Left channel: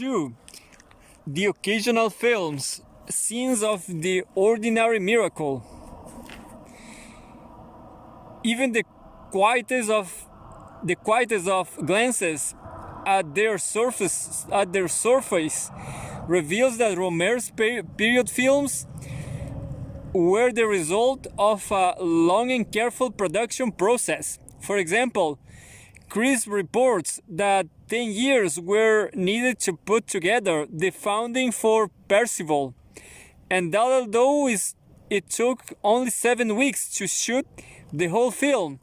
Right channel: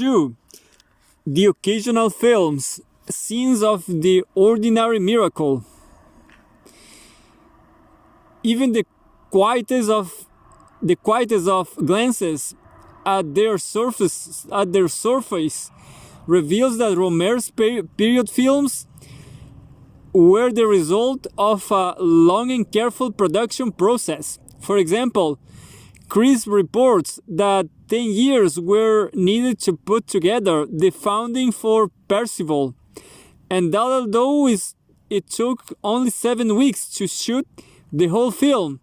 2. The occasional films, scenes of the ordinary miracle. Even the quietest of glances at their surface reveals that Rohmer's period films were the result of a long and careful production process. For example, Chris reports that 10 years were needed to put together the founding for Percival, and that although it took only 7 weeks to shoot the whole film,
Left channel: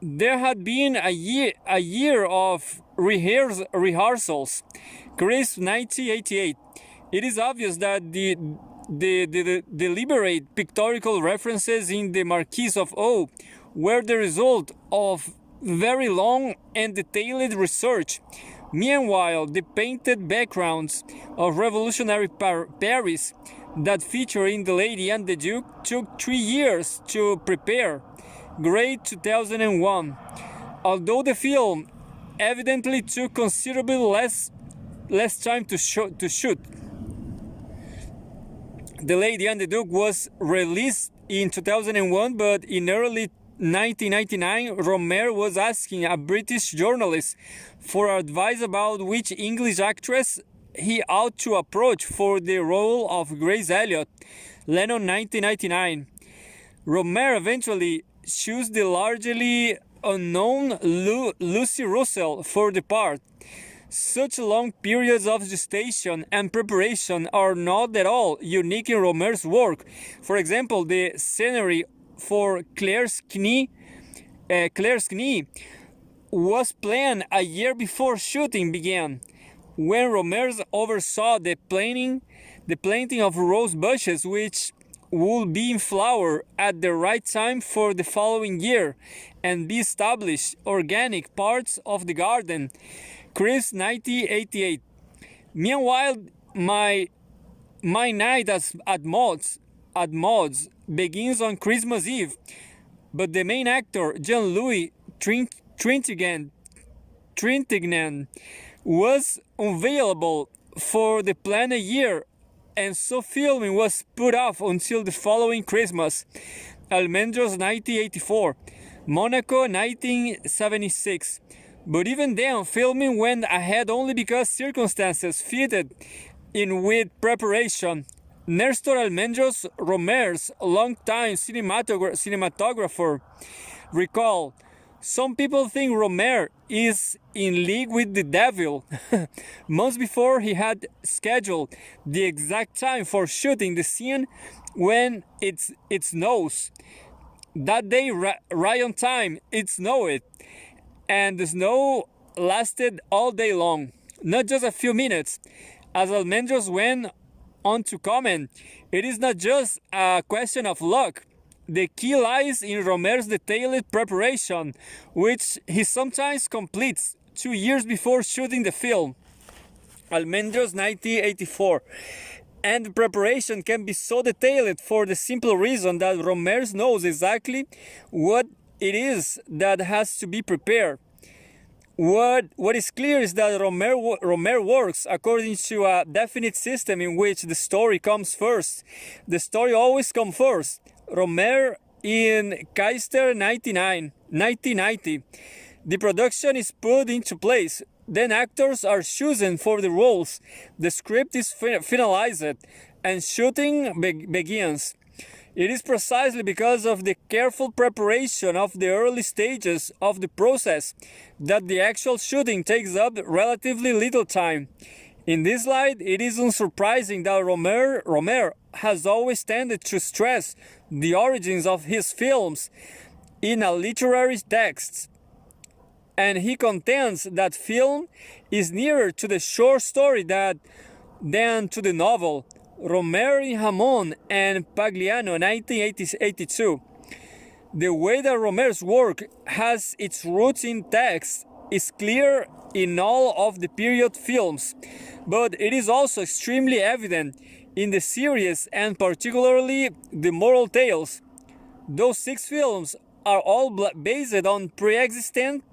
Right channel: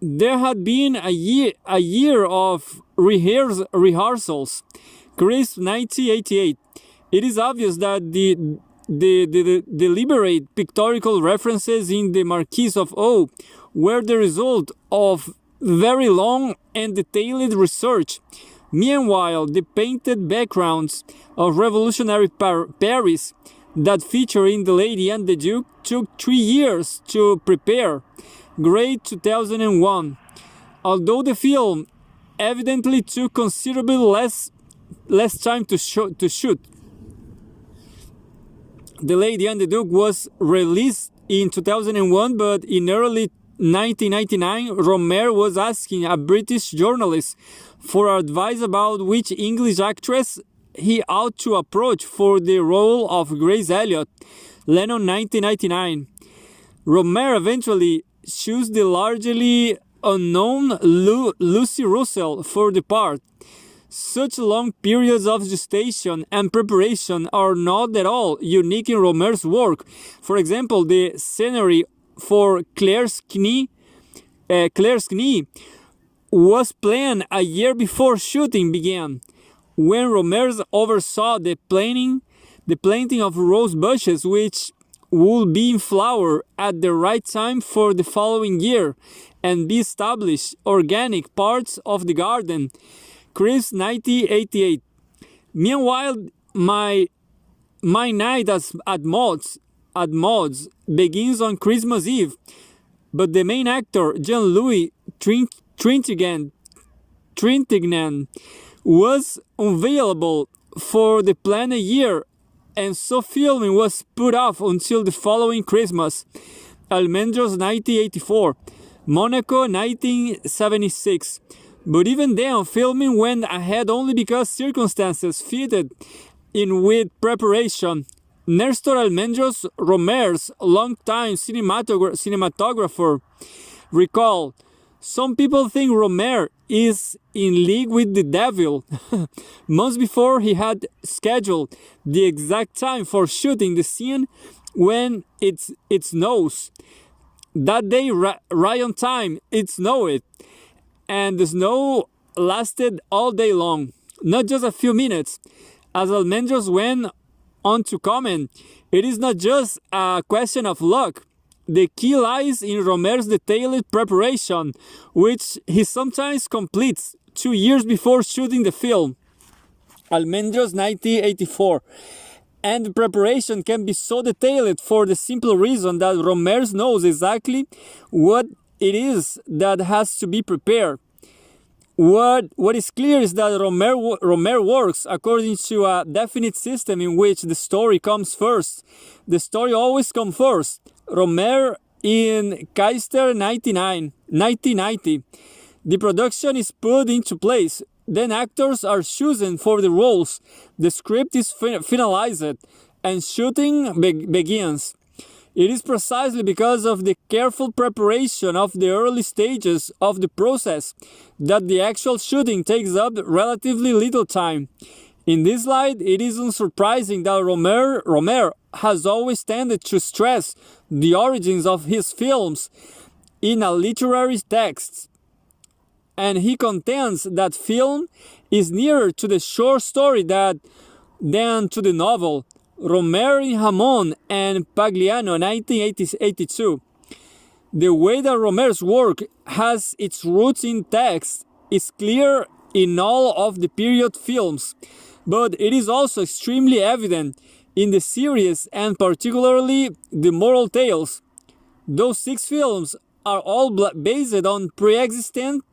there had been a year of rehearsals. Chris, 1988. It is obvious that the deliberate pictorial references in the Marquis of O were the result of very long and detailed research. Meanwhile, the painted backgrounds of revolutionary Paris that feature in The Lady and the Duke took 3 years to prepare. Great 2001. Although the film evidently took considerably less time to shoot. The Lady and the Duke was released in 2001, but in early 1999, Rohmer was asking a British journalist for advice about which English actress he ought to approach for the role of Grace Elliott. Lennon, 1999. Rohmer eventually chose the largely unknown Lucy Russell for the part. Such long periods of gestation and preparation are not at all unique in Rohmer's work. For example, the scenery for Claire's knee was planned a year before shooting began, when Rohmer oversaw the planting of rose bushes which would be in flower at the right time for the following year and be established organic parts of the garden. Chris, 1988. Meanwhile, my night at Maud's begins on Christmas Eve, but the main actor, Jean-Louis Trintignant, was unavailable for the planned year, and so filming was put off until the following Christmas. Almendros, 1984. Monaco, 1976. But even then, filming went ahead only because circumstances fitted in with preparation. Nestor Almendros, Rohmer's longtime cinematographer, recalled, "Some people think Rohmer is in league with the devil." Months before he had scheduled the exact time for shooting the scene when it snows. That day, right on time, it snowed, and the snow lasted all day long, not just a few minutes. As Almendros went on to comment, it is not just a question of luck. The key lies in Rohmer's detailed preparation, which he sometimes completes 2 years before shooting the film. Almendros, 1984. And the preparation can be so detailed for the simple reason that Rohmer knows exactly what it is that has to be prepared. What is clear is that Rohmer works according to a definite system in which the story comes first. The story always comes first. Rohmer in Keister, 1990. The production is put into place. Then actors are chosen for the roles. The script is finalized and shooting begins. It is precisely because of the careful preparation of the early stages of the process that the actual shooting takes up relatively little time. In this light, it is unsurprising that Rohmer has always tended to stress the origins of his films in a literary text, and he contends that film is nearer to the short story than to the novel. Rohmer in Hamon and Pagliano, 1982. The way that Rohmer's work has its roots in text is clear in all of the period films, but it is also extremely evident in the series and particularly the moral tales. Those 6 films are all based on pre-existent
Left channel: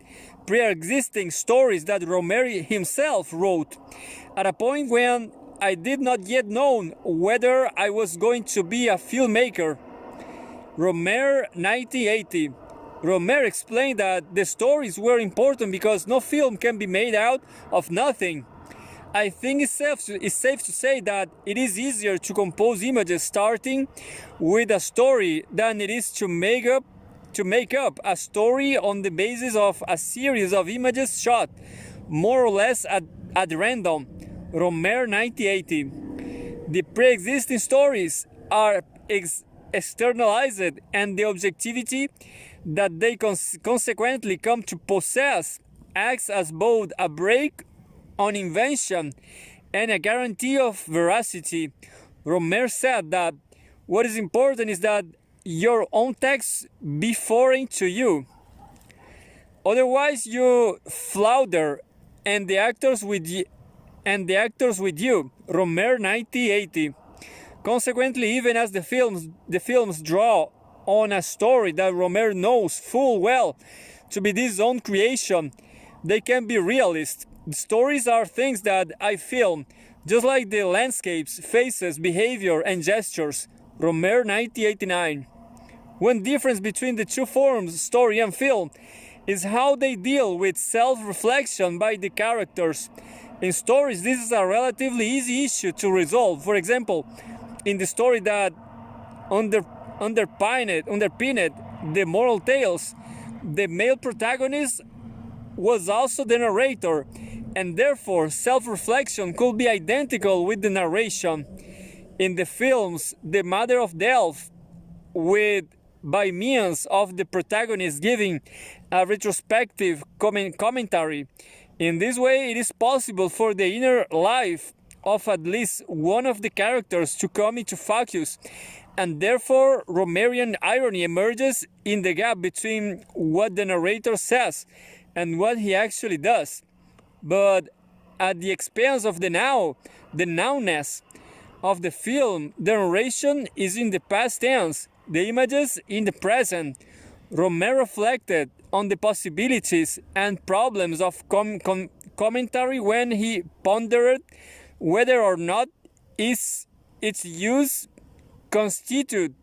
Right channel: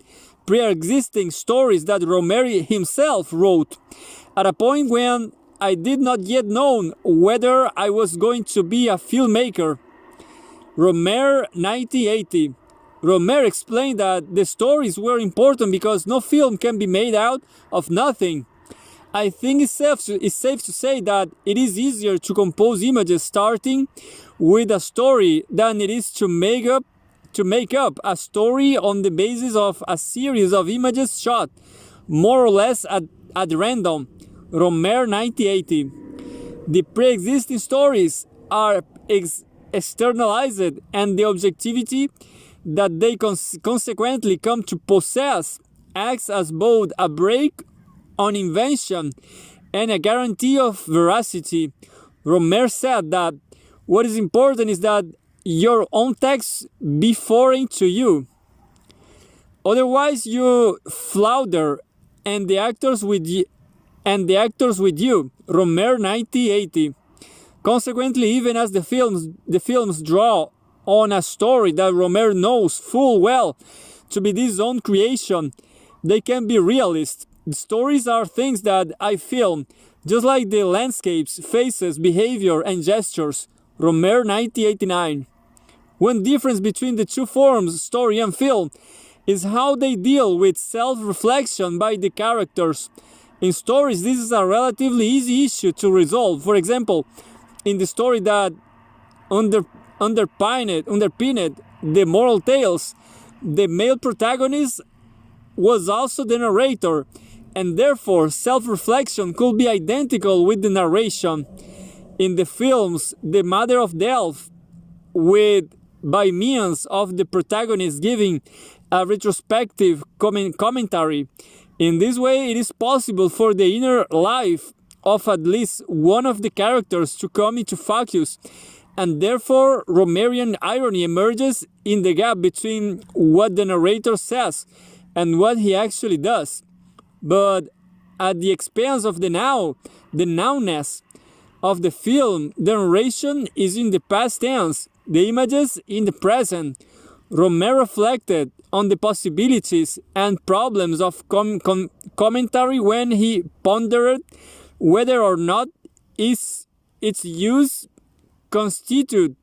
pre-existing stories that Rohmer himself wrote, at a point when I did not yet know whether I was going to be a filmmaker. Rohmer, 1980. Rohmer explained that the stories were important because no film can be made out of nothing. I think it's safe to say that it is easier to compose images starting with a story than it is to make up a story on the basis of a series of images shot more or less at random. Rohmer, 1980. The pre-existing stories are externalized, and the objectivity that they consequently come to possess acts as both a brake on invention and a guarantee of veracity. Rohmer said that what is important is that your own text be foreign to you. Otherwise, you flounder, and the actors with you. Rohmer, 1980. Consequently, even as the films draw on a story that Rohmer knows full well to be his own creation, they can be realist. The stories are things that I film, just like the landscapes, faces, behavior, and gestures. Rohmer, 1989. One difference between the two forms, story and film, is how they deal with self-reflection by the characters. In stories, this is a relatively easy issue to resolve. For example, in the story that underpinned the moral tales, the male protagonist was also the narrator, and therefore self-reflection could be identical with the narration. In the films, the Mother of Death, by means of the protagonist giving a retrospective commentary. In this way, it is possible for the inner life of at least one of the characters to come into focus, and therefore Rohmerian irony emerges in the gap between what the narrator says and what he actually does. But at the expense of the nowness of the film, the narration is in the past tense, the images in the present. Rohmer reflected on the possibilities and problems of commentary when he pondered whether or not its use constituted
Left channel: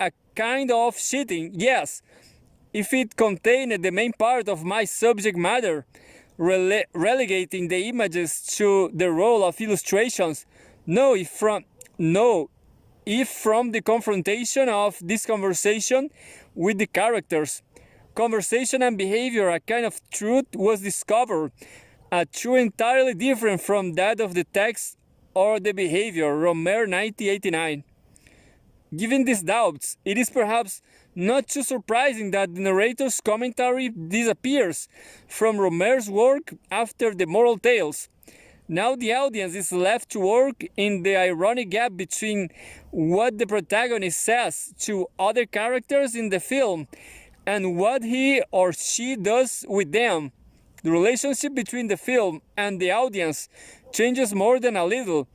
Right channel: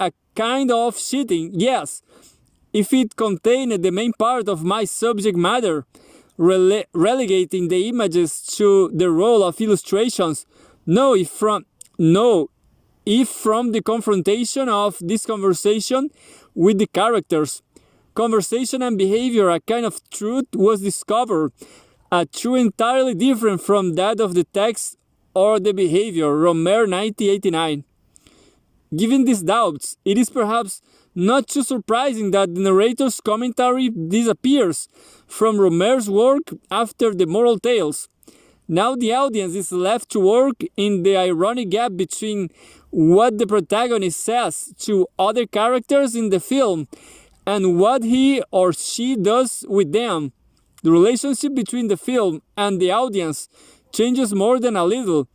a kind of cheating. Yes, if it contained the main part of my subject matter, relegating the images to the role of illustrations. If from the confrontation of this conversation with the characters, conversation and behavior, a kind of truth was discovered, a truth entirely different from that of the text or the behavior. Rohmer, 1989. Given these doubts, it is perhaps not too surprising that the narrator's commentary disappears from Rohmer's work after the moral tales. Now the audience is left to work in the ironic gap between what the protagonist says to other characters in the film and what he or she does with them. The relationship between the film and the audience changes more than a little.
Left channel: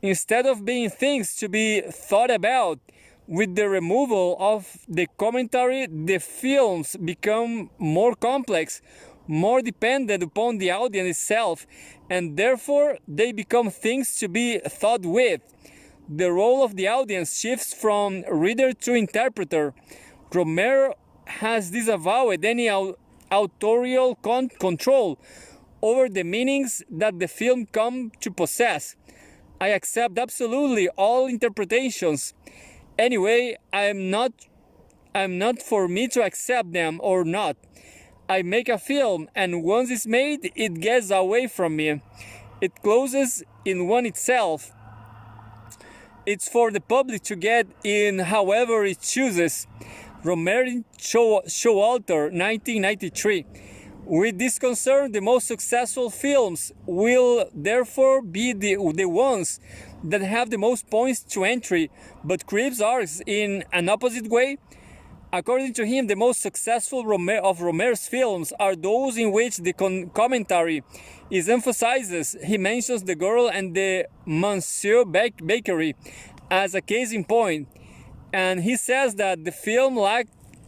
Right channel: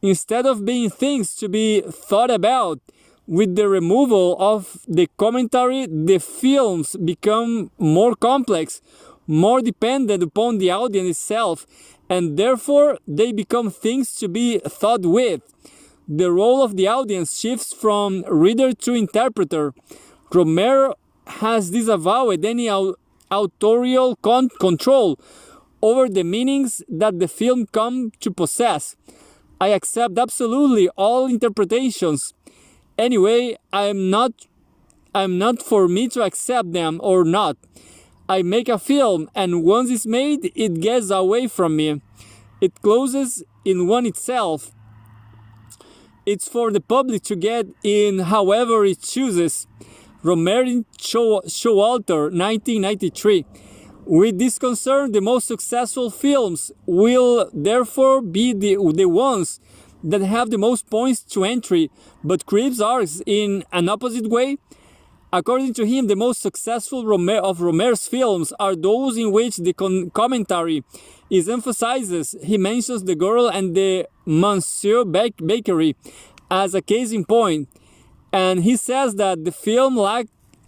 Instead of being things to be thought about, with the removal of the commentary, the films become more complex, more dependent upon the audience itself, and therefore they become things to be thought with. The role of the audience shifts from reader to interpreter. Rohmer has disavowed any authorial control over the meanings that the film come to possess. I accept absolutely all interpretations. Anyway, I'm not for me to accept them or not. I make a film, and once it's made, it gets away from me. It closes in one itself. It's for the public to get in however it chooses. Rohmer, Showalter, 1993. With this concern, the most successful films will therefore be the ones that have the most points to entry, but creeps ours in an opposite way. According to him, the most successful of Rohmer's films are those in which the commentary is emphasized. He mentions The Girl and the Monsieur Bakery as a case in point, and he says that the film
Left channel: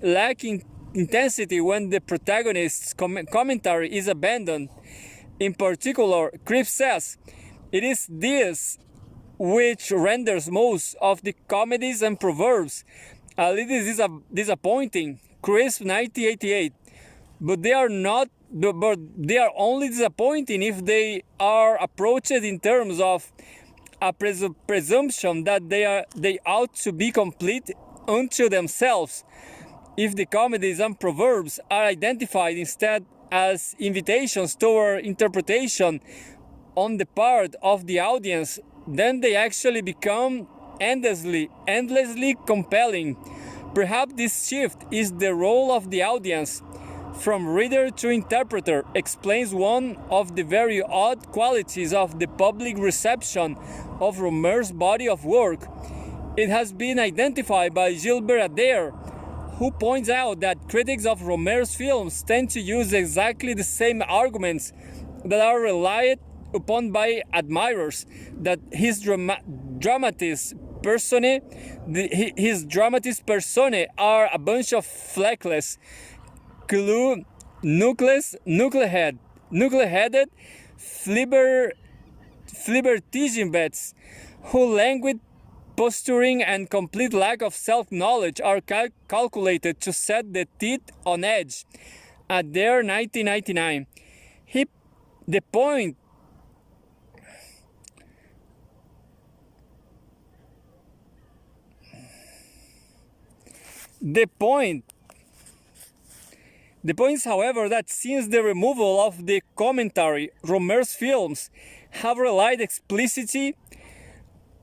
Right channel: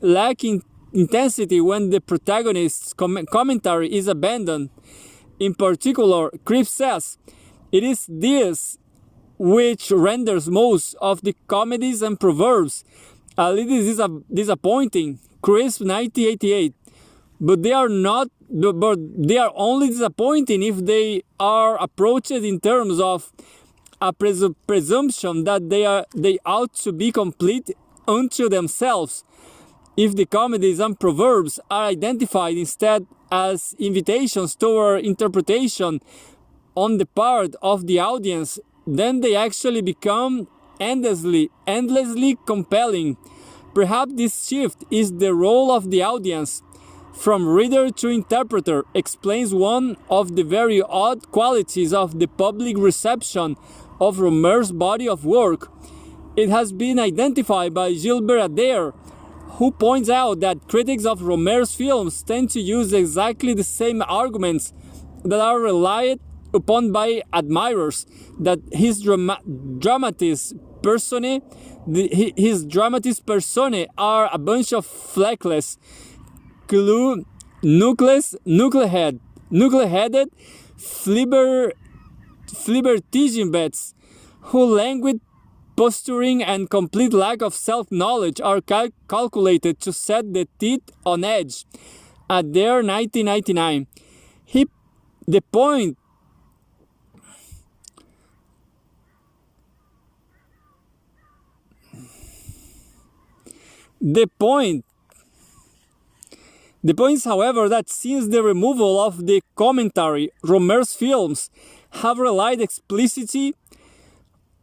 lacking intensity when the protagonist's commentary is abandoned. In particular, Cribb says, it is this which renders most of the comedies and proverbs a little disappointing. Crisp 1988. But they are only disappointing if they are approached in terms of a presumption that they ought to be complete unto themselves. If the comedies and proverbs are identified instead as invitations toward interpretation on the part of the audience, then they actually become endlessly compelling. Perhaps this shift is the role of the audience, from reader to interpreter, explains one of the very odd qualities of the public reception of Rohmer's body of work. It has been identified by Gilbert Adair, who points out that critics of Rohmer's films tend to use exactly the same arguments that are relied upon by admirers, that his dramatis personae are a bunch of fleckless, nuclear-headed flibbertigibbets who languid posturing and complete lack of self-knowledge are calculated to set the teeth on edge. Adair 1999. The point is, however, that since the removal of the commentary, Rohmer's films have relied explicitly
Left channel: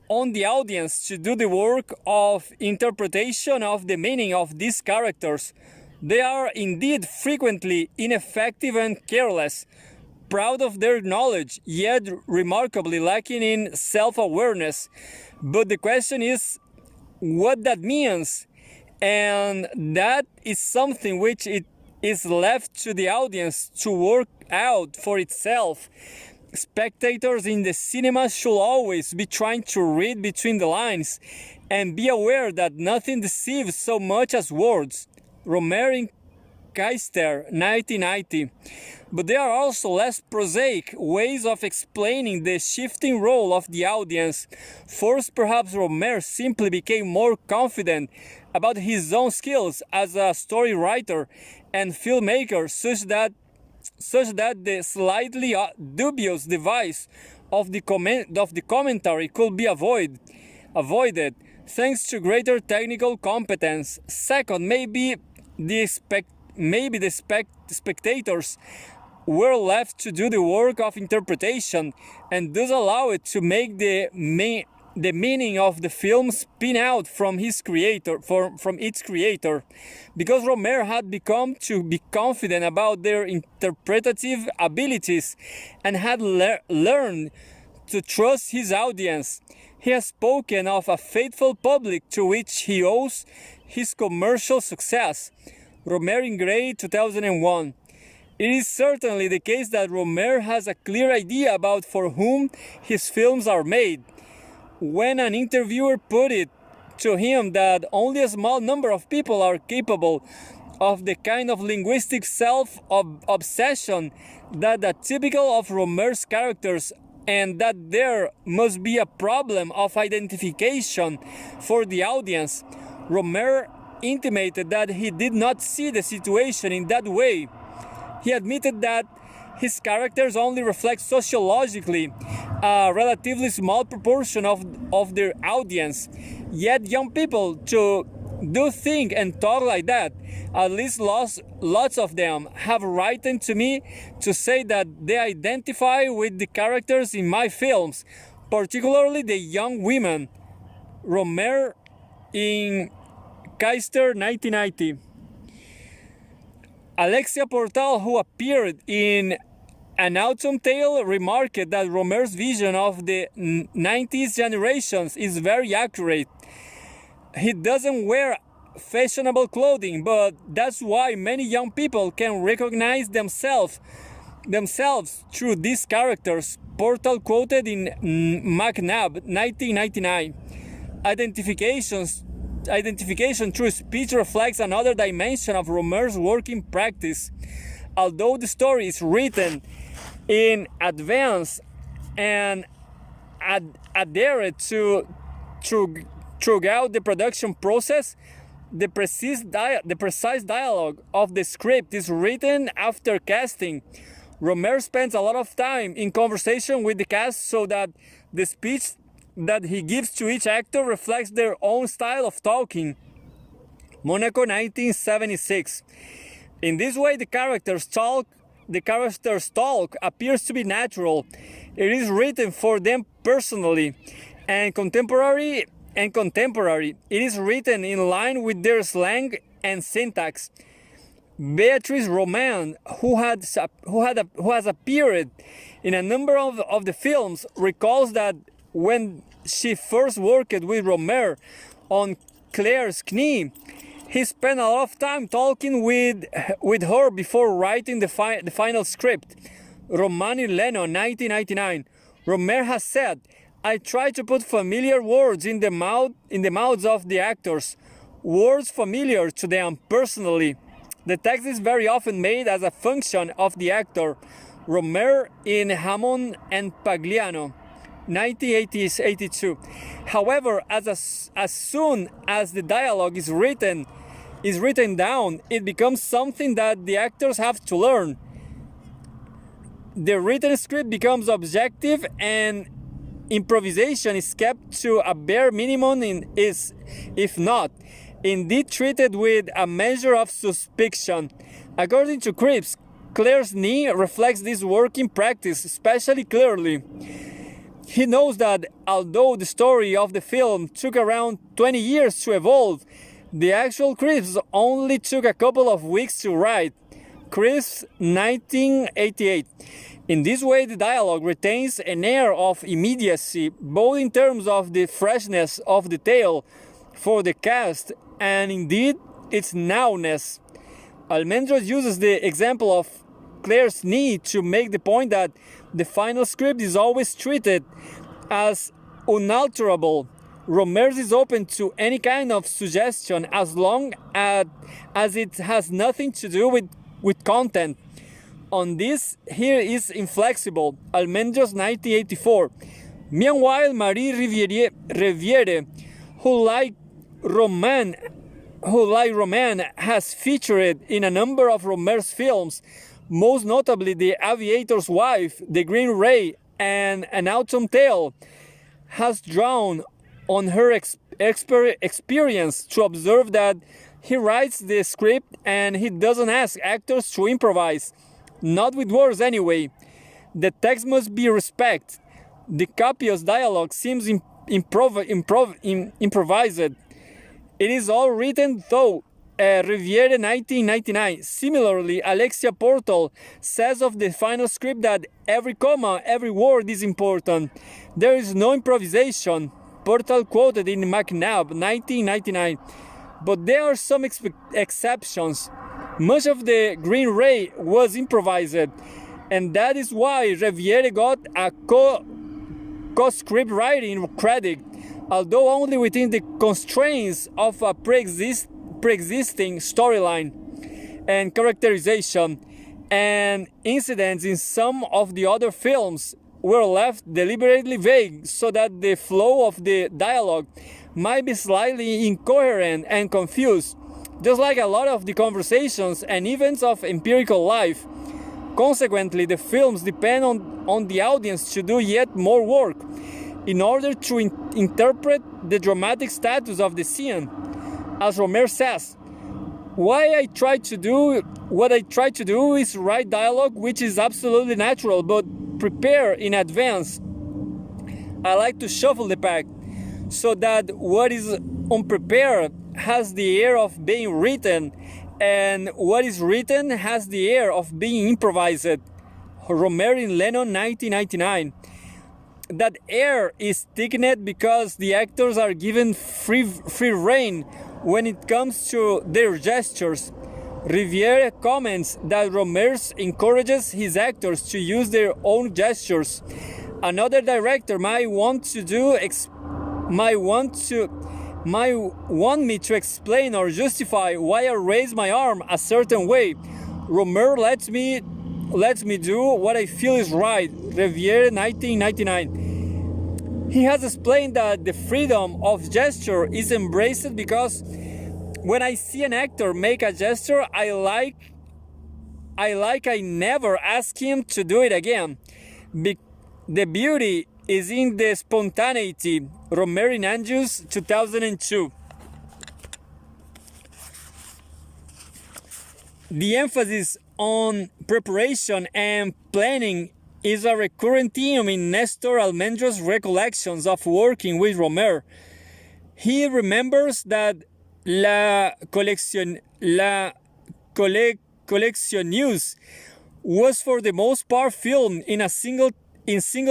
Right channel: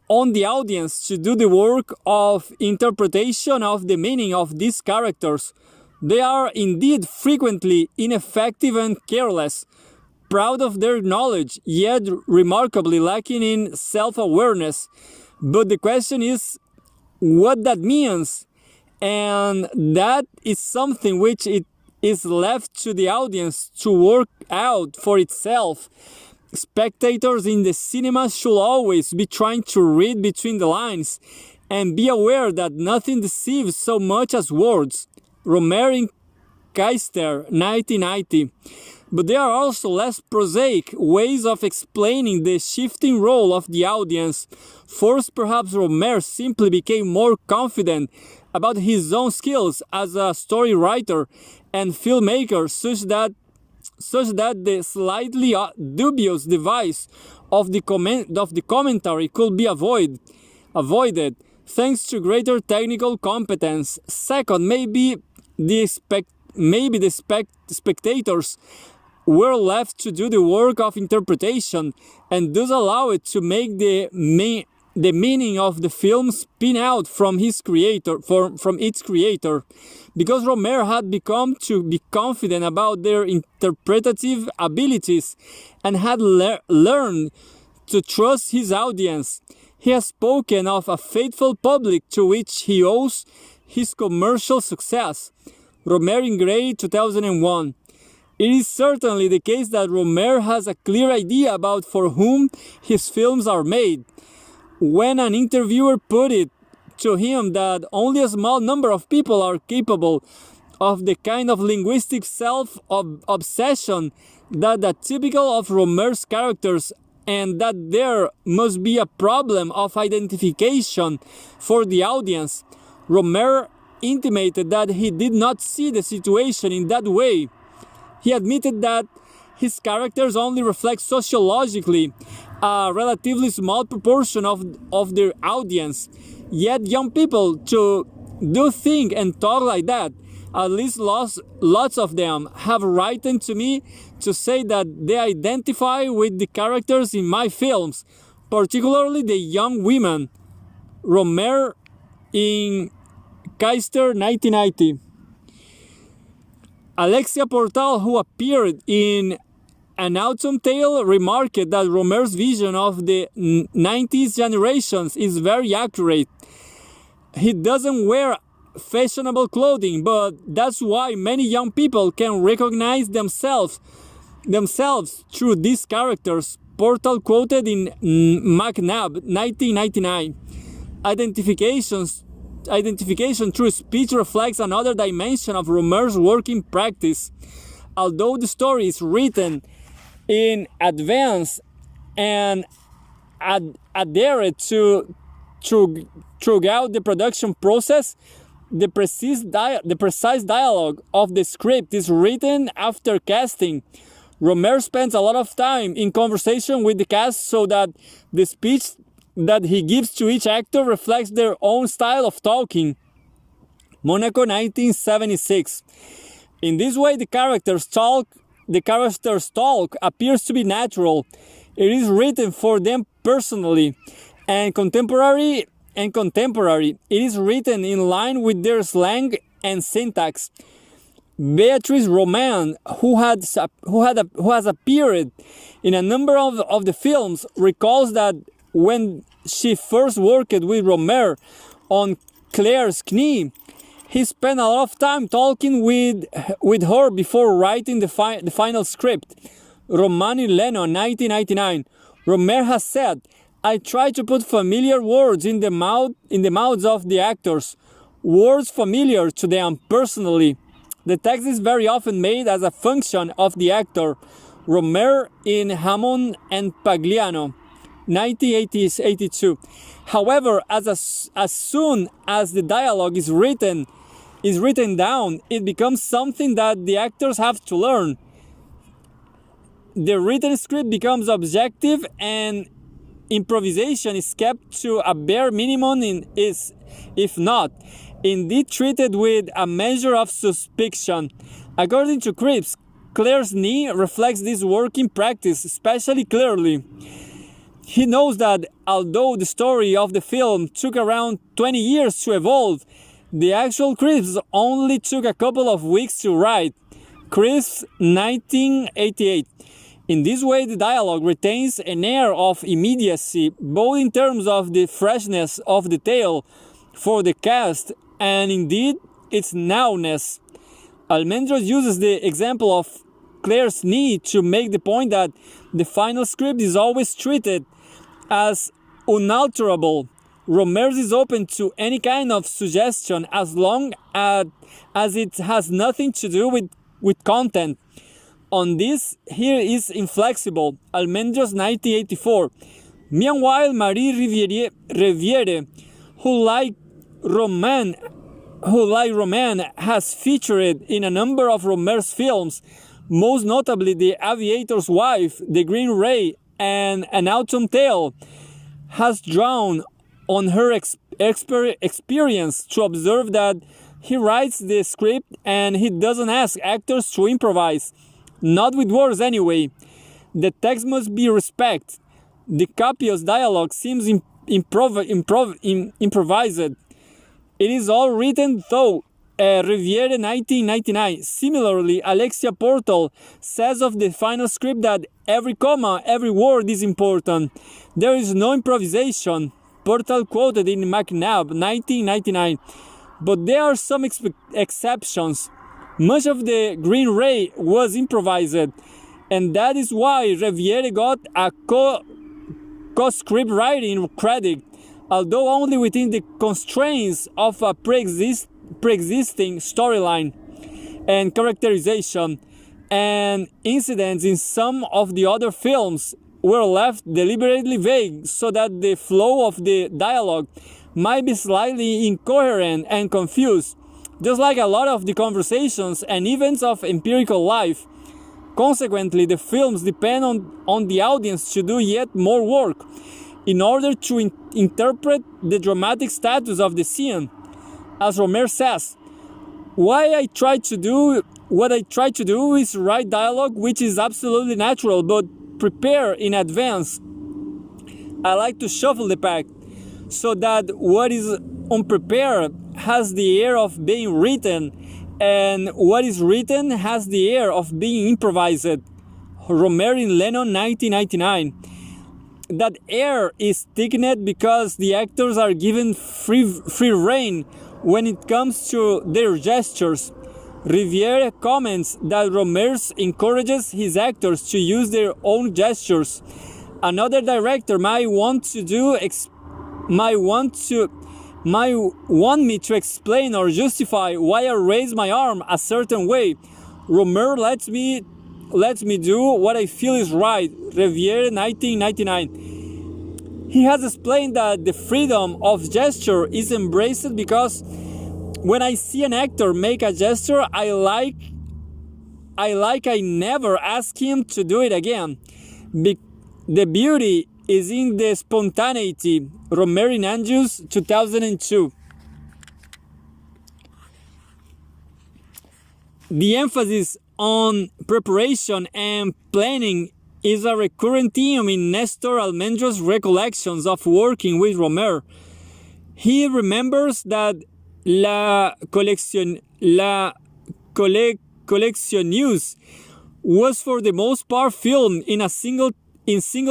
on the audience to do the work of interpretation of the meaning of these characters. They are indeed frequently ineffective and careless, proud of their knowledge, yet remarkably lacking in self-awareness. But the question is what that means, and that is something which it is left to the audience to work out for itself. Spectators in the cinema should always be trying to read between the lines and be aware that nothing deceives so much as words. Rohmer in Keister, 1990. But there are also less prosaic ways of explaining the shifting role of the audience. First, perhaps Rohmer simply became more confident about his own skills as a story writer and filmmaker, such that the slightly dubious device of the commentary could be avoided thanks to greater technical competence. Second, maybe the spectators were left to do the work of interpretation, and thus allow it to make the meaning of the film spin out from its creator, because Rohmer had become to be confident about their interpretative abilities and had learned to trust his audience. He has spoken of a faithful public to which he owes his commercial success. Rohmer in Gray, 2001. It is certainly the case that Rohmer has a clear idea about for whom his films are made. When an interviewer put it to him that only a small number of people are capable of the kind of linguistic self-obsession that is typical of Rohmer's characters, and that there must be a problem of identification for the audience, Rohmer intimated that he did not see the situation in that way. He admitted that his characters only reflect sociologically a relatively small proportion of their audience. Yet young people do think and talk like that. At least lots of them have written to me to say that they identify with the characters in my films, particularly the young women. Rohmer in Keister, 1990. Alexia Portal, who appeared in An Autumn Tale, remarked that Rohmer's vision of the 90s generations is very accurate. He doesn't wear fashionable clothing, but that's why many young people can recognize themselves through these characters. Portal quoted in McNabb, 1999. Identifications identification through speech reflects another dimension of Rohmer's working practice. Although the story is written in advance and adhered to throughout the production process, the precise dialogue of the script is written after casting. Rohmer spends a lot of time in conversation with the cast so that the speech that he gives to each actor reflects their own style of talking. Monaco, 1976. In this way, the characters' talk appears to be natural. It is written for them personally and contemporary. It is written in line with their slang and syntax. Beatrice Roman, who has appeared in a number of the films, recalls that when she first worked with Rohmer on Claire's Knee, he spent a lot of time talking with her before writing the final script. Romani Lennon, 1999. Rohmer has said, "I try to put familiar words in the mouths of the actors, words familiar to them personally. The text is very often made as a function of the actor." Rohmer in Hammond and Pagliano, 1982. However, as soon as the dialogue is written down, it becomes something that the actors have to learn. The written script becomes objective and improvisation is kept to a bare minimum, if not, indeed treated with a measure of suspicion. According to Cripps, Claire's Knee reflects this working practice especially clearly. He knows that although the story of the film took around 20 years to evolve, the actual scripts only took a couple of weeks to write. Cripps, 1988. In this way, the dialogue retains an air of immediacy, both in terms of the freshness of the tale for the cast and indeed its nowness. Almendros uses the example of Claire's Knee to make the point that the final script is always treated as unalterable. Rohmer is open to any kind of suggestion as long as it has nothing to do with content. On this, he is inflexible. Almendros, 1984. Meanwhile, Marie Riviere, who like Roman, has featured in a number of Rohmer's films, most notably The Aviator's Wife, The Green Ray, and An Autumn Tale, has drawn on her experience to observe that he writes the script and he doesn't ask actors to improvise. Not with words anyway. The text must be respected. The copious dialogue seems improvised. It is all written though. Riviere, 1999. Similarly, Alexia Portal says of the final script that every comma, every word is important. There is no improvisation. Portal quoted in McNabb, 1999. But there are some exceptions. Much of the Green Ray was improvised, and that is why Riviere got a co-script writing credit, although only within the constraints of a pre-existing storyline and characterization, and incidents in some of the other films were left deliberately vague so that the flow of the dialogue might be slightly incoherent and confused. Just like a lot of the conversations and events of empirical life. Consequently, the films depend on the audience to do yet more work in order to interpret the dramatic status of the scene. As Rohmer says, what I try to do is write dialogue which is absolutely natural but prepare in advance. I like to shuffle the pack so that what is unprepared has the air of being written, and what is written has the air of being improvised. Rohmer in Lennon, 1999. That air is thickened because the actors are given free rein when it comes to their gestures. Riviere comments that Rohmer encourages his actors to use their own gestures. Another director might want might want me to explain or justify why I raise my arm a certain way. Rohmer lets me do what I feel is right. Riviere, 1999. He has explained that the freedom of gesture is embraced because when I see an actor make a gesture I never ask him to do it again. The beauty is in the spontaneity. Rohmer in Anjus, 2002. The emphasis on preparation and planning is a recurrent theme in Nestor Almendro's recollections of working with Rohmer. He remembers that La Collectionneuse was for the most part filmed in single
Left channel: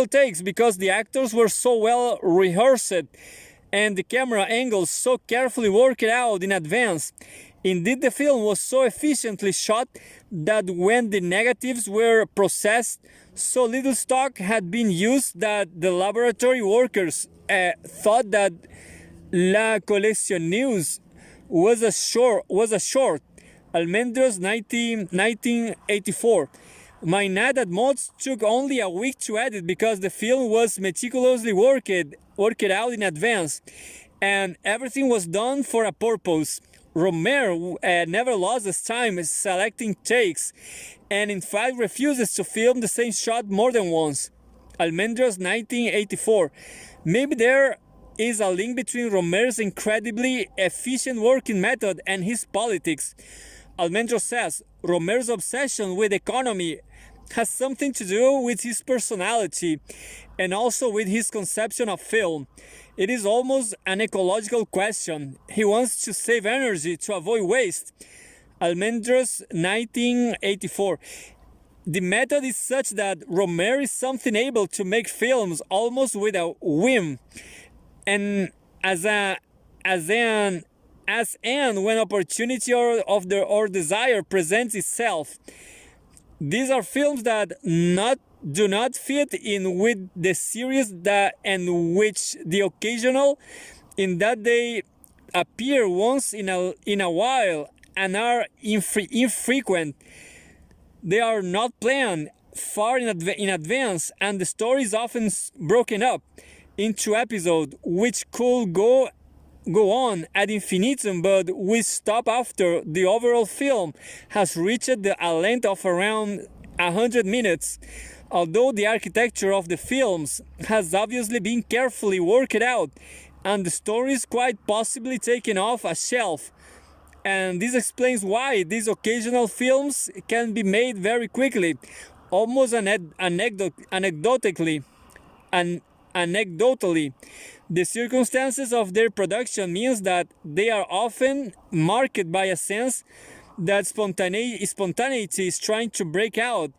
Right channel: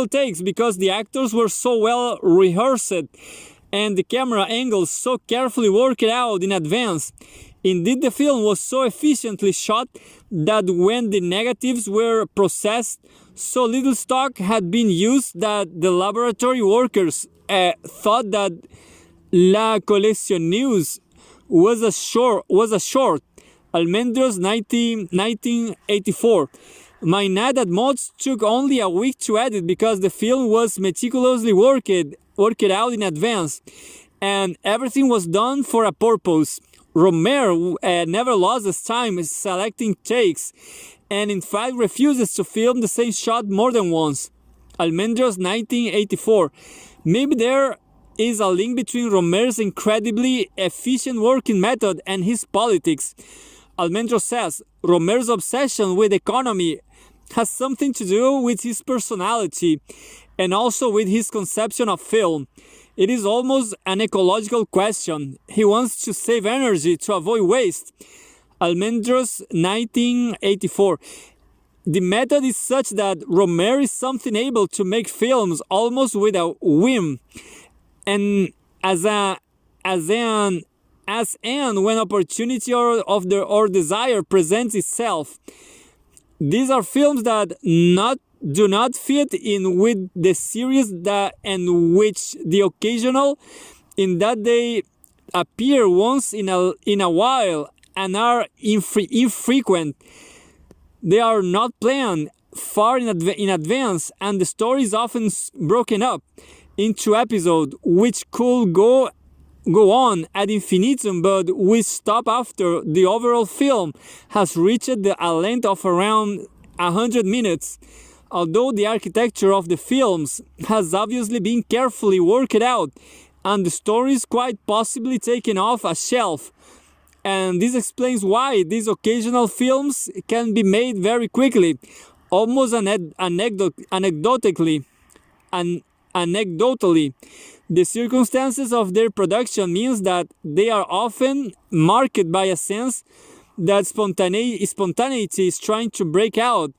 takes because the actors were so well rehearsed and the camera angles so carefully worked out in advance. Indeed, the film was so efficiently shot that when the negatives were processed, so little stock had been used that the laboratory workers thought that La Collectionneuse was a short. Almendros, 1984. My Nadad mods took only a week to edit because the film was meticulously worked out in advance, and everything was done for a purpose. Rohmer never lost his time selecting takes, and in fact refuses to film the same shot more than once. Almendros, 1984. Maybe there is a link between Rohmer's incredibly efficient working method and his politics. Almendros says Rohmer's obsession with economy has something to do with his personality and also with his conception of film. It is almost an ecological question. He wants to save energy to avoid waste. Almendros, 1984. The method is such that Rohmer is something able to make films almost with a whim, and as when opportunity or desire presents itself. These are films that do not fit in with the series and which the occasional, in that they appear once in a while and are infrequent. They are not planned far in advance, and the story is often broken up into episodes which could go on ad infinitum, but we stop after the overall film has reached a length of around 100 minutes. Although the architecture of the films has obviously been carefully worked out, and the story is quite possibly taken off a shelf, and this explains why these occasional films can be made very quickly, almost anecdotally. The circumstances of their production means that they are often marked by a sense that spontaneity is trying to break out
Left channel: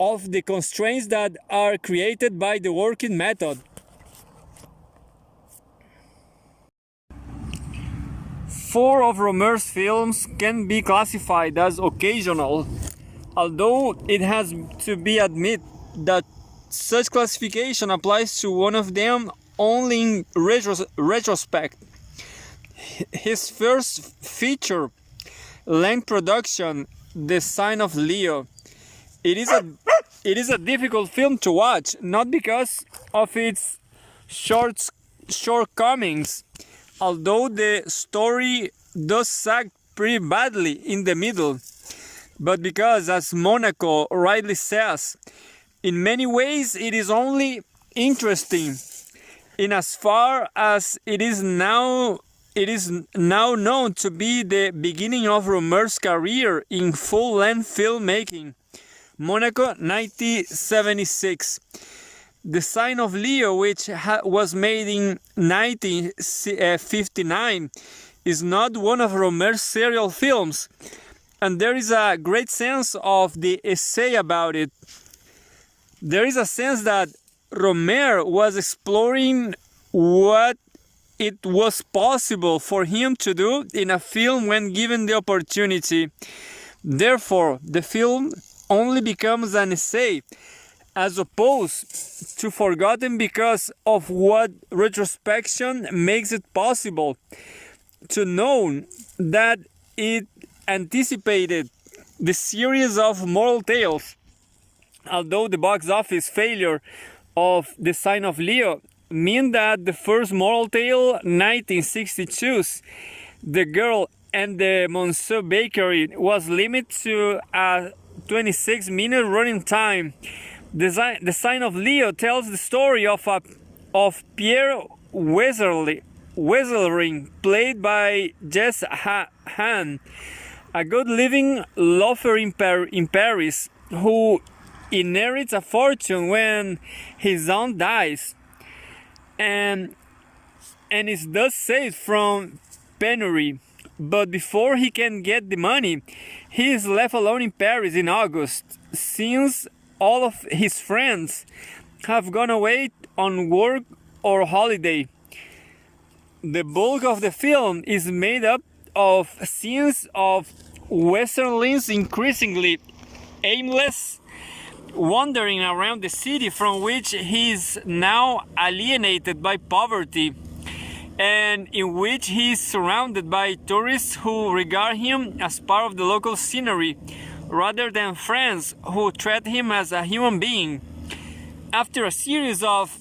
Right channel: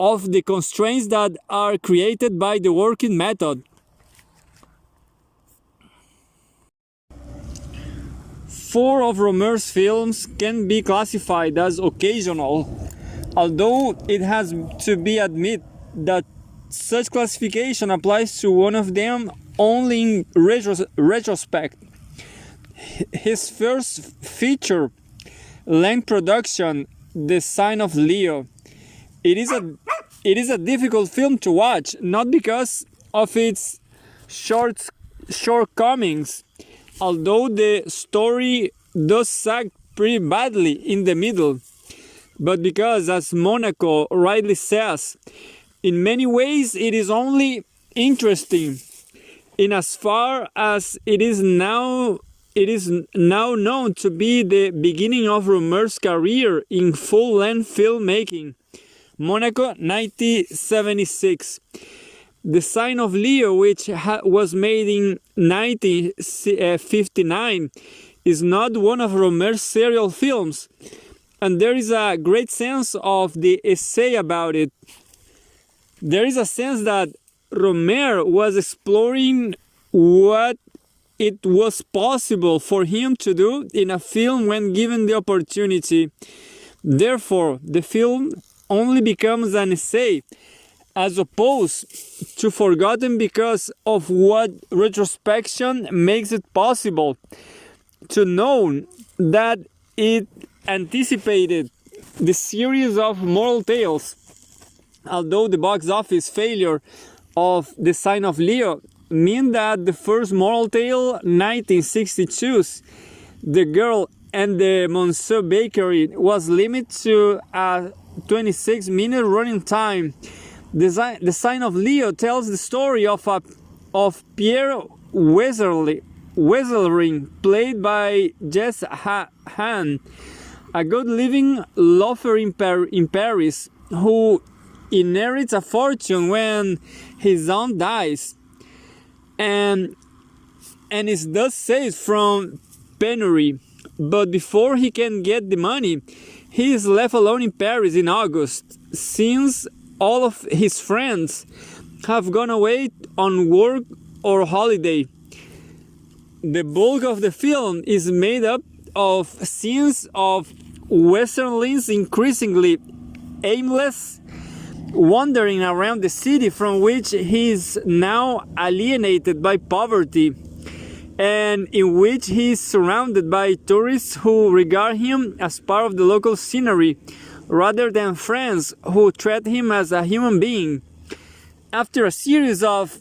of the constraints that are created by the working method. Four of Rohmer's films can be classified as occasional, although it has to be admitted that such classification applies to one of them only in retrospect. His first feature-length production, The Sign of Leo. It is a difficult film to watch, not because of its shortcomings, although the story does sag pretty badly in the middle, but because, as Monaco rightly says, in many ways it is only interesting in as far as it is now known to be the beginning of Rohmer's career in full-length filmmaking. Monaco, 1976. The Sign of Leo, which was made in 1959, is not one of Rohmer's serial films, and there is a great sense of the essay about it. There is a sense that Rohmer was exploring what it was possible for him to do in a film when given the opportunity. Therefore, the film only becomes an essay as opposed to forgotten because of what retrospection makes it possible to know that it anticipated the series of moral tales. Although the box office failure of The Sign of Leo mean that the first moral tale, 1962's The Girl and the Monsieur Bakery, was limited to a 26-minute running time. The Sign of Leo tells the story of Pierre Weselring, played by Jess Hahn, a good-living loafer in Paris who inherits a fortune when his aunt dies, and is thus saved from penury. But before he can get the money, he is left alone in Paris in August, since all of his friends have gone away on work or holiday. The bulk of the film is made up of scenes of Westerling's increasingly aimless wandering around the city from which he is now alienated by poverty, and in which he is surrounded by tourists who regard him as part of the local scenery rather than friends who treat him as a human being. After a series of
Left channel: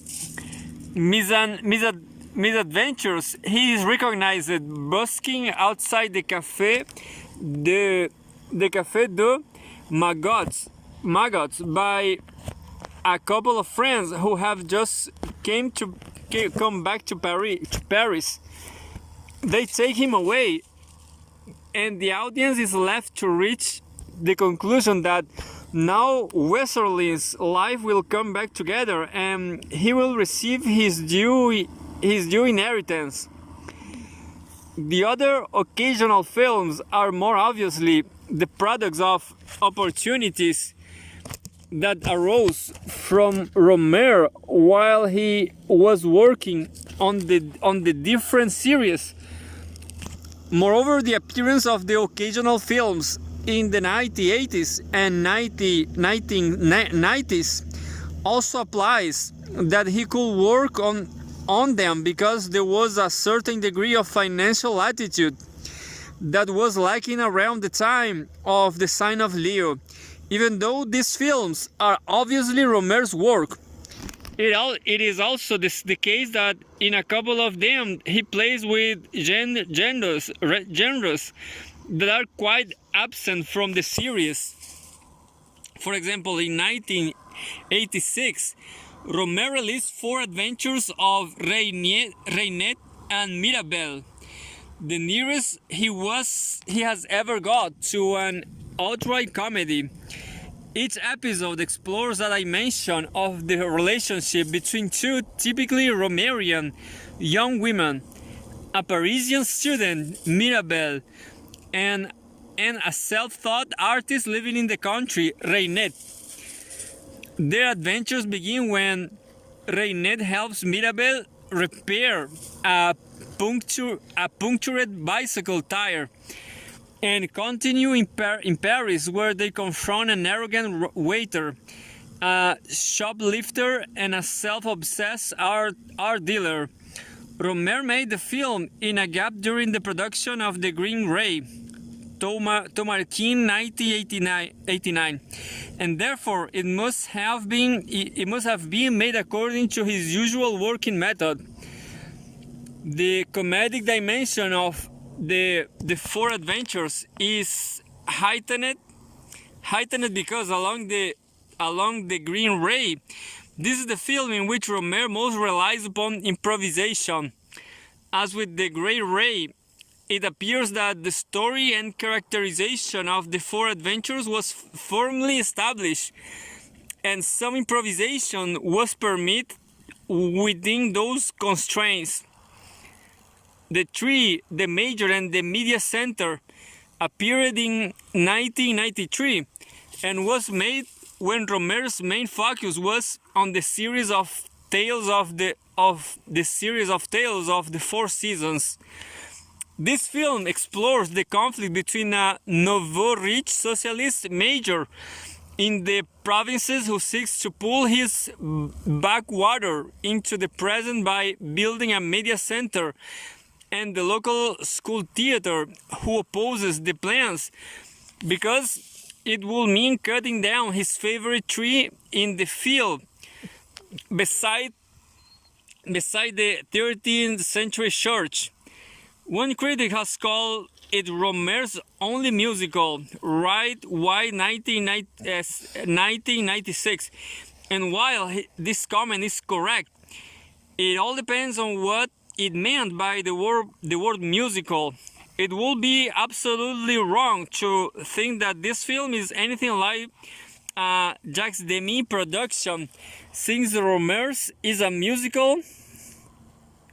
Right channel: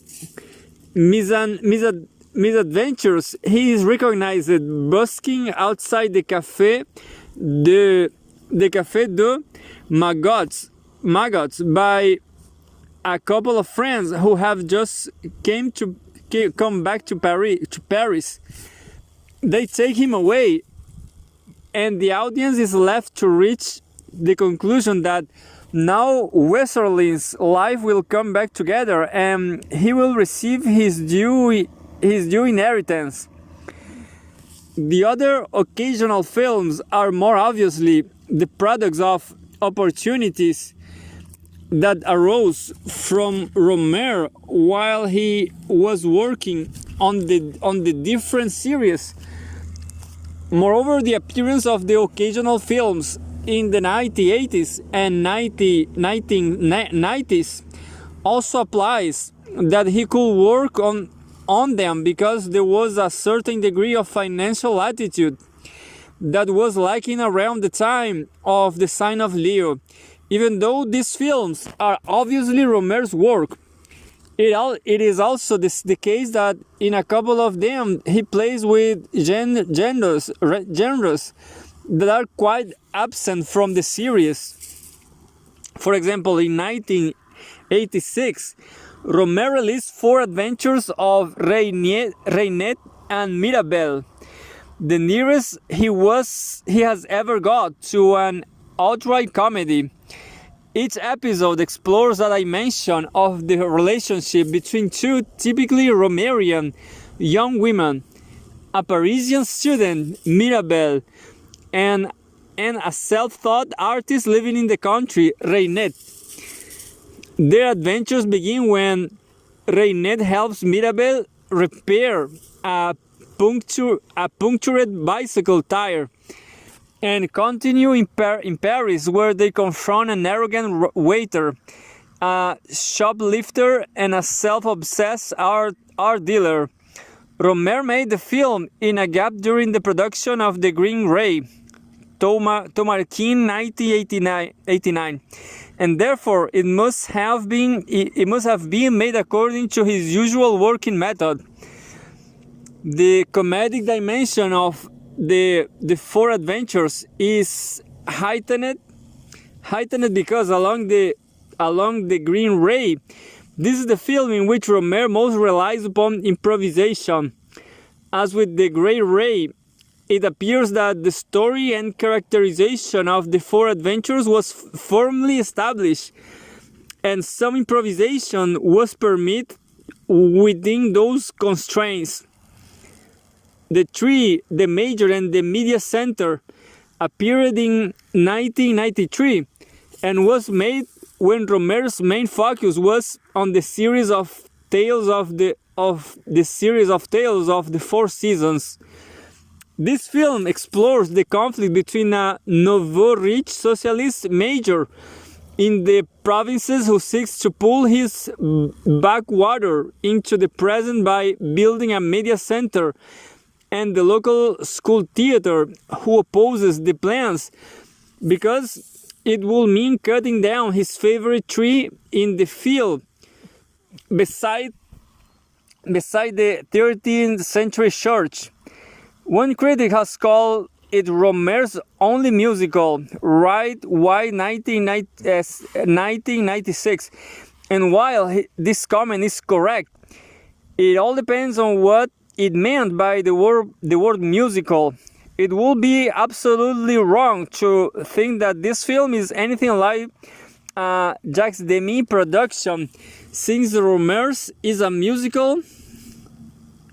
misadventures, he is recognized busking outside the Café de Magots by a couple of friends who have just come back to Paris. They take him away, and the audience is left to reach the conclusion that now Westerling's life will come back together and he will receive his due inheritance. The other occasional films are more obviously the products of opportunities that arose from Rohmer while he was working on the different series. Moreover, the appearance of the occasional films in the 1980s and 1990s also applies that he could work on them because there was a certain degree of financial latitude that was lacking around the time of The Sign of Leo. Even though these films are obviously Rohmer's work, it is also the case that in a couple of them he plays with genres that are quite absent from the series. For example, in 1986, Rohmer released 4 adventures of Reinette and Mirabel, the nearest he has ever got to an outright comedy. Each episode explores a dimension of the relationship between two typically Rohmerian young women, a Parisian student, Mirabel, and a self-taught artist living in the country, Reinette. Their adventures begin when Reinette helps Mirabel repair a punctured bicycle tire, and continue in Paris, where they confront an arrogant waiter, a shoplifter, and a self-obsessed art dealer. Rohmer made the film in a gap during the production of The Green Ray, Tomarkin 1989, and therefore it must have been made according to his usual working method. The comedic dimension of the 4 adventures is heightened because along the Green Ray, this is the film in which Rohmer most relies upon improvisation. As with the Grey Ray, it appears that the story and characterization of the 4 adventures was firmly established, and some improvisation was permitted within those constraints. The Tree, the Major, and the Media Center appeared in 1993 and was made when Rohmer's main focus was on the series of tales of the 4 seasons. This film explores the conflict between a nouveau riche socialist major in the provinces who seeks to pull his backwater into the present by building a media center, and the local school theater who opposes the plans because it will mean cutting down his favorite tree in the field beside the 13th century church. One critic has called it Rohmer's only musical, right? Why 1996? And while this comment is correct, it all depends on what it meant by the word musical. It would be absolutely wrong to think that this film is anything like Jacques Demy production, since Rohmer's is a musical.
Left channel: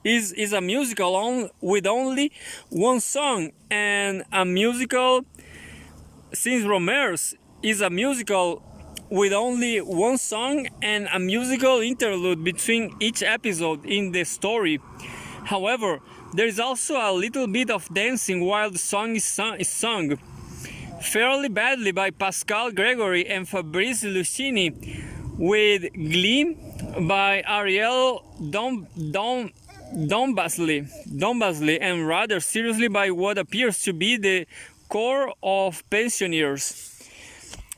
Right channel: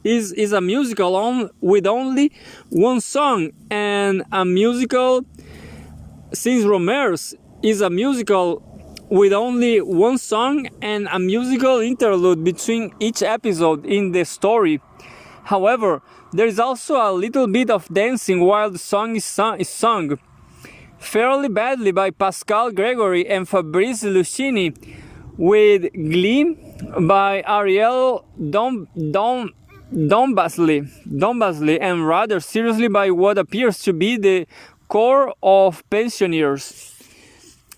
Is a musical with only one song, and a musical since Rohmer's is a musical with only one song and a musical interlude between each episode in the story. However, there is also a little bit of dancing while the song is sung, fairly badly by Pascal Gregory and Fabrice Lucchini, with glee by Ariel Dombasley, and rather seriously by what appears to be the core of pensioners.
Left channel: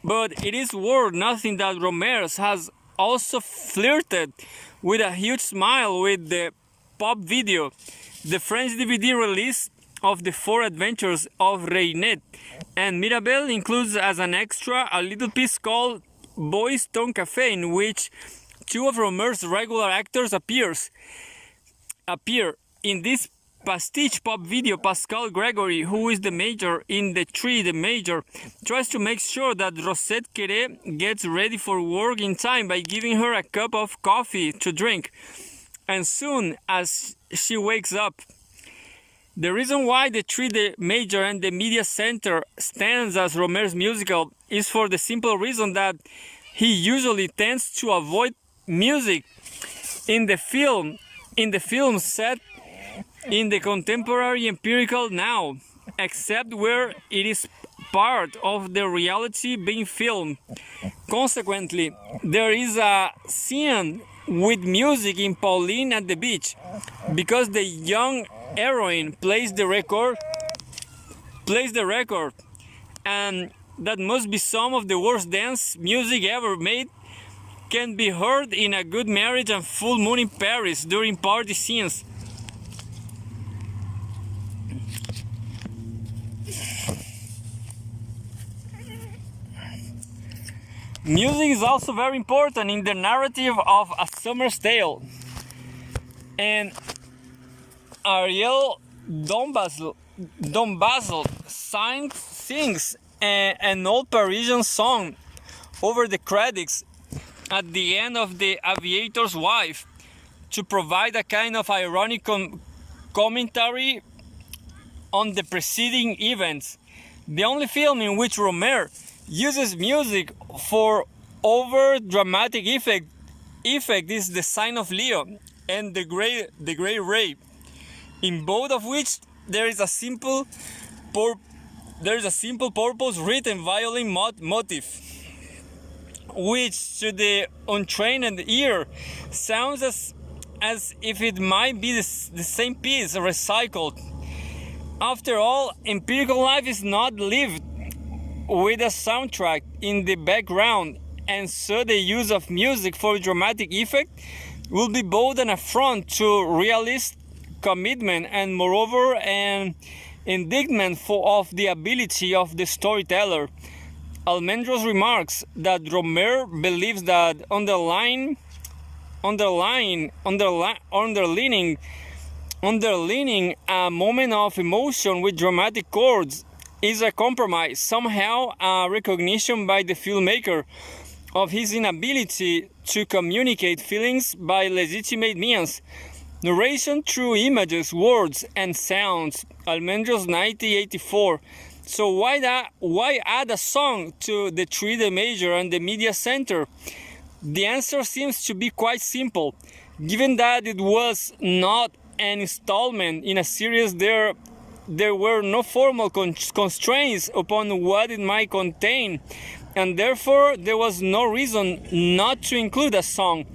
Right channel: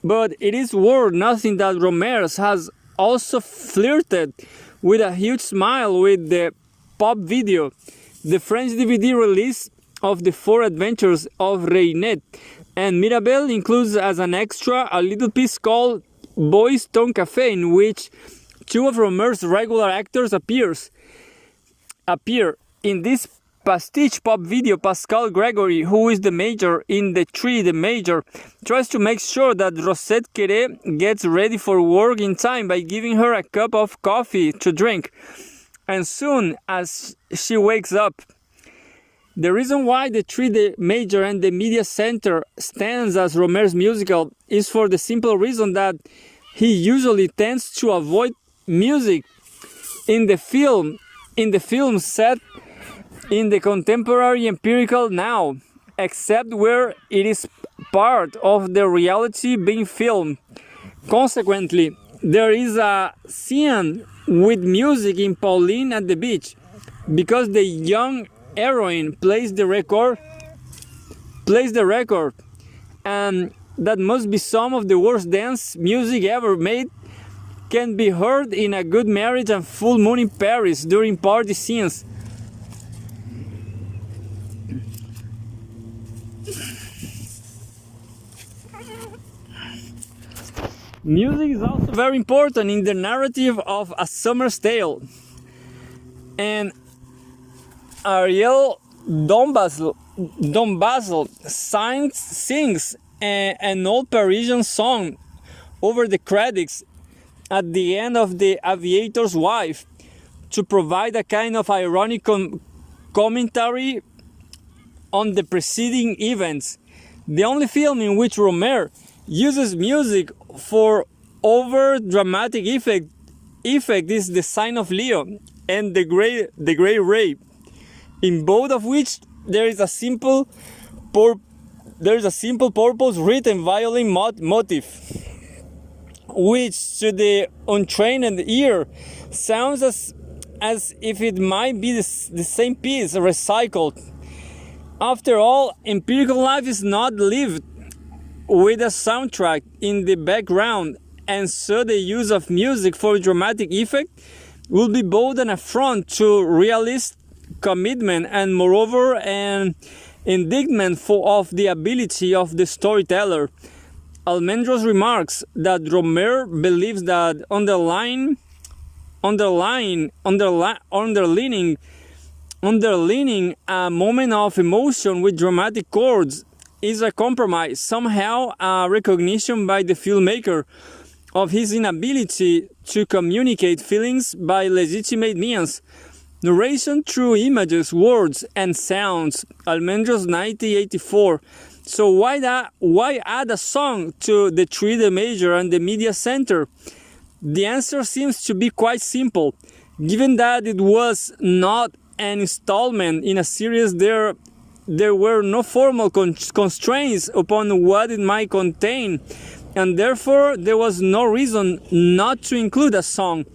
But it is worth nothing that Rohmer has also flirted with a huge smile with the pop video, the French DVD release of the 4 Adventures of Reinette, and Mirabel includes as an extra a little piece called Boys Town Cafe, in which 2 of Rohmer's regular actors appear. In this pastiche pop video, Pascal Gregory, who is the major in the major, tries to make sure that Rosette Quere gets ready for work in time by giving her a cup of coffee to drink. And soon as she wakes up, the reason why the major and the media center stands as Rohmer's musical is for the simple reason that he usually tends to avoid music in the film set in the contemporary empirical now, except where it is part of the reality being filmed. Consequently, there is a scene with music in Pauline at the beach, because the young heroine plays the record, and that must be some of the worst dance music ever made, can be heard in A Good Marriage and Full Moon in Paris during party scenes. Music is also very important in the narrative of A Summer's Tale, and Ariel Dombasle sings an old Parisian song over the credits at the end of The Aviator's Wife to provide a kind of ironic commentary on the preceding events. The only film in which Rohmer uses music for over-dramatic effect is The Sign of Leo and The Great Rape, in both of which there is a simple purpose written violin motif, which to the untrained ear sounds as if it might be the same piece recycled. After all, empirical life is not lived with a soundtrack in the background, and so the use of music for dramatic effect will be both an affront to realist commitment and moreover an indictment of the ability of the storyteller. Almendros remarks that Rohmer believes that underlining a moment of emotion with dramatic chords is a compromise, somehow a recognition by the filmmaker of his inability to communicate feelings by legitimate means. Narration through images, words, and sounds. Almendros 1984. So why add a song to the three major and the media center? The answer seems to be quite simple. Given that it was not an installment in a series, there were no formal constraints upon what it might contain, and therefore there was no reason not to include a song.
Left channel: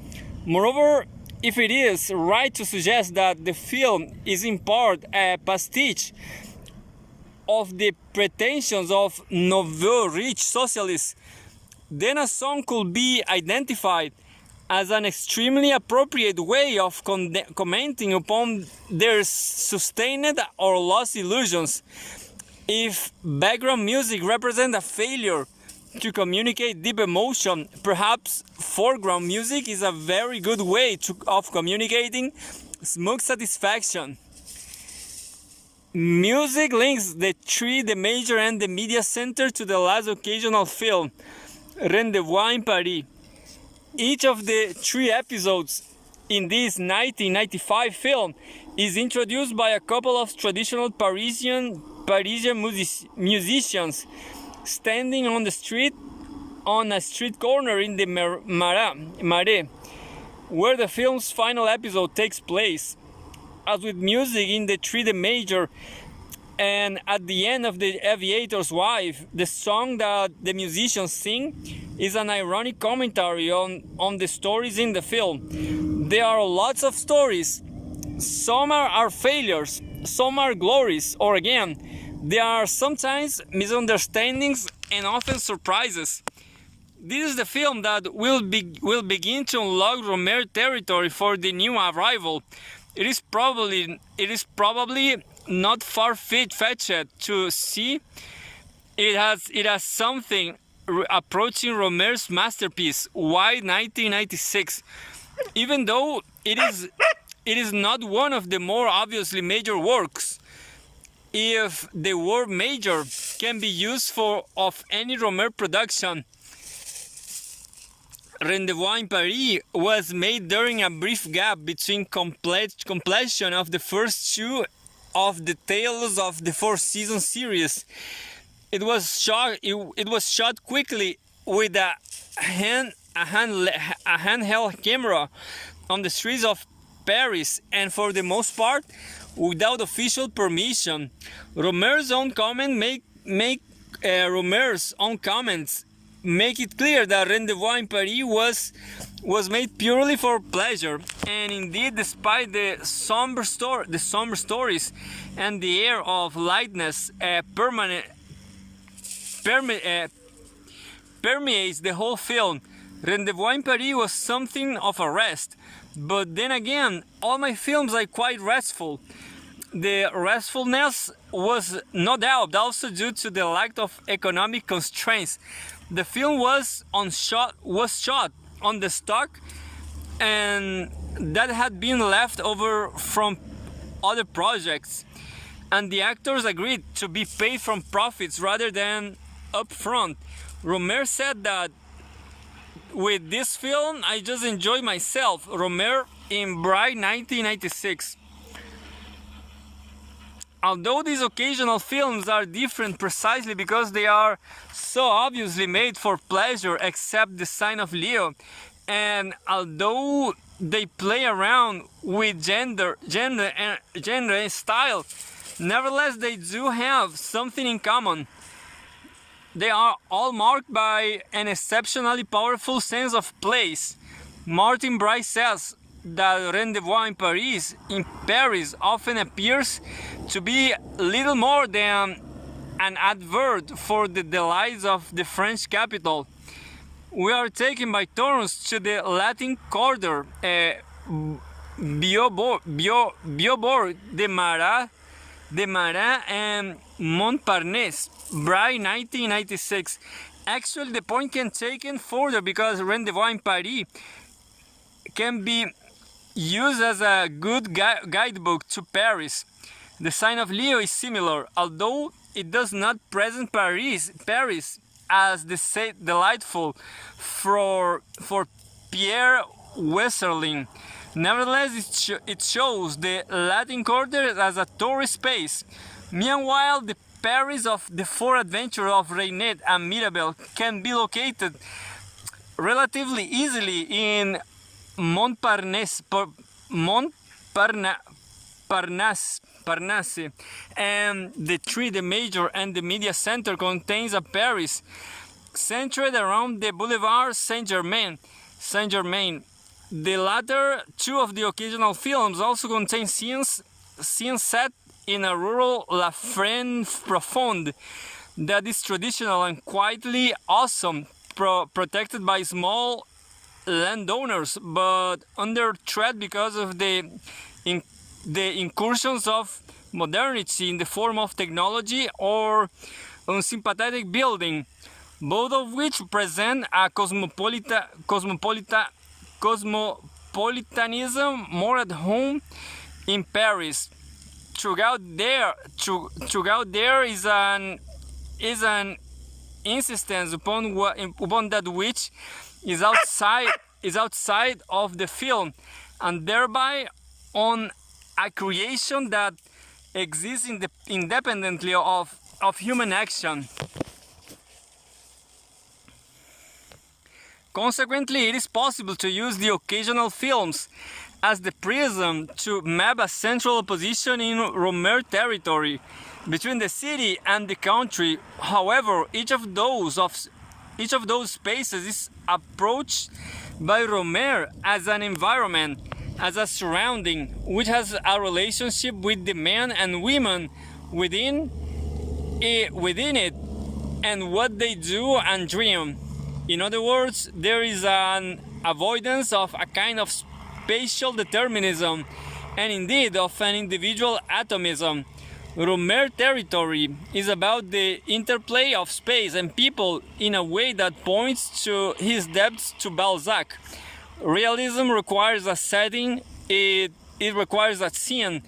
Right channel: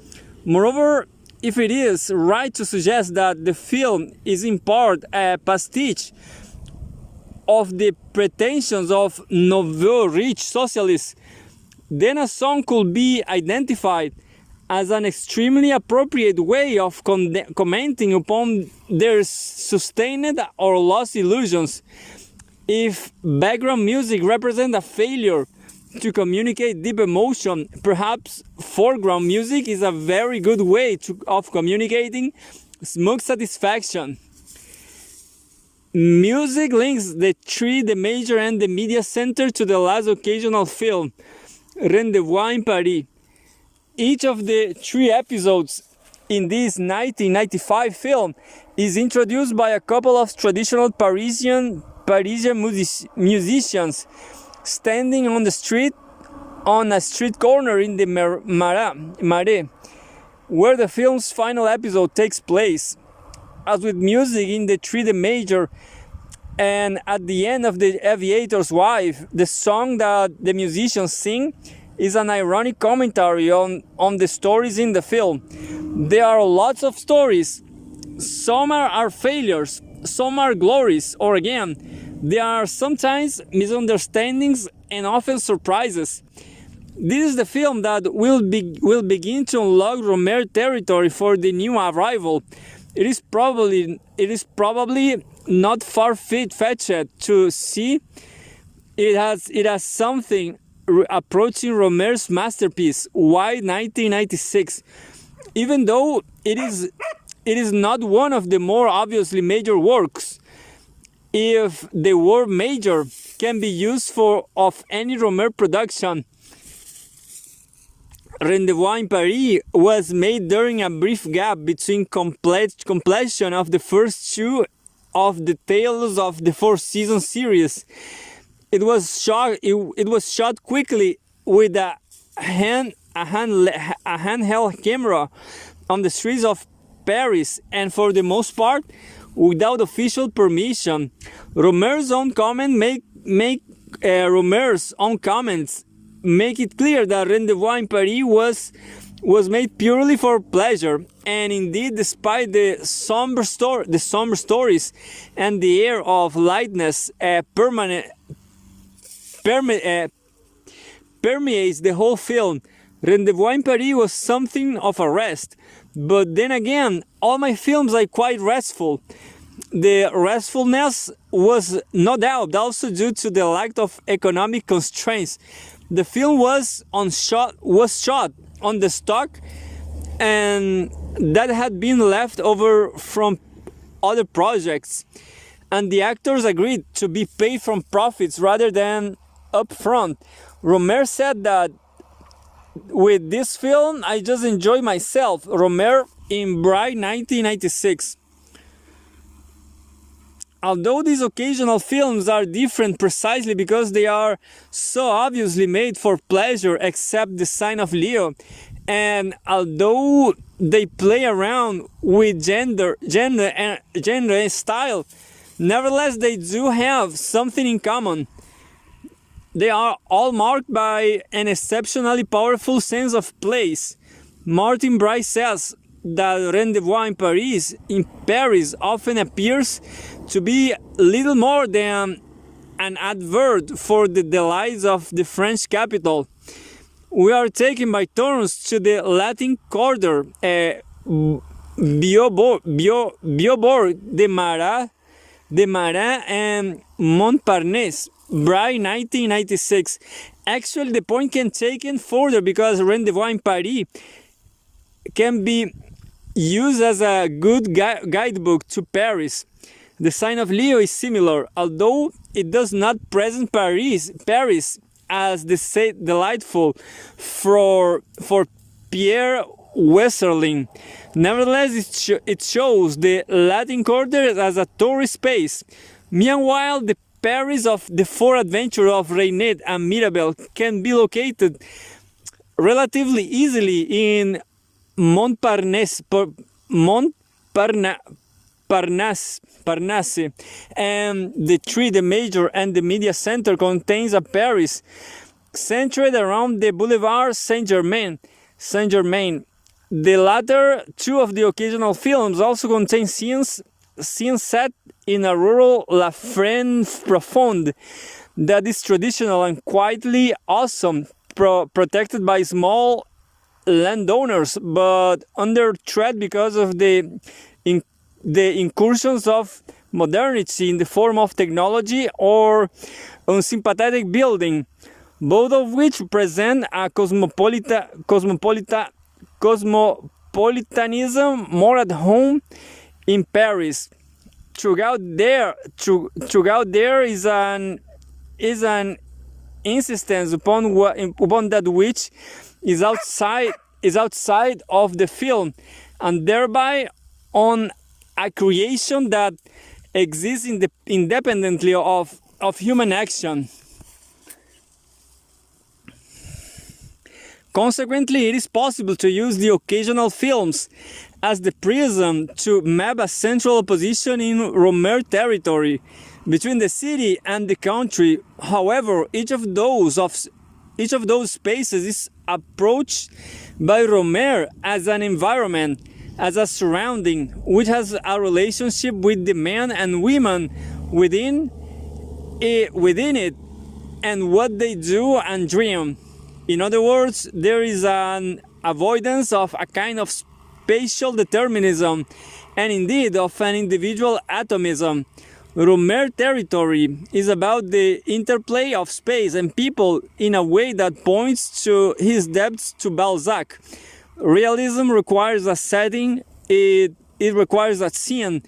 Moreover, if it is right to suggest that the film is in part a pastiche of the pretensions of nouveau rich socialists, then a song could be identified as an extremely appropriate way of commenting upon their sustained or lost illusions. If background music represents a failure to communicate deep emotion, perhaps foreground music is a very good way of communicating smug satisfaction. Music links the three, the major and the media center, to the last occasional film, Rendezvous in Paris. Each of the three episodes in this 1995 film is introduced by a couple of traditional Parisian musicians standing on a street corner in the Marais, where the film's final episode takes place. As with music in the three major and at the end of The Aviator's Wife, the song that the musicians sing is an ironic commentary on the stories in the film. There are lots of stories. Some are failures, some are glories, or again, there are sometimes misunderstandings and often surprises. This is the film that will begin to unlock Rohmer territory for the new arrival. It is probably not far-fetched to see it has something approaching Rohmer's masterpiece, White 1996, even though it is not one of the more obviously major works. If the word major can be used of any Rohmer production, Rendezvous in Paris was made during a brief gap between completion of the first two of the Tales of the Four-Season series. It was shot quickly with a handheld camera on the streets of Paris, and for the most part without official permission. Rohmer's own comments make it clear that Rendezvous in Paris was made purely for pleasure, and indeed, despite the somber stories and the air of lightness permeates the whole film, Rendezvous in Paris was something of a rest. But then again, all my films are quite restful. The restfulness was no doubt also due to the lack of economic constraints. The film was shot on the stock and that had been left over from other projects, and the actors agreed to be paid from profits rather than upfront. Rohmer said that with this film, I just enjoy myself. Rohmer in Bright 1996. Although these occasional films are different precisely because they are so obviously made for pleasure, except The Sign of Leo, and although they play around with gender and style, nevertheless they do have something in common. They are all marked by an exceptionally powerful sense of place. Martin Bright says that Rendezvous in Paris often appears to be little more than an advert for the delights of the French capital. We are taken by turns to the Latin Quarter, Biobord, de Marais and Montparnasse, Bright 1996. Actually, the point can be taken further because Rendezvous in Paris can be used as a good guidebook to Paris. The Sign of Leo is similar, although it does not present Paris as the delightful for Pierre Westerling. Nevertheless, it shows the Latin Quarter as a tourist space. Meanwhile, the Paris of the Four Adventures of Reinette and Mirabel can be located relatively easily in Montparnasse, and the major and the media center contains a Paris centered around the Boulevard Saint-Germain. The latter two of the occasional films also contain scenes set in a rural La Frienne Profonde that is traditional and quietly awesome, protected by small landowners, but under threat because of the incursions of modernity in the form of technology or unsympathetic building, both of which present a cosmopolitanism more at home in Paris. Throughout there is an insistence upon that which is outside of the film, and thereby on a creation that exists independently of human action. Consequently, it is possible to use the occasional films as the prism to map a central opposition in Rohmer territory between the city and the country. However, each of those spaces is approached by Rohmer as an environment, as a surrounding, which has a relationship with the men and women within it and what they do and dream. In other words, there is an avoidance of a kind of spatial determinism and indeed of an individual atomism. Rohmer territory is about the interplay of space and people in a way that points to his depths to Balzac. Realism requires a setting, it requires a scene,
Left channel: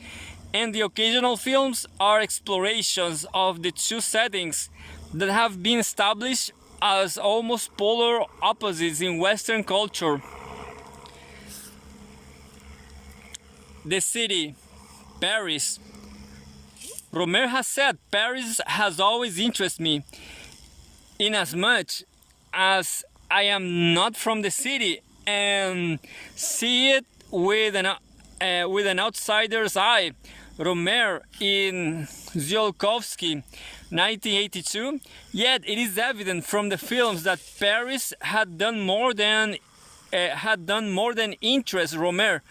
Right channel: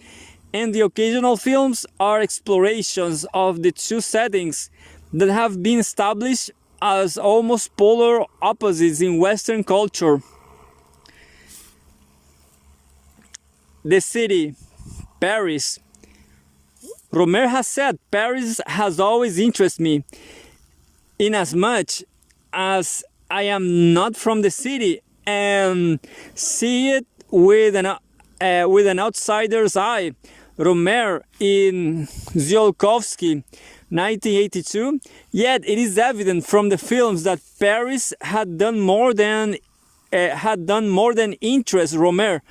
and the occasional films are explorations of the two settings that have been established as almost polar opposites in Western culture. The city, Paris. Rohmer has said, Paris has always interested me, inasmuch as I am not from the city and see it with an outsider's eye. Rohmer in Tsiolkovsky, 1982. Yet it is evident from the films that Paris had done more than interest Rohmer.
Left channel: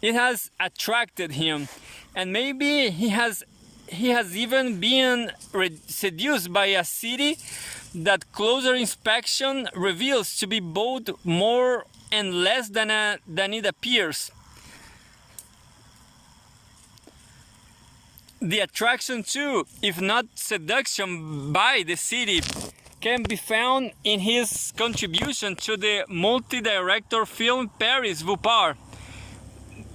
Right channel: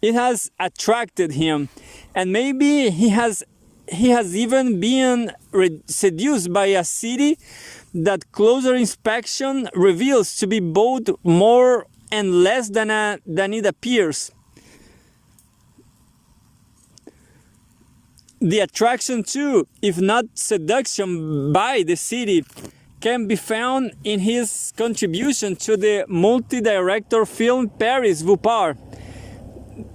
It has attracted him, and maybe he has even been seduced by a city that closer inspection reveals to be both more and less than it appears. The attraction to, if not seduction by the city, can be found in his contribution to the multi-director film Paris Vous Part.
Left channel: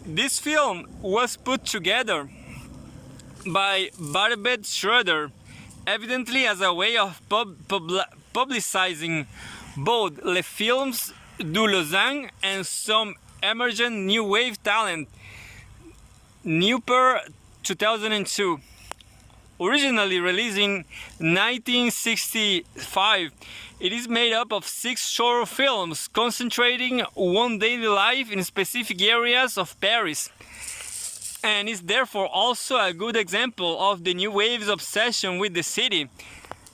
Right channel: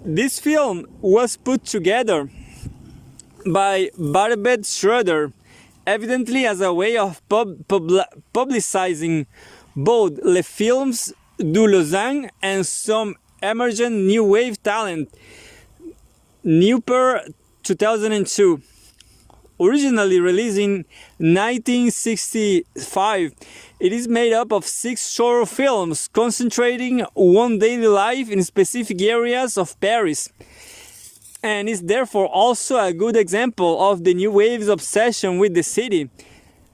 This film was put together by Barbet Schroeder, evidently as a way of publicizing both Les Films du Lausanne and some emergent new wave talent. Neuper 2002. Originally released in 1965, it is made up of 6 short films concentrating one daily life in specific areas of Paris, and is therefore also a good example of the new wave's obsession with the city.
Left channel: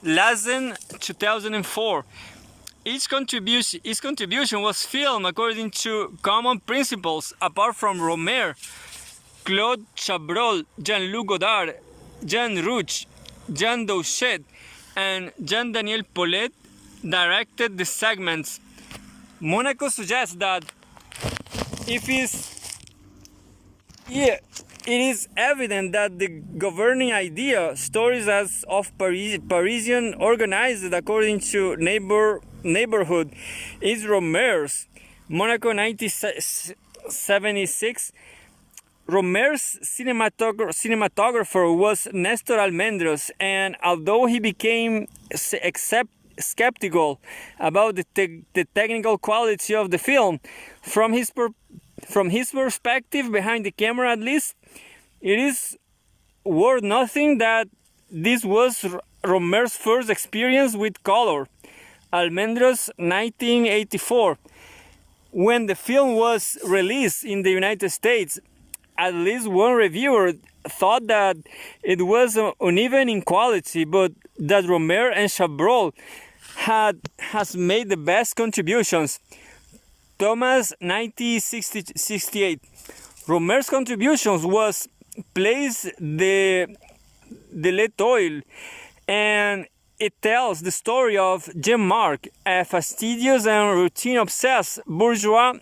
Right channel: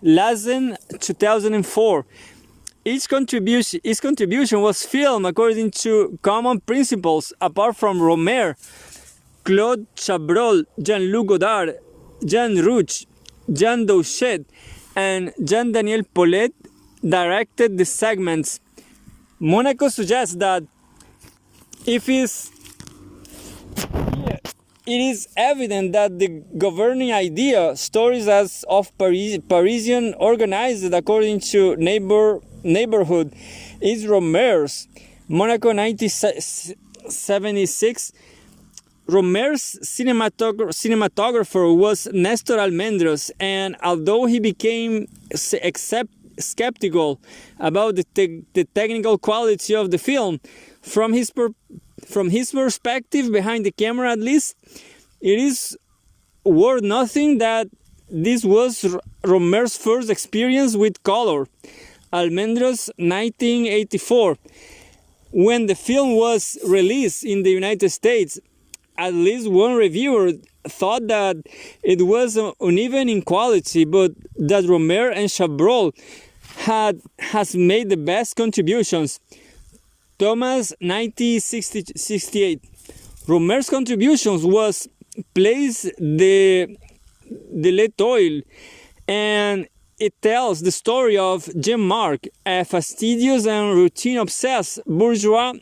Lausanne 2004. Its contribution was filmed according to common principles. Apart from Rohmer, Claude Chabrol, Jean-Luc Godard, Jean Rouch, Jean Douchet, and Jean-Daniel Paulette directed the segments. Monaco suggests that it is evident that the governing idea, stories as of Parisian organized according to neighborhood, is Rohmer's. Monaco 1976. Rohmer's cinematographer was Nestor Almendros, and although he became skeptical about the technical quality of the film, from his perspective behind the camera at least, it is worth nothing that this was Rohmer's first experience with color. Almendros, 1984. When the film was released in the United States, at least one reviewer thought that it was uneven in quality, but that Rohmer and Chabrol has made the best contributions. Thomas, 1968. Rohmer's contributions was place the L'Etoile, and it tells the story of Jean-Marc, a fastidious and routine-obsessed bourgeois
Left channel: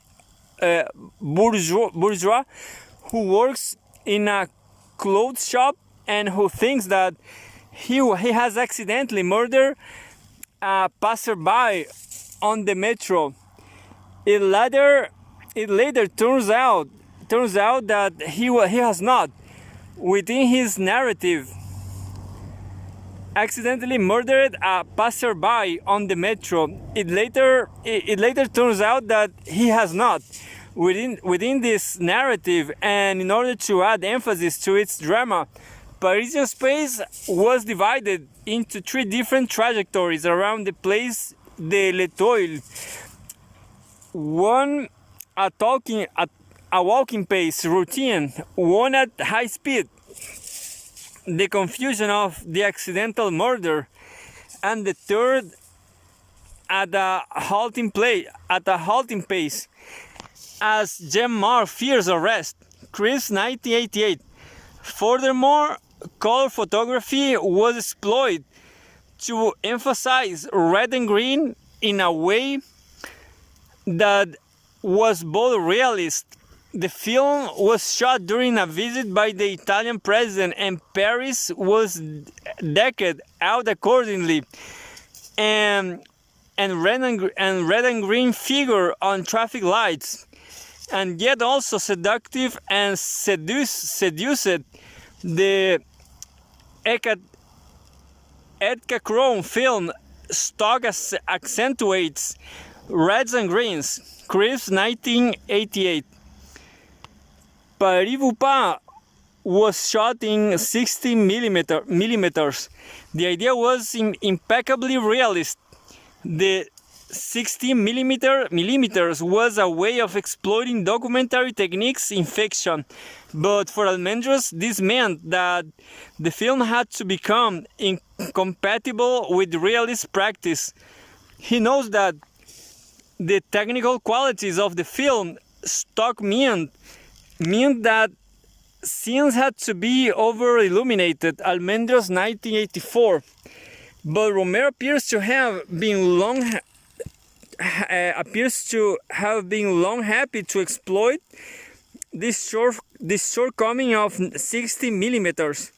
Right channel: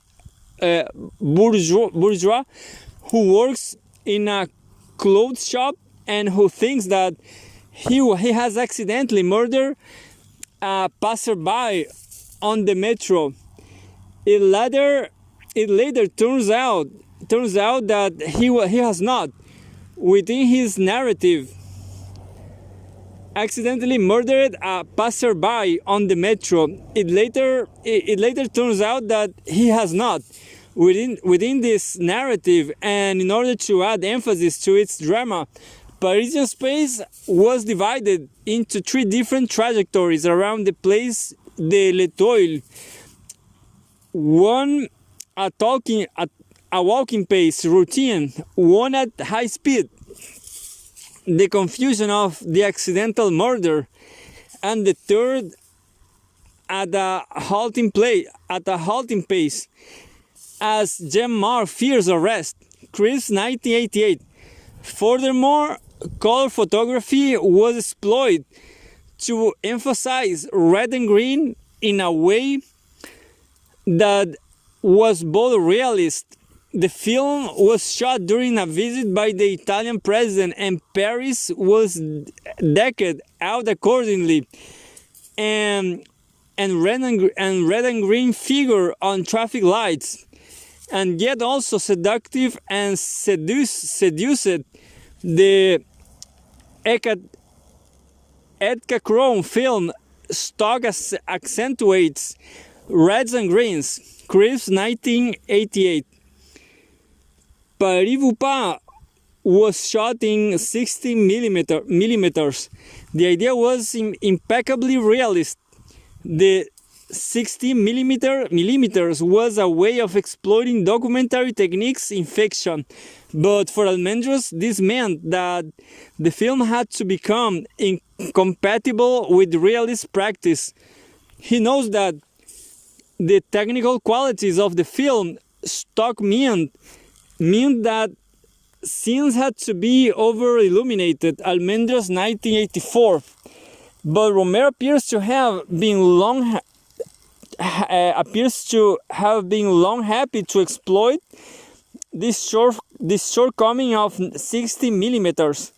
who works in a clothes shop and who thinks that he has accidentally murdered a passerby on the metro. It later turns out that he has not, within his narrative, accidentally murdered a passerby on the metro. It later turns out that he has not, within this narrative, and in order to add emphasis to its drama, Parisian space was divided into 3 different trajectories around the place de l'Etoile. One a walking pace, routine, one at high speed, the confusion of the accidental murder, and the third at a halting pace, as Jean-Marc fears arrest. Chris, 1988. Furthermore, color photography was exploited to emphasize red and green in a way that was both realist. The film was shot during a visit by the Italian president, and Paris was decked out accordingly, and red and green figure on traffic lights, and yet also seductive and seduced. The Eckachrome film stock accentuates reds and greens. Chris, 1988. Paris-Vupin was shot in 60 millimeters. The idea was impeccably realist. The 60 millimeters was a way of exploiting documentary techniques in fiction. But for Almendros, this meant that the film had to become incompatible with realist practice. He knows that the technical qualities of the film stock meant that scenes had to be over-illuminated. Almendros, 1984. But Rohmer appears to have been long happy to exploit this shortcoming of 60 millimeters.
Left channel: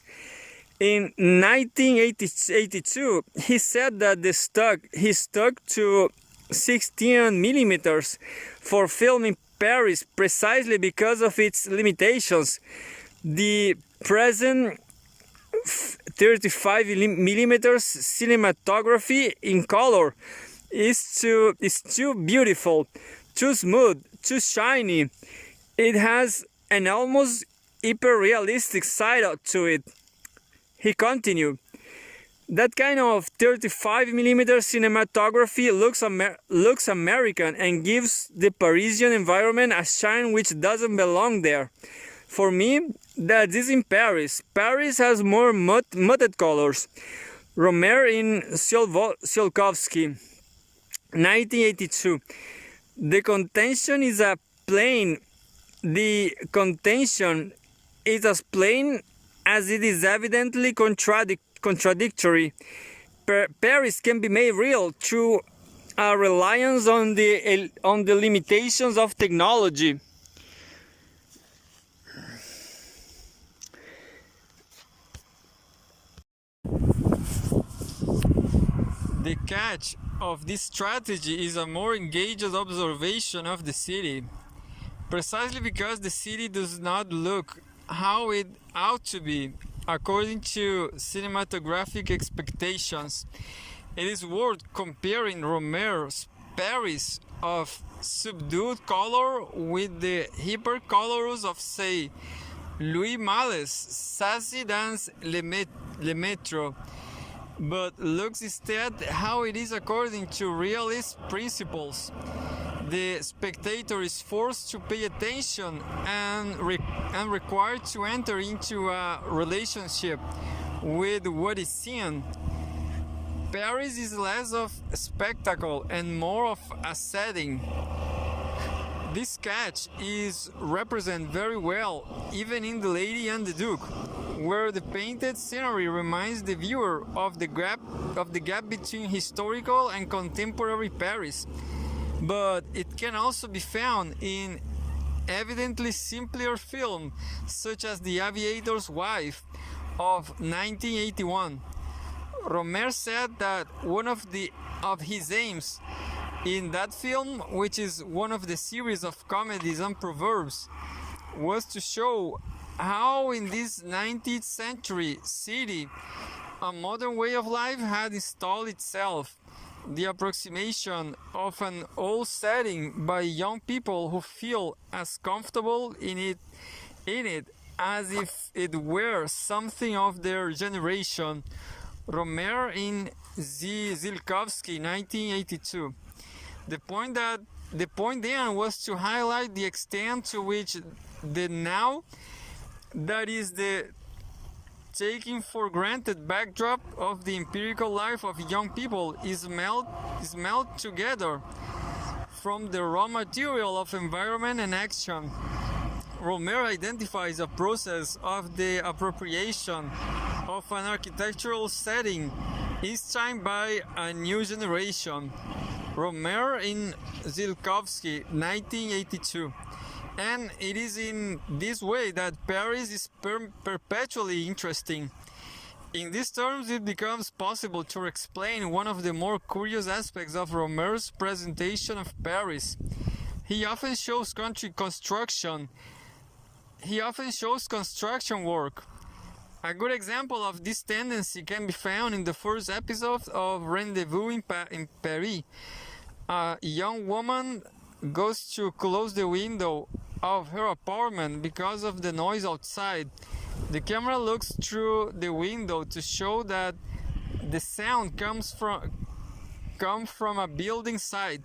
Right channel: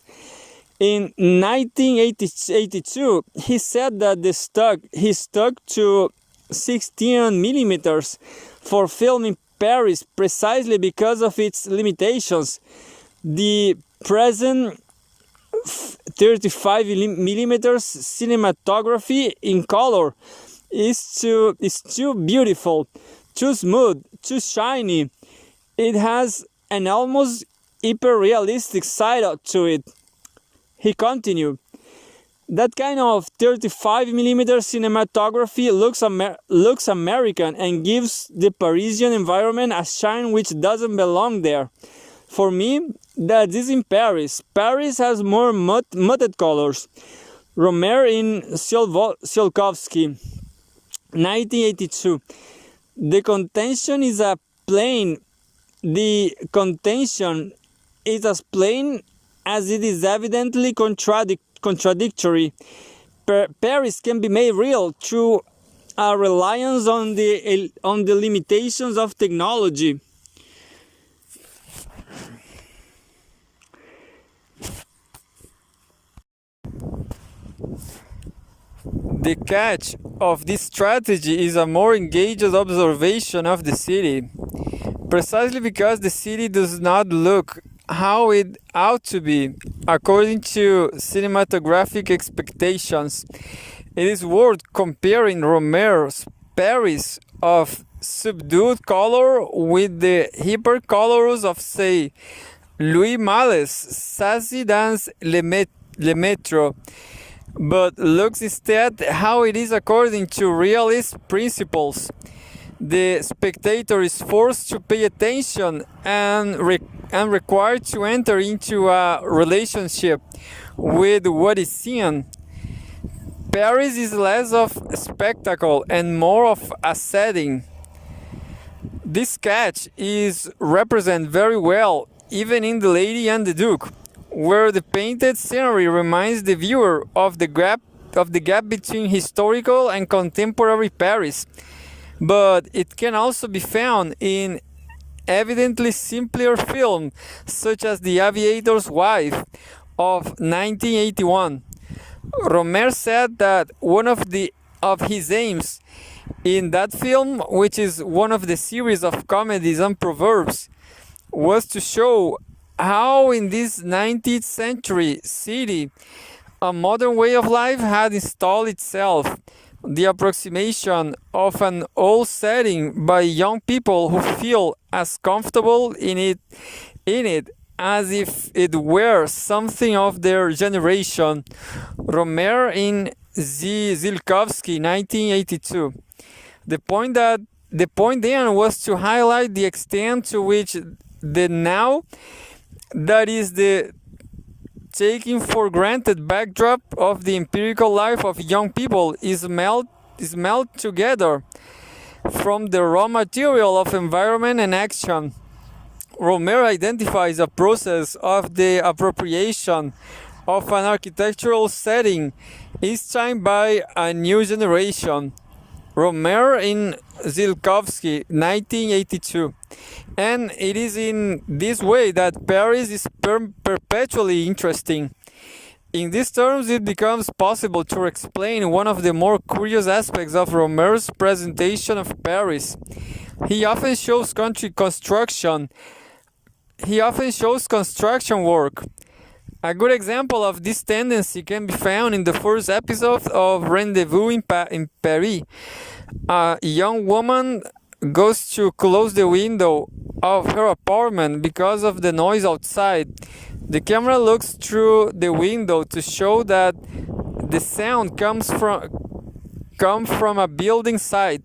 In 1982, he said that he stuck to 16 millimeters for filming Paris precisely because of its limitations. The present 35 millimeters cinematography in color is too beautiful, too smooth, too shiny. It has an almost hyper-realistic side to it. He continued, that kind of 35 millimeter cinematography looks American and gives the Parisian environment a shine which doesn't belong there. For me, that is in Paris. Paris has more muted colors. Rohmer in Tsiolkovsky, 1982. The contention is as plain as it is evidently contradictory. Paris can be made real through a reliance on the limitations of technology. The catch of this strategy is a more engaged observation of the city, precisely because the city does not look how it ought to be, according to cinematographic expectations. It is worth comparing Rohmer's Paris of subdued color with the hypercolors of, say, Louis Malle's Sassy Dans Le Métro, but looks instead how it is according to realist principles. The spectator is forced to pay attention and required to enter into a relationship with what is seen. Paris is less of a spectacle and more of a setting. This sketch is represented very well even in The Lady and the Duke, where the painted scenery reminds the viewer of the gap between historical and contemporary Paris. But it can also be found in evidently simpler films such as The Aviator's Wife of 1981. Rohmer said that one of his aims in that film, which is one of the series of comedies and proverbs, was to show how in this 19th century city a modern way of life had installed itself, the approximation of an old setting by young people who feel as comfortable in it as if it were something of their generation. Rohmer in Zilkowski, 1982. The point then was to highlight the extent to which the now, that is the taking for granted backdrop of the empirical life of young people, is melt together from the raw material of environment and action. Rohmer identifies a process of the appropriation of an architectural setting, each time by a new generation. Rohmer in Zilkowski, 1982. And it is in this way that Paris is perpetually interesting. In these terms, it becomes possible to explain one of the more curious aspects of Rohmer's presentation of Paris. He often shows construction work. A good example of this tendency can be found in the first episode of Rendezvous in Paris. A young woman goes to close the window of her apartment because of the noise outside. The camera looks through the window to show that the sound comes from a building site.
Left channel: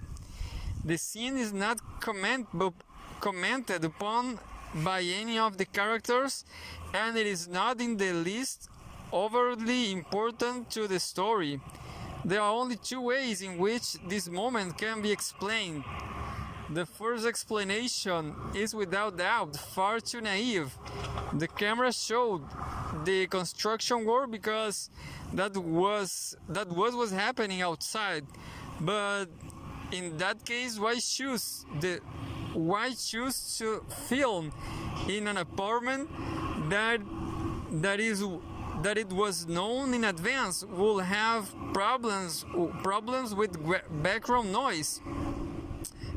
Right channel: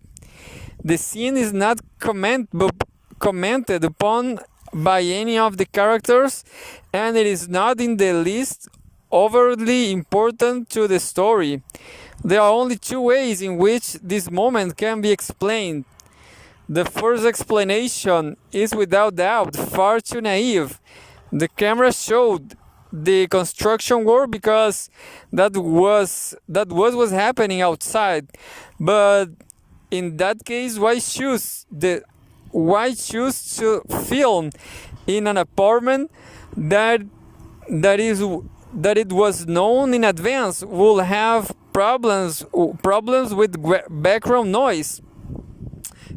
The scene is not commented upon by any of the characters, and it is not in the least overtly important to the story. There are only two ways in which this moment can be explained. The first explanation is without doubt far too naive. The camera showed the construction work because that was what was happening outside. But in that case, why choose to film in an apartment that it was known in advance will have problems with background noise?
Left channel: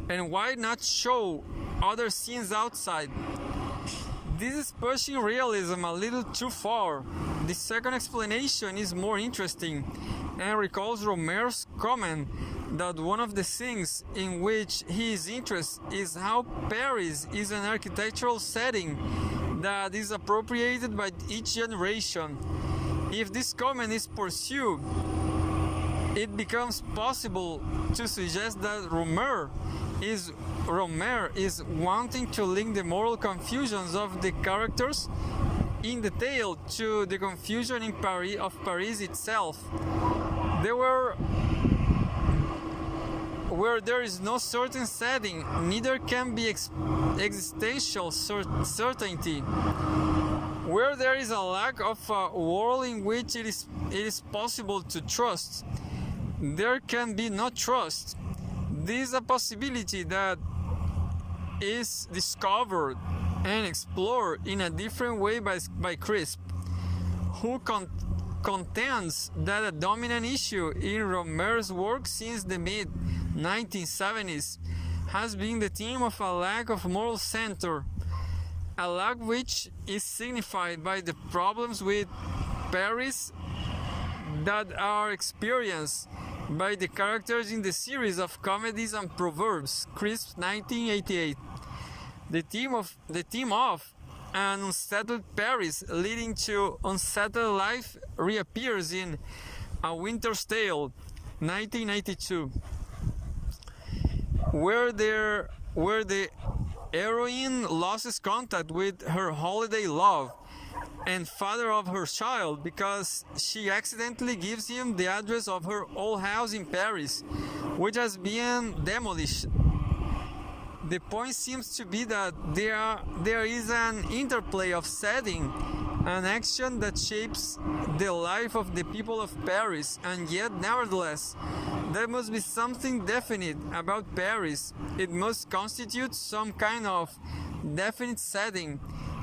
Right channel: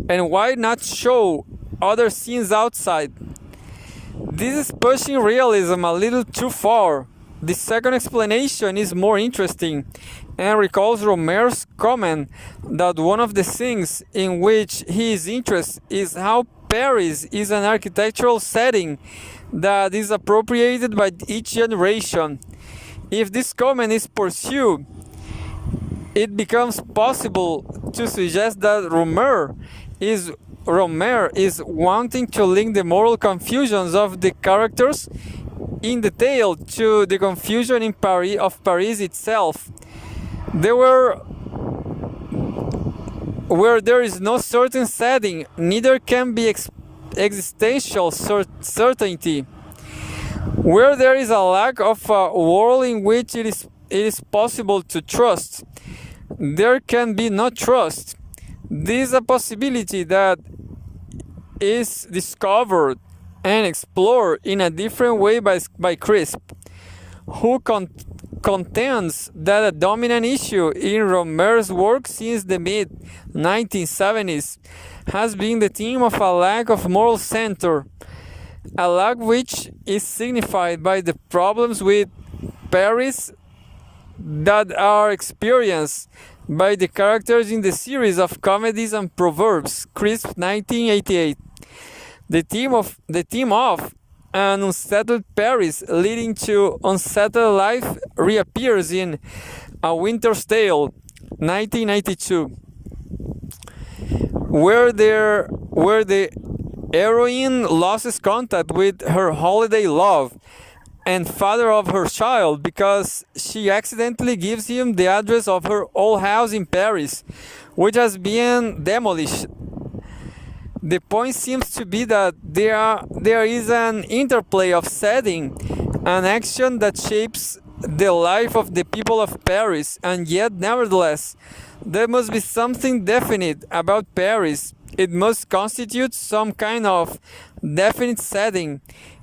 And why not show other scenes outside? This is pushing realism a little too far. The second explanation is more interesting and recalls Rohmer's comment that one of the things in which he is interested is how Paris is an architectural setting that is appropriated by each generation. If this comment is pursued, it becomes possible to suggest that Rohmer is wanting to link the moral confusions of the characters in the tale to the confusion in Paris itself. Where there is no certain setting, neither can be existential certainty. Where there is a lack of a world in which it is possible to trust, there can be no trust. This is a possibility that is discovered and explored in a different way by Crisp, who contends that a dominant issue in Rohmer's work since the mid-1970s has been the theme of a lack of moral center, a lack which is signified by the problems with Paris that are experienced by the characters in the series of comedies and proverbs, Crisp, 1988. The theme of an unsettled Paris leading to unsettled life reappears in A Winter's Tale, 1992, where the heroine loses contact with her holiday love, and father of her child because she accidentally gives him the address of her old house in Paris, which has been demolished. The point seems to be that there is an interplay of setting and action that shapes the life of the people of Paris, and yet, nevertheless, there must be something definite about Paris. It must constitute some kind of definite setting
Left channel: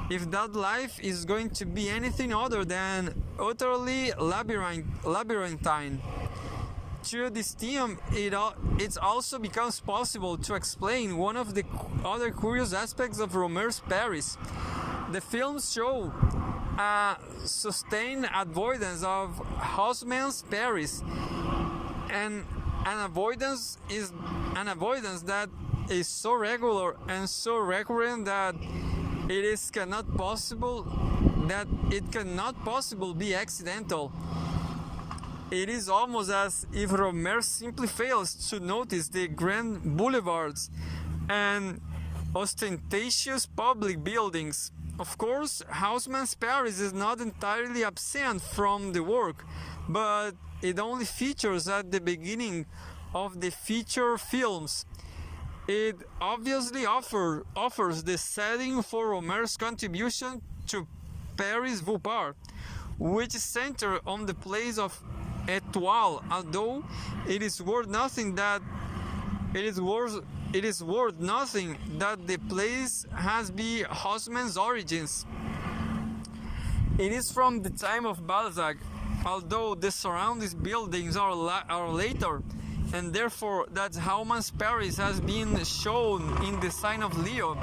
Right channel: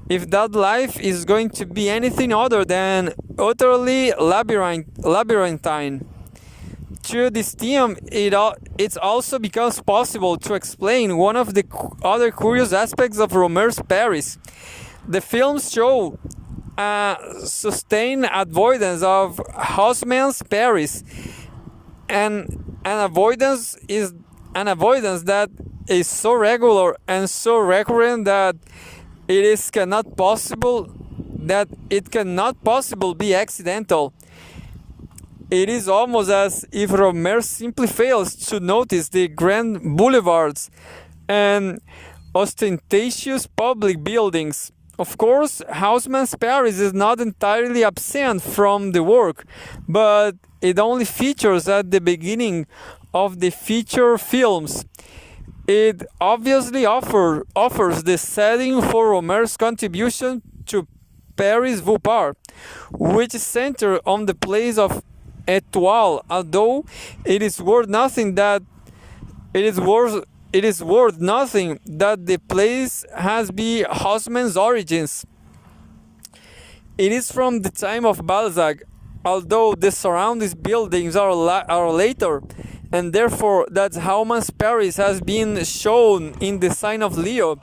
if that life is going to be anything other than utterly labyrinthine. Through this theme, it also becomes possible to explain one of the other curious aspects of Rohmer's Paris. The films show a sustained avoidance of Haussmann's Paris, and an avoidance that is so regular and so recurrent that it cannot possible be accidental. It is almost as if Rohmer simply fails to notice the grand boulevards and ostentatious public buildings. Of course, Haussmann's Paris is not entirely absent from the work, but it only features at the beginning of the feature films. It obviously offers the setting for Rohmer's contribution to Paris Vupar, which is centered on the place of Etoile, although it is worth nothing that the place has been Haussmann's origins. It is from the time of Balzac, although the surrounding buildings are later, and therefore that Haussmann's Paris has been shown in the sign of Leo.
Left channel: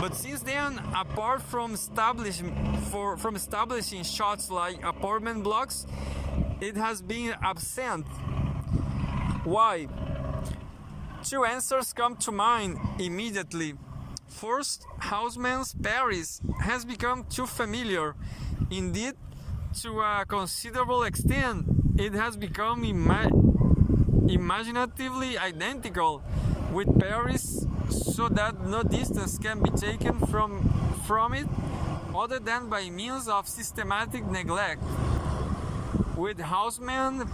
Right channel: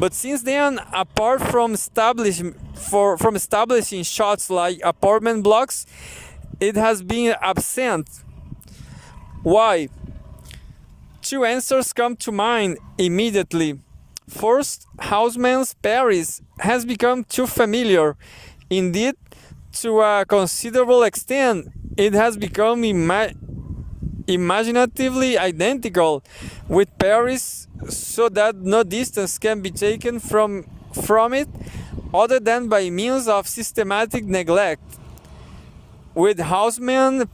But since then, apart from establishing shots like apartment blocks, it has been absent. Why? Two answers come to mind immediately. First, Haussmann's Paris has become too familiar. Indeed, to a considerable extent, it has become imaginatively identical with Paris, so that no distance can be taken from it other than by means of systematic neglect. With Haussmann,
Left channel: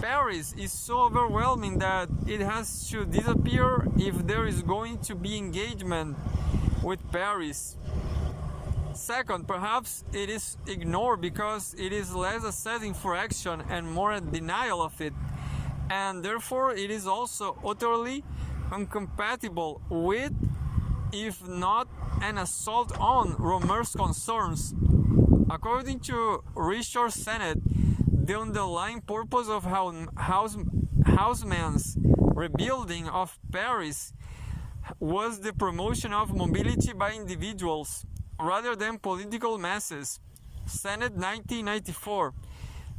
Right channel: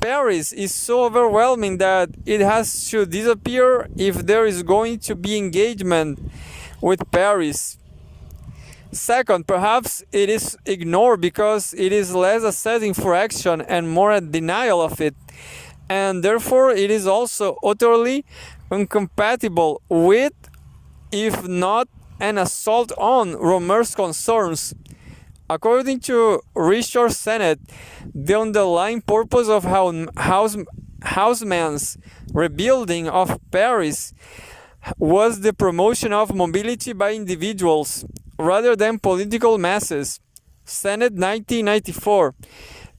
Paris is so overwhelming that it has to disappear if there is going to be engagement with Paris. Second, perhaps it is ignored because it is less a setting for action and more a denial of it, and therefore it is also utterly incompatible with, if not an assault on, Rohmer's concerns. According to Richard Sennett, the underlying purpose of Haussmann's rebuilding of Paris was the promotion of mobility by individuals rather than political masses. Sennett, 1994.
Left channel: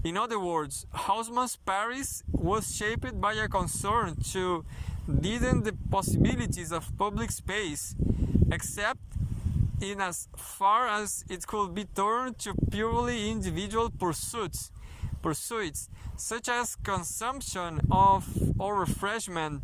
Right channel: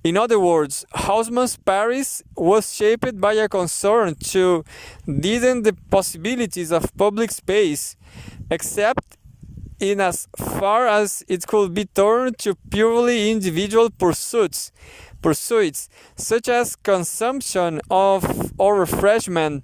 In other words, Haussmann's Paris was shaped by a concern to deaden the possibilities of public space, except in as far as it could be turned to purely individual pursuits, such as consumption of or refreshment.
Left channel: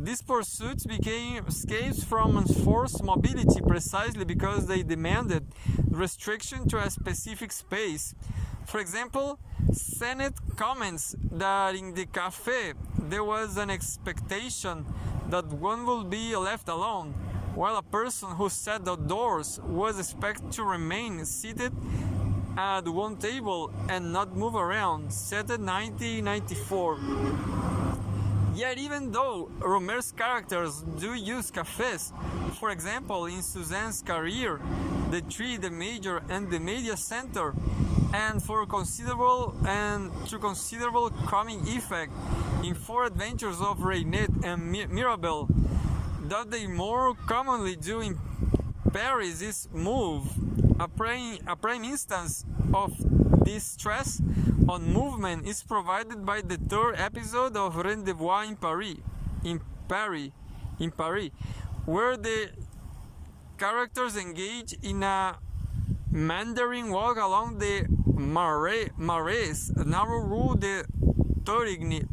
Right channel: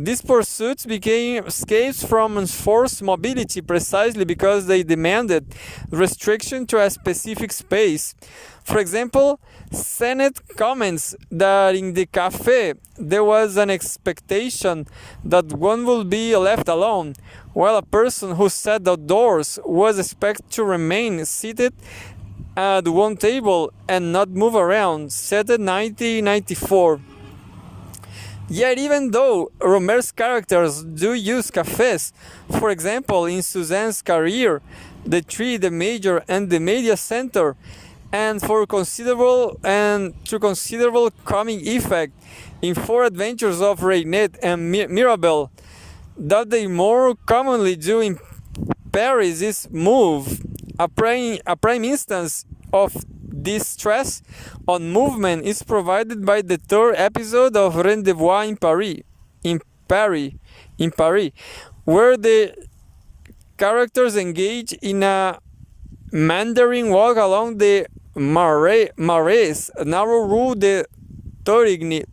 These pursuits became escapes from enforced mobility precisely because they demanded restriction to a specific space. For example, Sennett comments that in the café there was an expectation that one would be left alone, while a person who sat outdoors was expected to remain seated at one table and not move around, said in 1994. Yet even though Rohmer's characters do use cafés, for example in Suzanne's career, the Tree, the Major, and the Media Center, and to considerable comic effect in Four Adventures of Reinette and Mirabel, that they more commonly do in Paris is move. A prime instance of this stress on movement is provided by the third episode of Rendezvous in Paris, where the characters engage in a meandering walk along the Marais, narrow Rue de Torigny.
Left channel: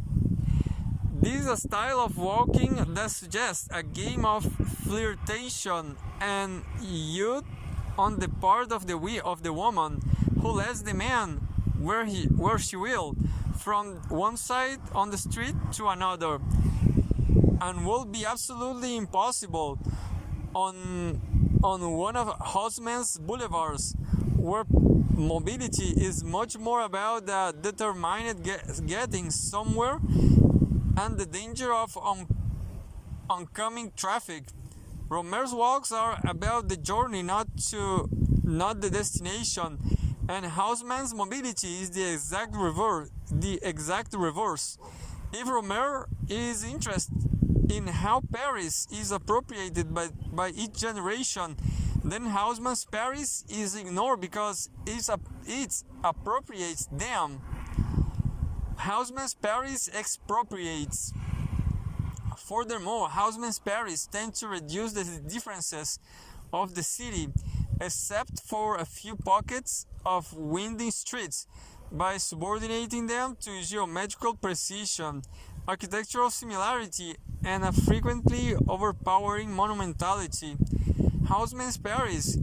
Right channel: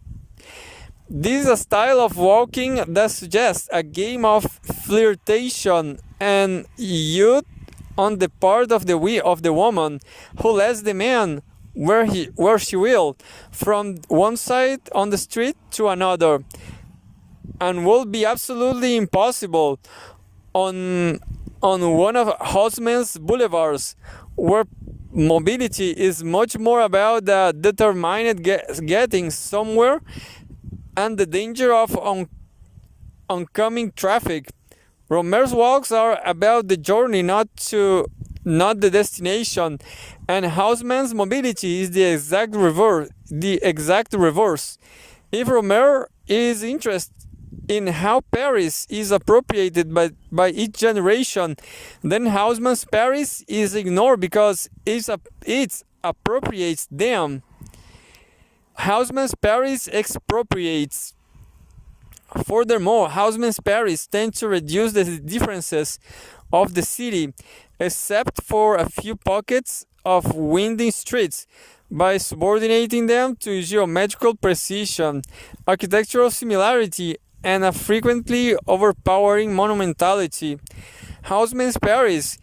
This is a style of walking that suggests a game of flirtation and youth on the part of the woman, who lets the man where she will, from one side on the street to another, and will be absolutely impossible on one of Haussmann's boulevards, where mobility is much more about the determined getting somewhere and the danger of oncoming traffic. Rohmer's walks are about the journey, not the destination, and Haussmann's mobility is the exact reverse. If Rohmer is interested in how Paris is appropriated by each generation, then Haussmann's Paris is ignored because it appropriates them. Haussmann's Paris expropriates. Furthermore, Haussmann's Paris tends to reduce the differences of the city, except for a few pockets of winding streets, by subordinating them to geometrical precision, architectural similarity, and a frequently overpowering monumentality. Haussmann's Paris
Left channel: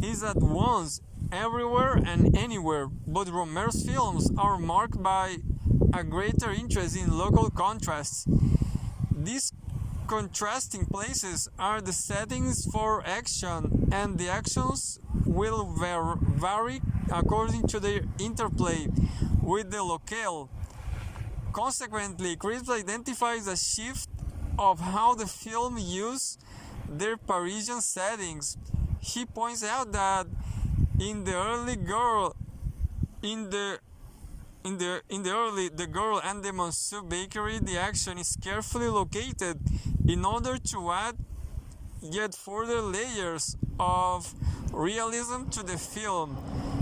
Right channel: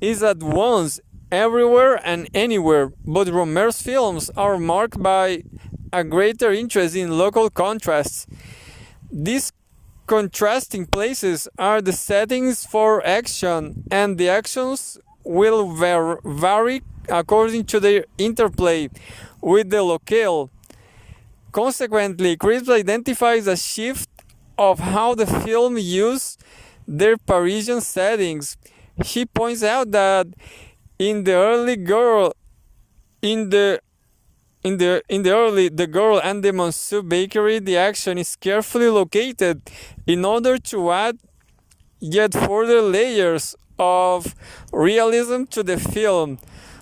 is at once everywhere and anywhere, but Rohmer's films are marked by a greater interest in local contrasts. These contrasting places are the settings for action, and the actions will vary according to their interplay with the locale. Consequently, Crisp identifies a shift of how the film used their Parisian settings. He points out that in the early The Girl and the Monsieur Bakery, the action is carefully located in order to add yet further layers of realism to the film.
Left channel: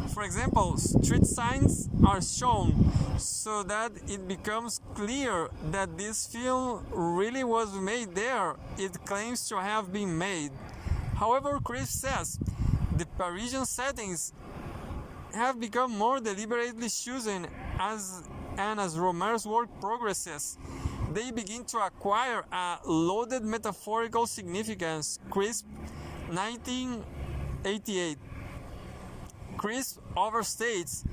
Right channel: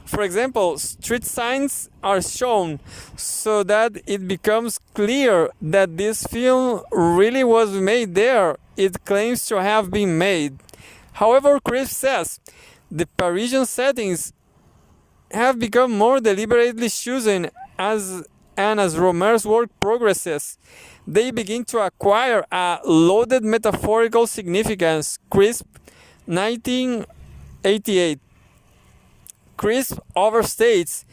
For example, street signs are shown so that it becomes clear that this film really was made there it claims to have been made. However, Chris says the Parisian settings have become more deliberately chosen as Rohmer's work progresses. They begin to acquire a loaded metaphorical significance. Crisp, 1988. Crisp overstates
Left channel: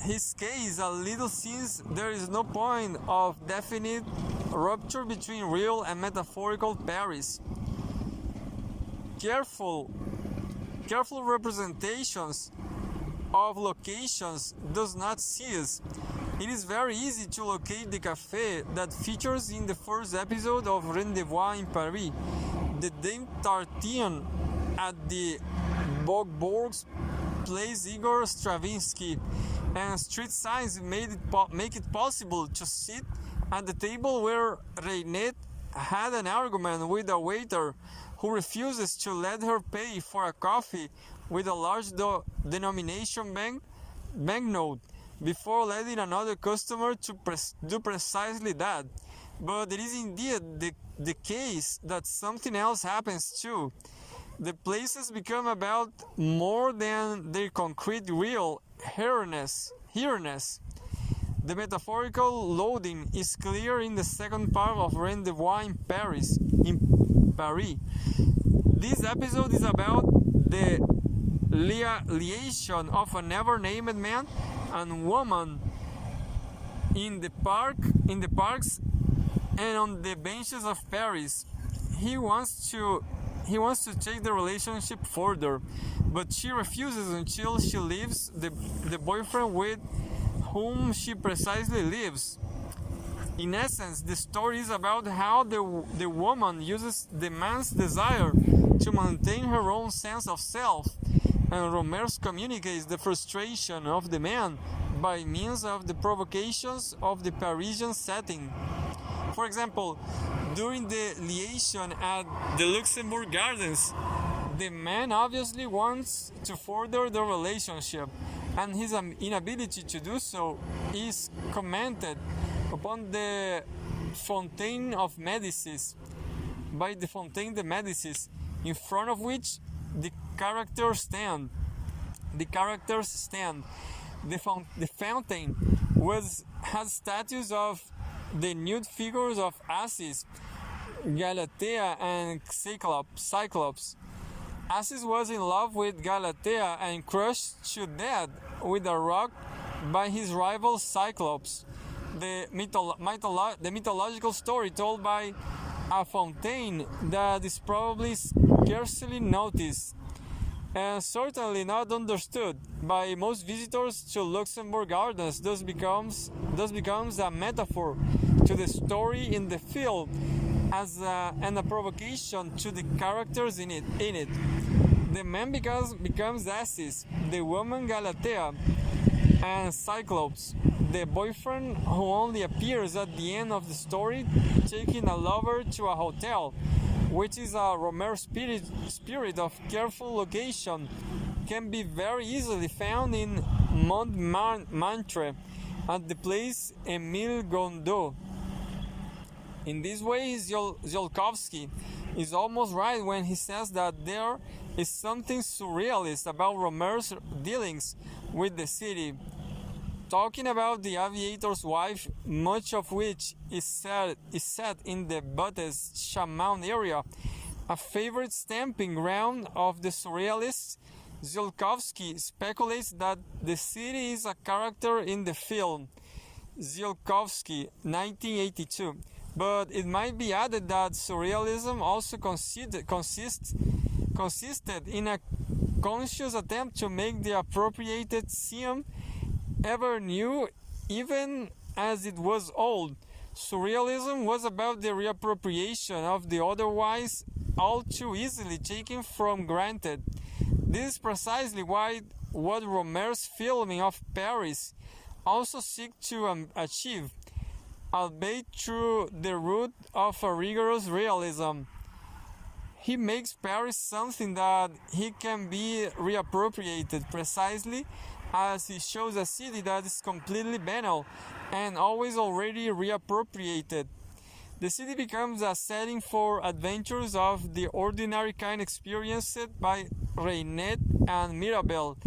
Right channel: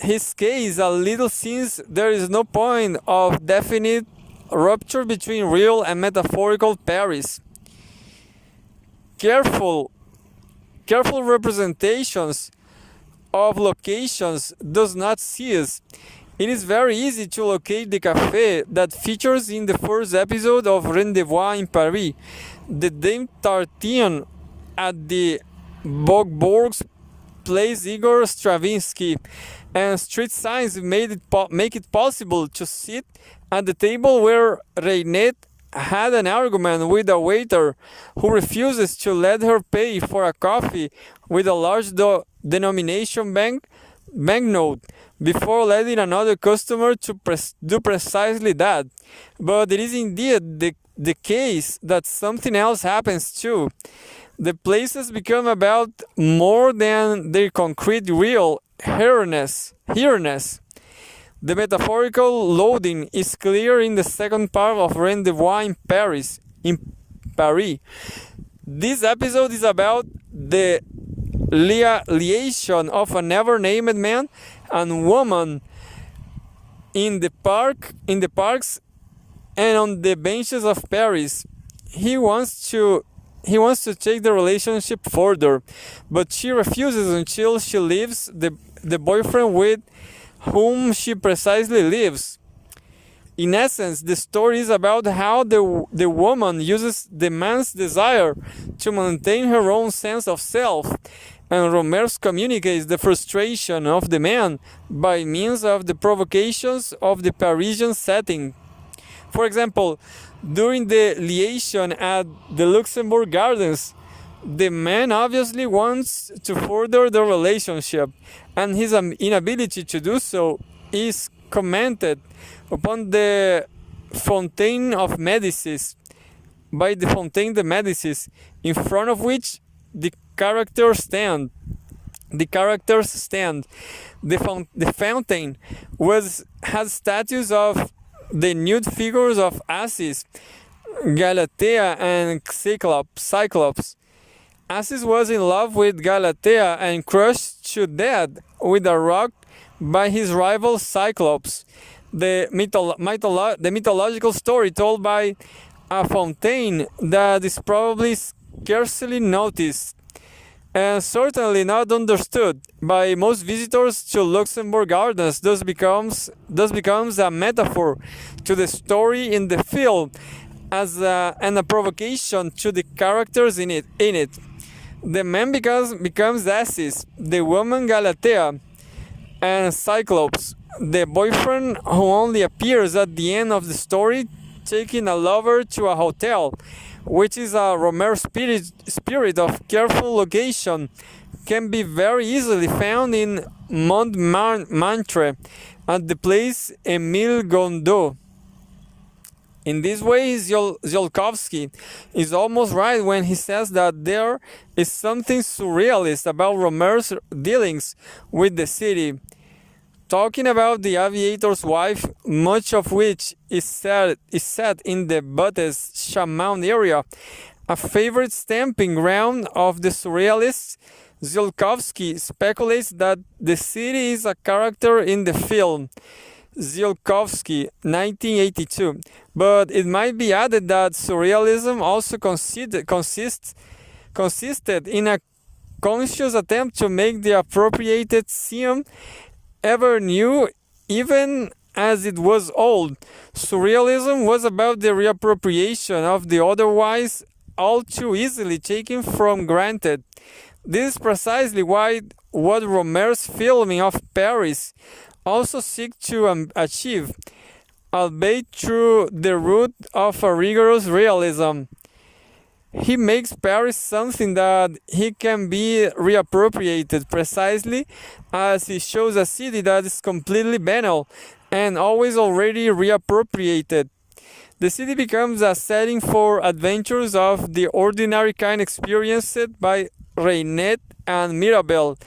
his case a little since there is no point of definite rupture between real and metaphorical Paris. Careful representations of locations does not cease. It is very easy to locate the café that features in the first episode of Rendezvous in Paris, the Dame Tartine at the Bourg's Place Igor Stravinsky, and street signs make it possible to sit at the table where Reinette had an argument with a waiter who refuses to let her pay for a coffee with a large denomination banknote before letting another customer to do precisely that. But it is indeed the case that something else happens too. The places become about more than their concrete real here-ness. The metaphorical loading is clear in the second part of Rendezvous in Paris. This episode is about the liaison of a never-named man and woman in the parks and on the benches of Paris. He wants to take the relationship further, but she refuses until she leaves the boyfriend with whom she precisely lives. In essence, the story is about how the woman uses the man's desire to maintain her own sense of self, and Rohmer communicates the frustration of the man by means of the provocations of the Parisian setting. For example, during the liaison at the Luxembourg Gardens, the man obviously wants to further the relationship, and his inability to do so is commented upon the Fontaine of Medicis, by the Fontaine de Medicis, in front of which the characters stand. The fountain has statues of the nude figures of Assis, Galatea, and Cyclops, Acis was in love with Galatea and crushed to death with a rock by his rival Cyclops. The mythological story told by a fountain that is probably scarcely noticed and certainly not understood by most visitors to Luxembourg Gardens thus becomes a metaphor to the story in the film and a provocation to the characters in it. The man becomes Acis, the woman Galatea, and Cyclops, the boyfriend who only appears at the end of the story, taking a lover to a hotel, which is a Rohmer spirit of careful location, can be very easily found in Montmartre at the place Émile Gondot. In this way, Tsiolkovsky is almost right when he says that there is something surrealist about Rohmer's dealings with the city. Talking about the aviator's wife, much of which is set in the Buttes Chamoun area, a favorite stamping ground of the surrealists, Tsiolkovsky speculates that the city is a character in the film. Tsiolkovsky, 1982. But it might be added that surrealism also consisted in a conscious attempt to make the appropriated seem ever new, even as it was old. Surrealism was about the reappropriation of the otherwise all too easily taken for granted. This is precisely what Rohmer's filming of Paris also seeks to achieve, albeit through the route of a rigorous realism. He makes Paris something that he can be reappropriated precisely as he shows a city that is completely banal and always already reappropriated. The city becomes a setting for adventures of the ordinary kind experienced by Reinette and Mirabel,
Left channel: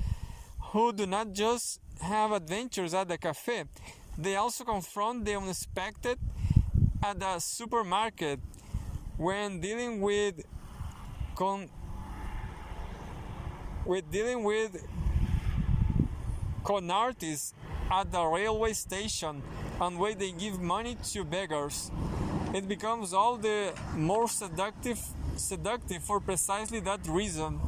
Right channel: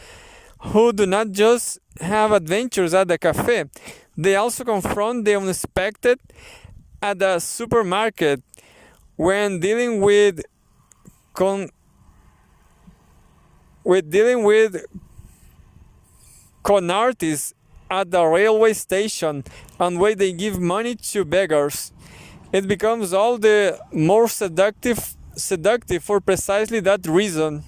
who do not just have adventures at the cafe, they also confront the unexpected at the supermarket when dealing with con artists at the railway station and when they give money to beggars. It becomes all the more seductive for precisely that reason.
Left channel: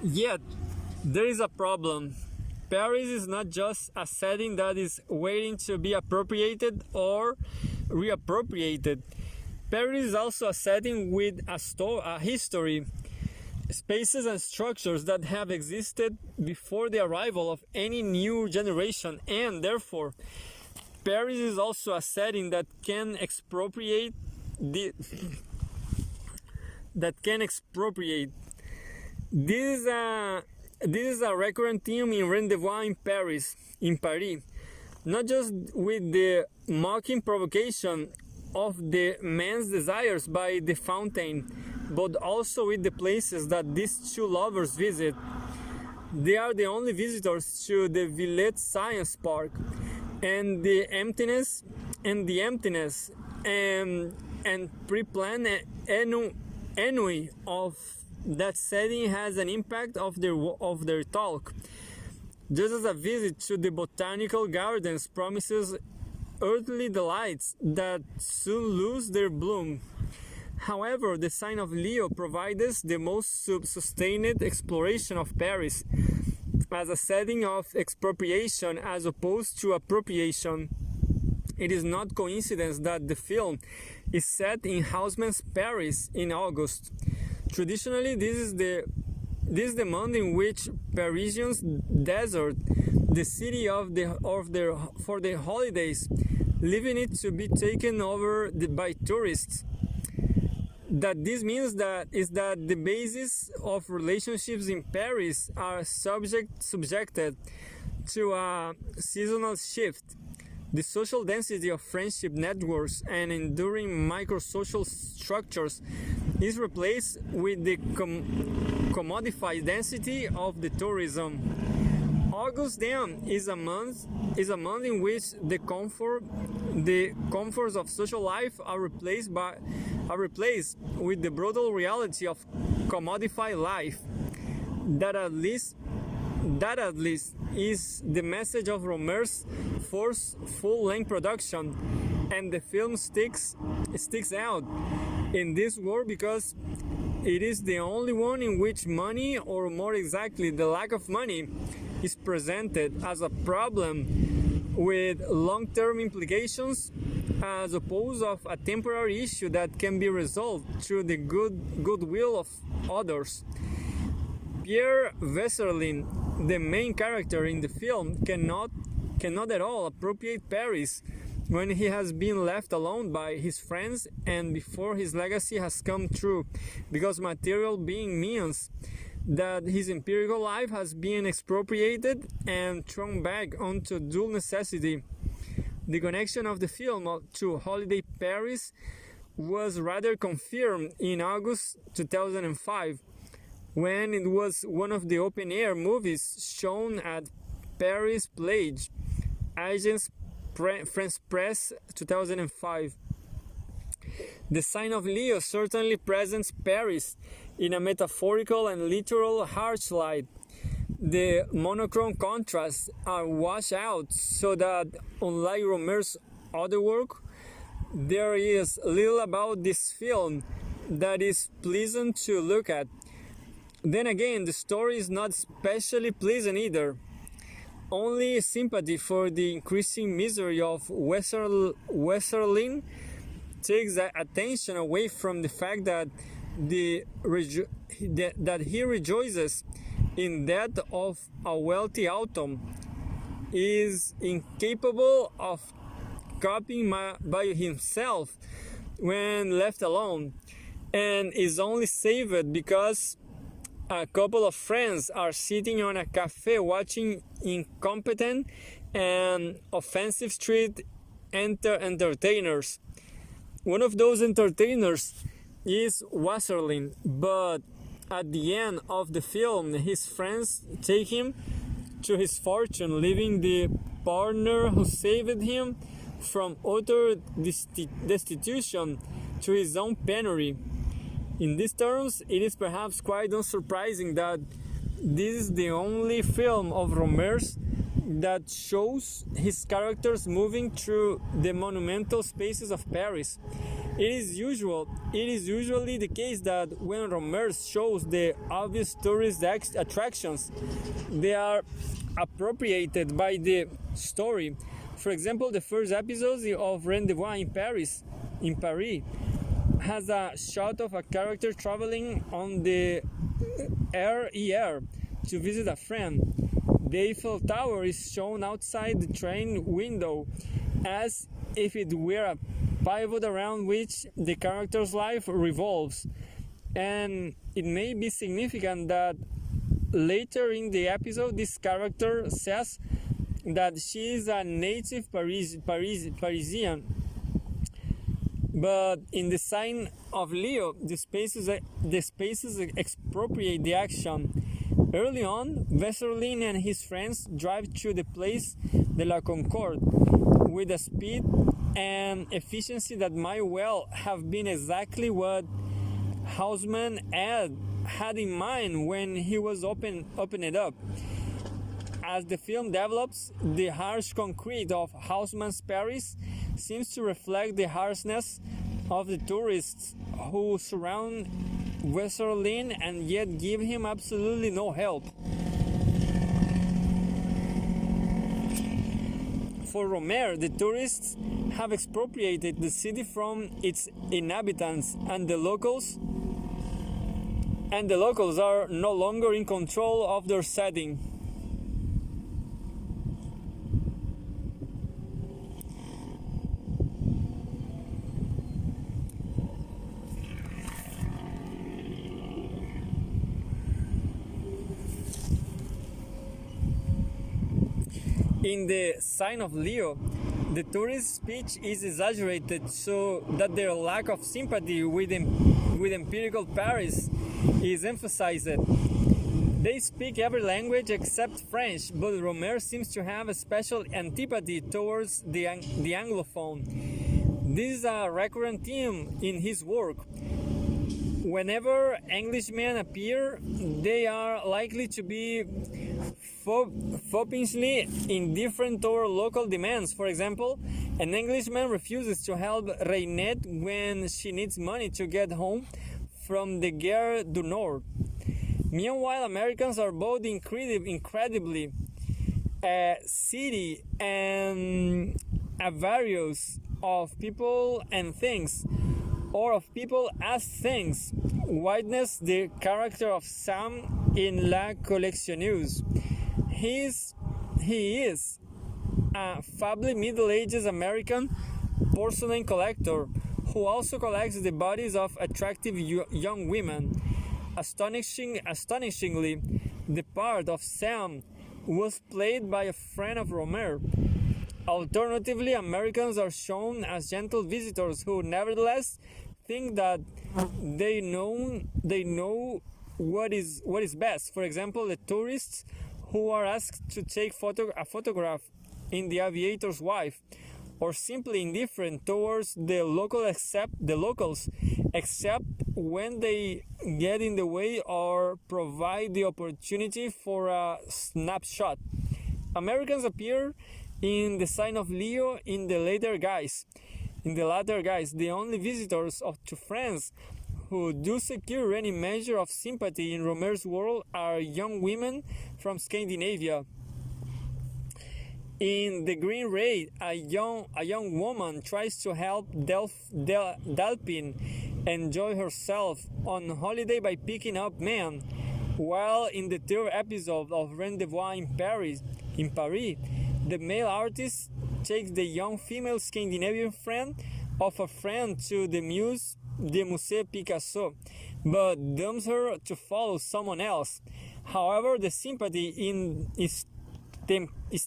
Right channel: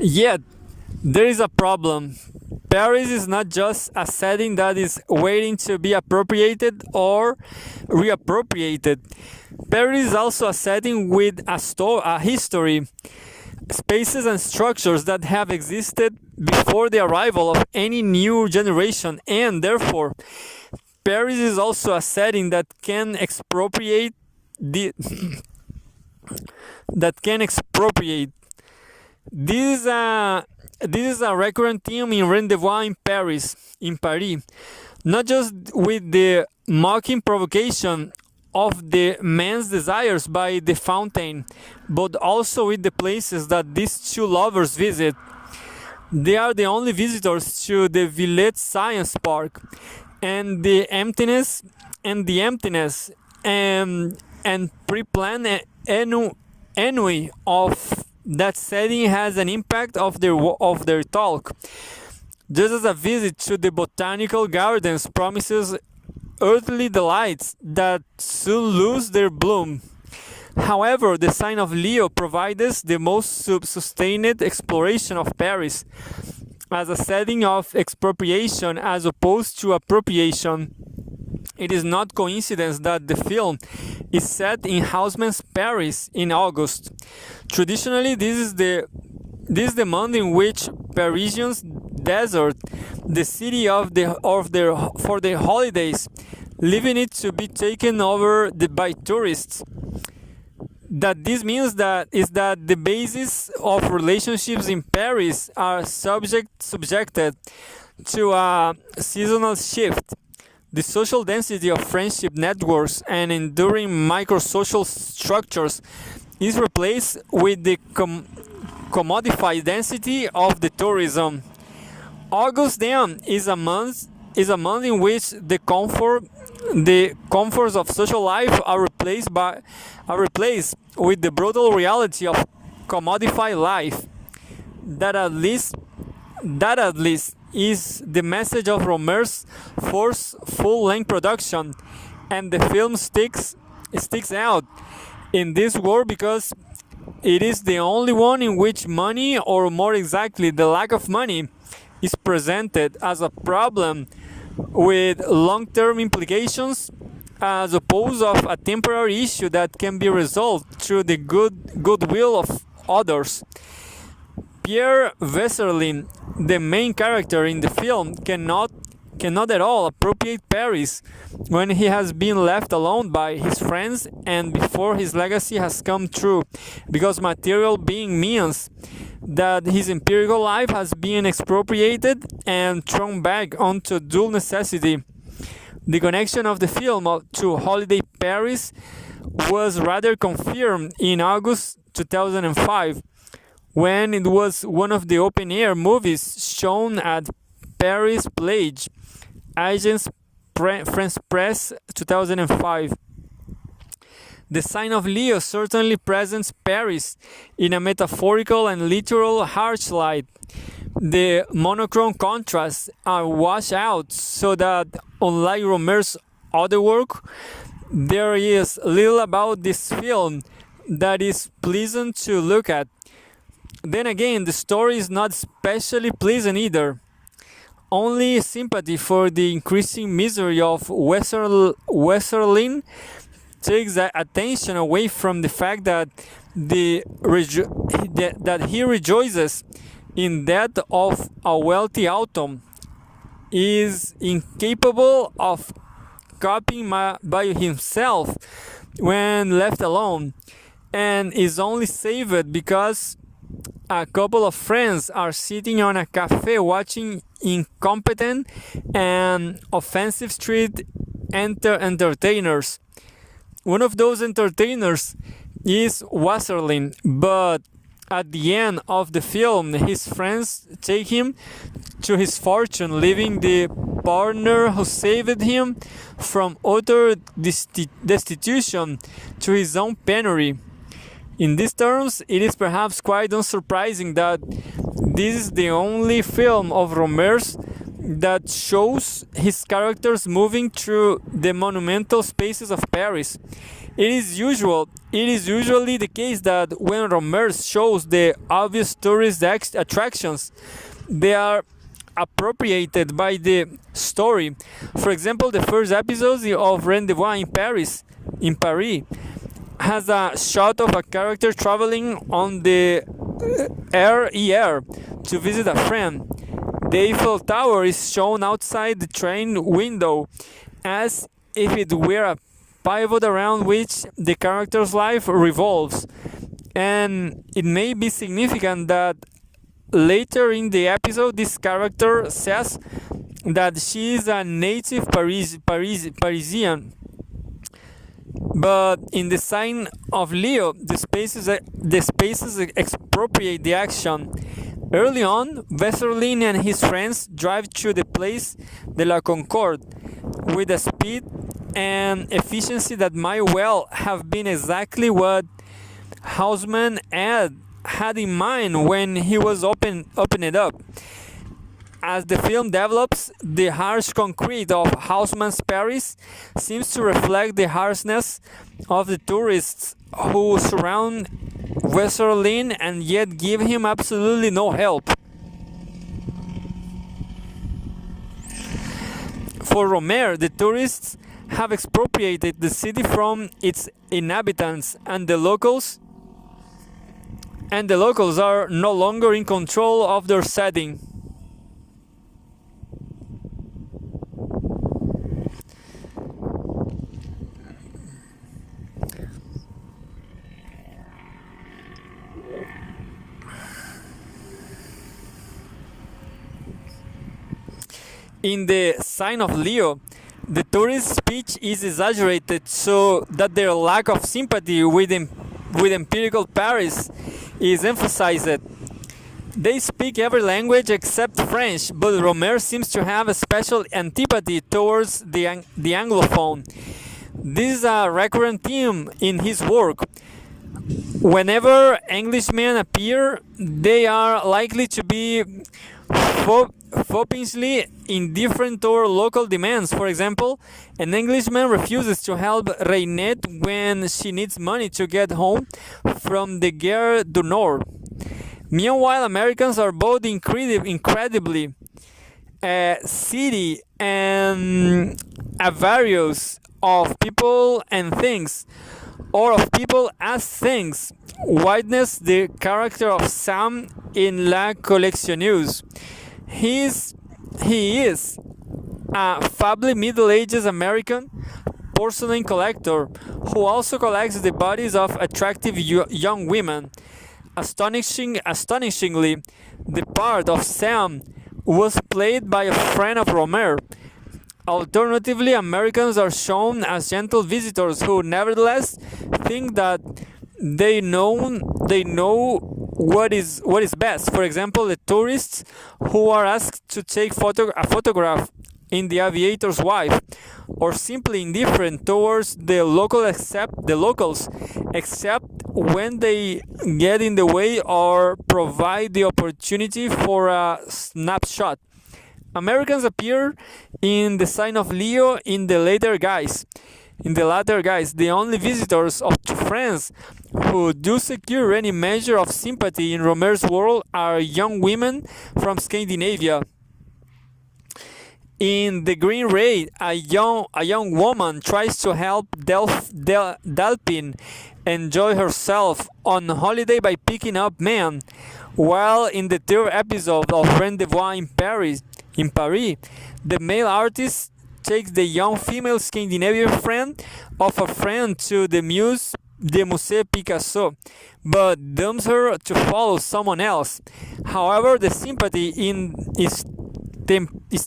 Yet, there is a problem. Paris is not just a setting that is waiting to be appropriated or reappropriated. Paris is also a setting with a history, spaces and structures that have existed before the arrival of any new generation, and therefore, Paris is also a setting that can expropriate This is a recurrent theme in Rendezvous in Paris, not just with the mocking provocation of the man's desires by the fountain, but also with the places that these two lovers visit. They are the only visitors to the Villette Science Park, and the emptiness and pre-planned ennui of that setting has an impact of their talk. Just as a visit to the botanical gardens promises earthly delights that soon lose their bloom. However, the sign of Leo provides the most sustained exploration of Paris as a setting of expropriation as opposed to appropriation. It is not coincidence that the film is set in Haussmann's Paris in August. Traditionally, this is the month in which Parisians desert the city for their holidays, leaving it to be taken over by tourists. That this means is that the basis of relationships in Paris are subjected to a seasonal shift. The social density of friendship networks and enduring microsocial structures is replaced with the commodified density of the tourism. August then is a month in which the comforts of social life are replaced with the brutal reality of commodified life. That at least is the message of Rohmer's first full-length production, and the film sticks out in this world because it is the only one in which money, or more exactly the lack of money, is presented as a problem with long-term implications, as opposed of a temporary issue that can be resolved through the goodwill of others. Pierre Vesserlin, the main character in the film, cannot at all appropriate Paris when he has been left alone by his friends and before his legacy has come true, because material being means that his empirical life has been expropriated and thrown back onto dual necessity. The connection of the film to Holiday Paris was rather confirmed in August 2005, when it was one of the open-air movies shown at Paris Plage, Agence France Presse 2005. The sign of Leo certainly presents Paris in a metaphorical and literal harsh light. The monochrome contrasts are washed out so that, unlike Rohmer's other work, there is little about this film that is pleasant to look at. Then again, the story is not especially pleasant either. Only sympathy for the increasing misery of Westerlin takes attention away from the fact that that he rejoices in that of a wealthy autumn, is incapable of coping by himself when left alone, and is only saved because a couple of friends are sitting on a cafe watching incompetent and offensive street entertainers. One of those entertainers is Wasserlin, but at the end of the film, his friends take him to his fortune, leaving the partner who saved him from utter destitution to his own penury. In these terms, it is perhaps quite unsurprising that this is the only film of Rohmer's that shows his characters moving through the monumental spaces of Paris. It is usually the case that when Rohmer shows the obvious tourist attractions, they are appropriated by the story. For example, the first episode of Rendezvous in Paris has a shot of a character traveling on the RER to visit a friend. The Eiffel Tower is shown outside the train window as if it were a pivot around which the character's life revolves. And it may be significant that later in the episode this character says that she is a native Parisian. But in the sign of Leo, the spaces expropriate the action. Early on, Vesserlin and his friends drive through the Place de la Concorde with a speed and efficiency that might well have been exactly what Haussmann had in mind when he was opening it up. As the film develops, the harsh concrete of Haussmann's Paris seems to reflect the harshness of the tourists who surround Vesserlin and yet give him absolutely no help. For Rohmer, the tourists have expropriated the city from its inhabitants, and the locals are no longer in control of their setting. In the sign of Leo, The tourist speech is exaggerated so that their lack of sympathy with empirical Paris is emphasized. They speak every language except French, but Rohmer seems to have a special antipathy towards the Anglophone. This is a recurrent theme in his work. Whenever Englishmen appear, they are likely to be foppishly indifferent toward local demands. For example, an Englishman refuses to help Reinette when she needs money to get home from the Gare du Nord. Meanwhile, Americans are both incredibly seedy and avaricious of people and things, or of people as things. Witness the character of Sam in La Collectionneuse. He is a fably middle-aged American porcelain collector who also collects the bodies of attractive young women. Astonishingly, the part of Sam was played by a friend of Rohmer. Alternatively, Americans are shown as gentle visitors who nevertheless think that they know what is best. For example, the tourists who are asked to take a photograph in The Aviator's Wife, or simply indifferent towards the locals except when they get in the way or provide the opportunity for a snapshot. Americans appear in The Sign of Leo in the latter guise. The only visitors to France who do secure any measure of sympathy in Rohmer's world are young women from Scandinavia. In The Green Raid, a young woman tries to help Delphine enjoy herself on holiday by picking up men, while in the third episode of Rendezvous in Paris, the male artist takes the young female Scandinavian friend of a friend to the Musée Picasso, but dumps her to follow someone else. However, the sympathy is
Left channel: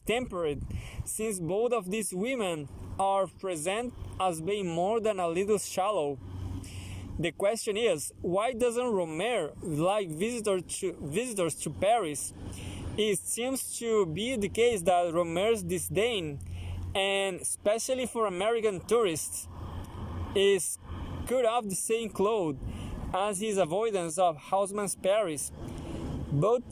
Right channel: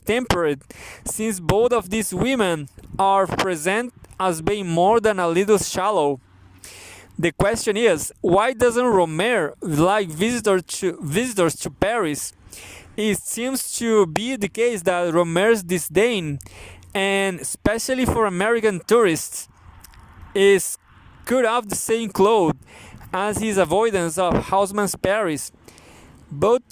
tempered, since both of these women are present as being more than a little shallow. The question is, why doesn't Rohmer like visitors to Paris? It seems to be the case that Rohmer's disdain, and especially for American tourists, is cut off the same cloth as his avoidance of Haussmann's Paris. Both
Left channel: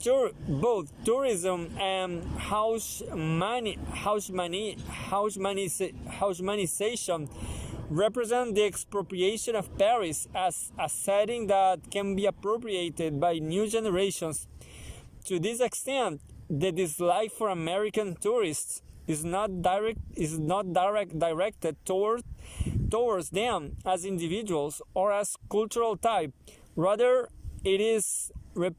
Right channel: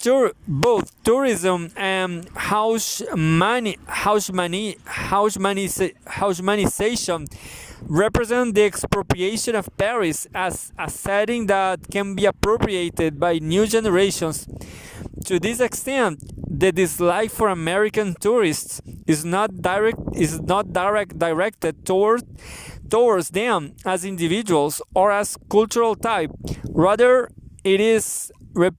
tourism and Haussmannization represent the expropriation of Paris as a setting that can be appropriated by new generations. To this extent, the dislike for American tourists is not directed towards them as individuals or as cultural type. Rather, it is a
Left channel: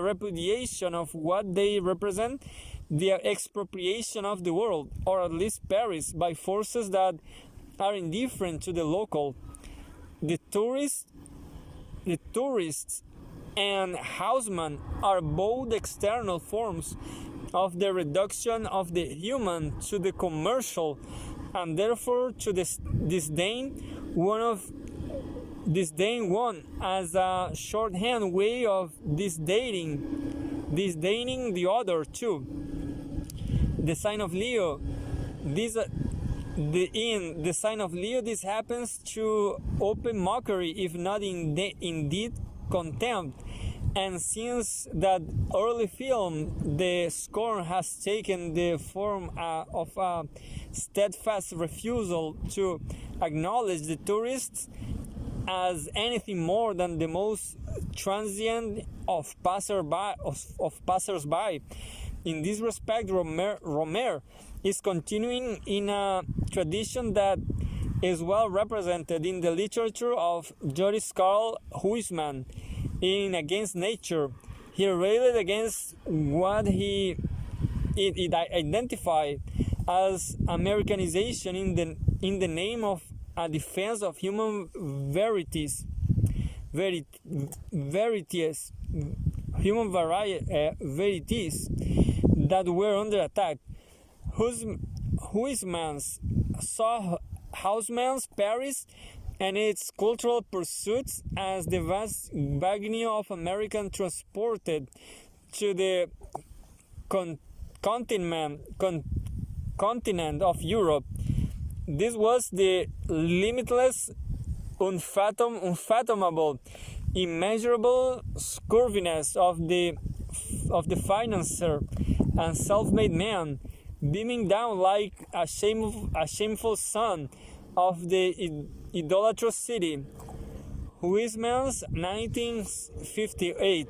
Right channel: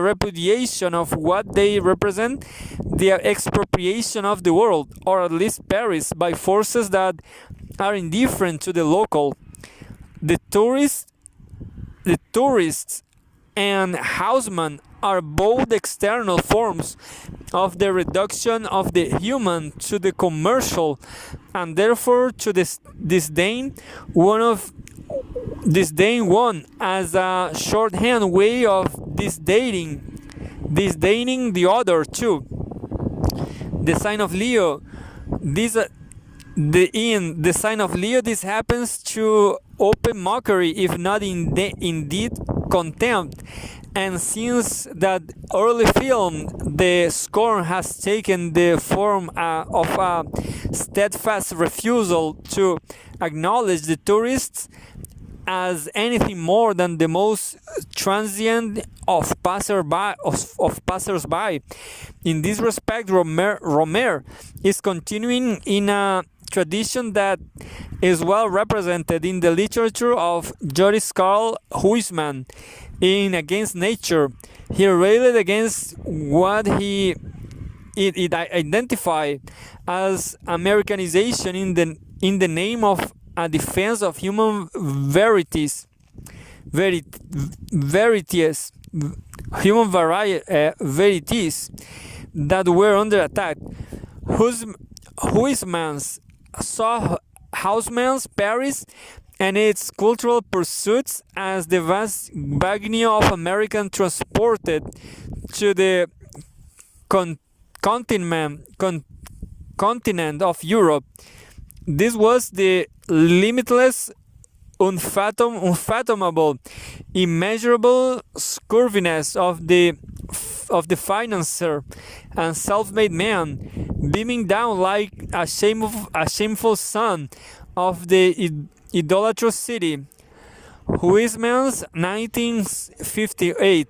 repudiation of what they represent, the expropriation of the world, or at least Paris, by forces that are indifferent to the local. The tourists and Haussmann are both external forms of the reduction of the human to the commercial, and therefore to disdain one as a shorthand way of disdaining the other too. The Sign of Leo, in The Sign of Leo, this happens to open mockery, if not indeed contempt. And since that early film, the scorn has taken the form of a steadfast refusal to acknowledge the tourists as anything more than the most transient of passers-by. In this respect, Rohmer is continuing in a tradition that is well represented in the literature of Joris Karl Huysman in Against Nature. He railed against what he identified as Americanization in the name of a defense of human verities that were under attack. Huysmans saw Haussmann's Paris and its cultural pursuits as the vast bagnia of American transported to the continent of Europe. This was the limitless, unfathomable, immeasurable scurviness of the financier and self-made man, beaming down like a shameful son of the idolatrous city. Huysmans, 1958.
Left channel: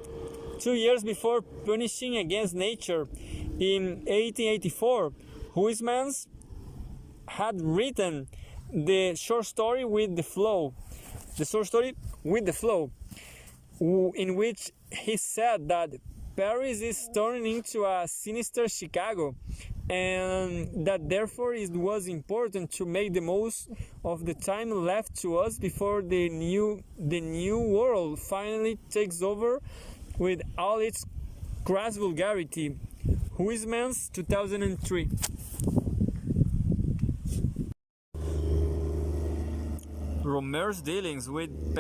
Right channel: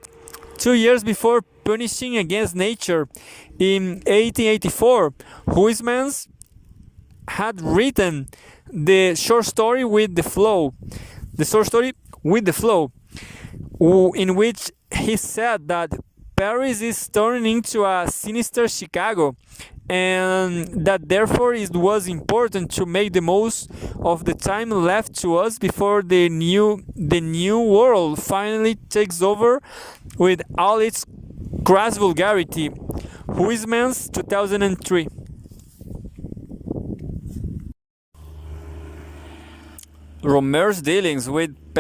2 years before punishing against nature, in 1884, Huysmans had written the short story with the flow, in which he said that Paris is turning into a sinister Chicago, and that therefore it was important to make the most of the time left to us before the new world finally takes over with all its crass vulgarity. Huysmans, 2003. Rohmer's dealings with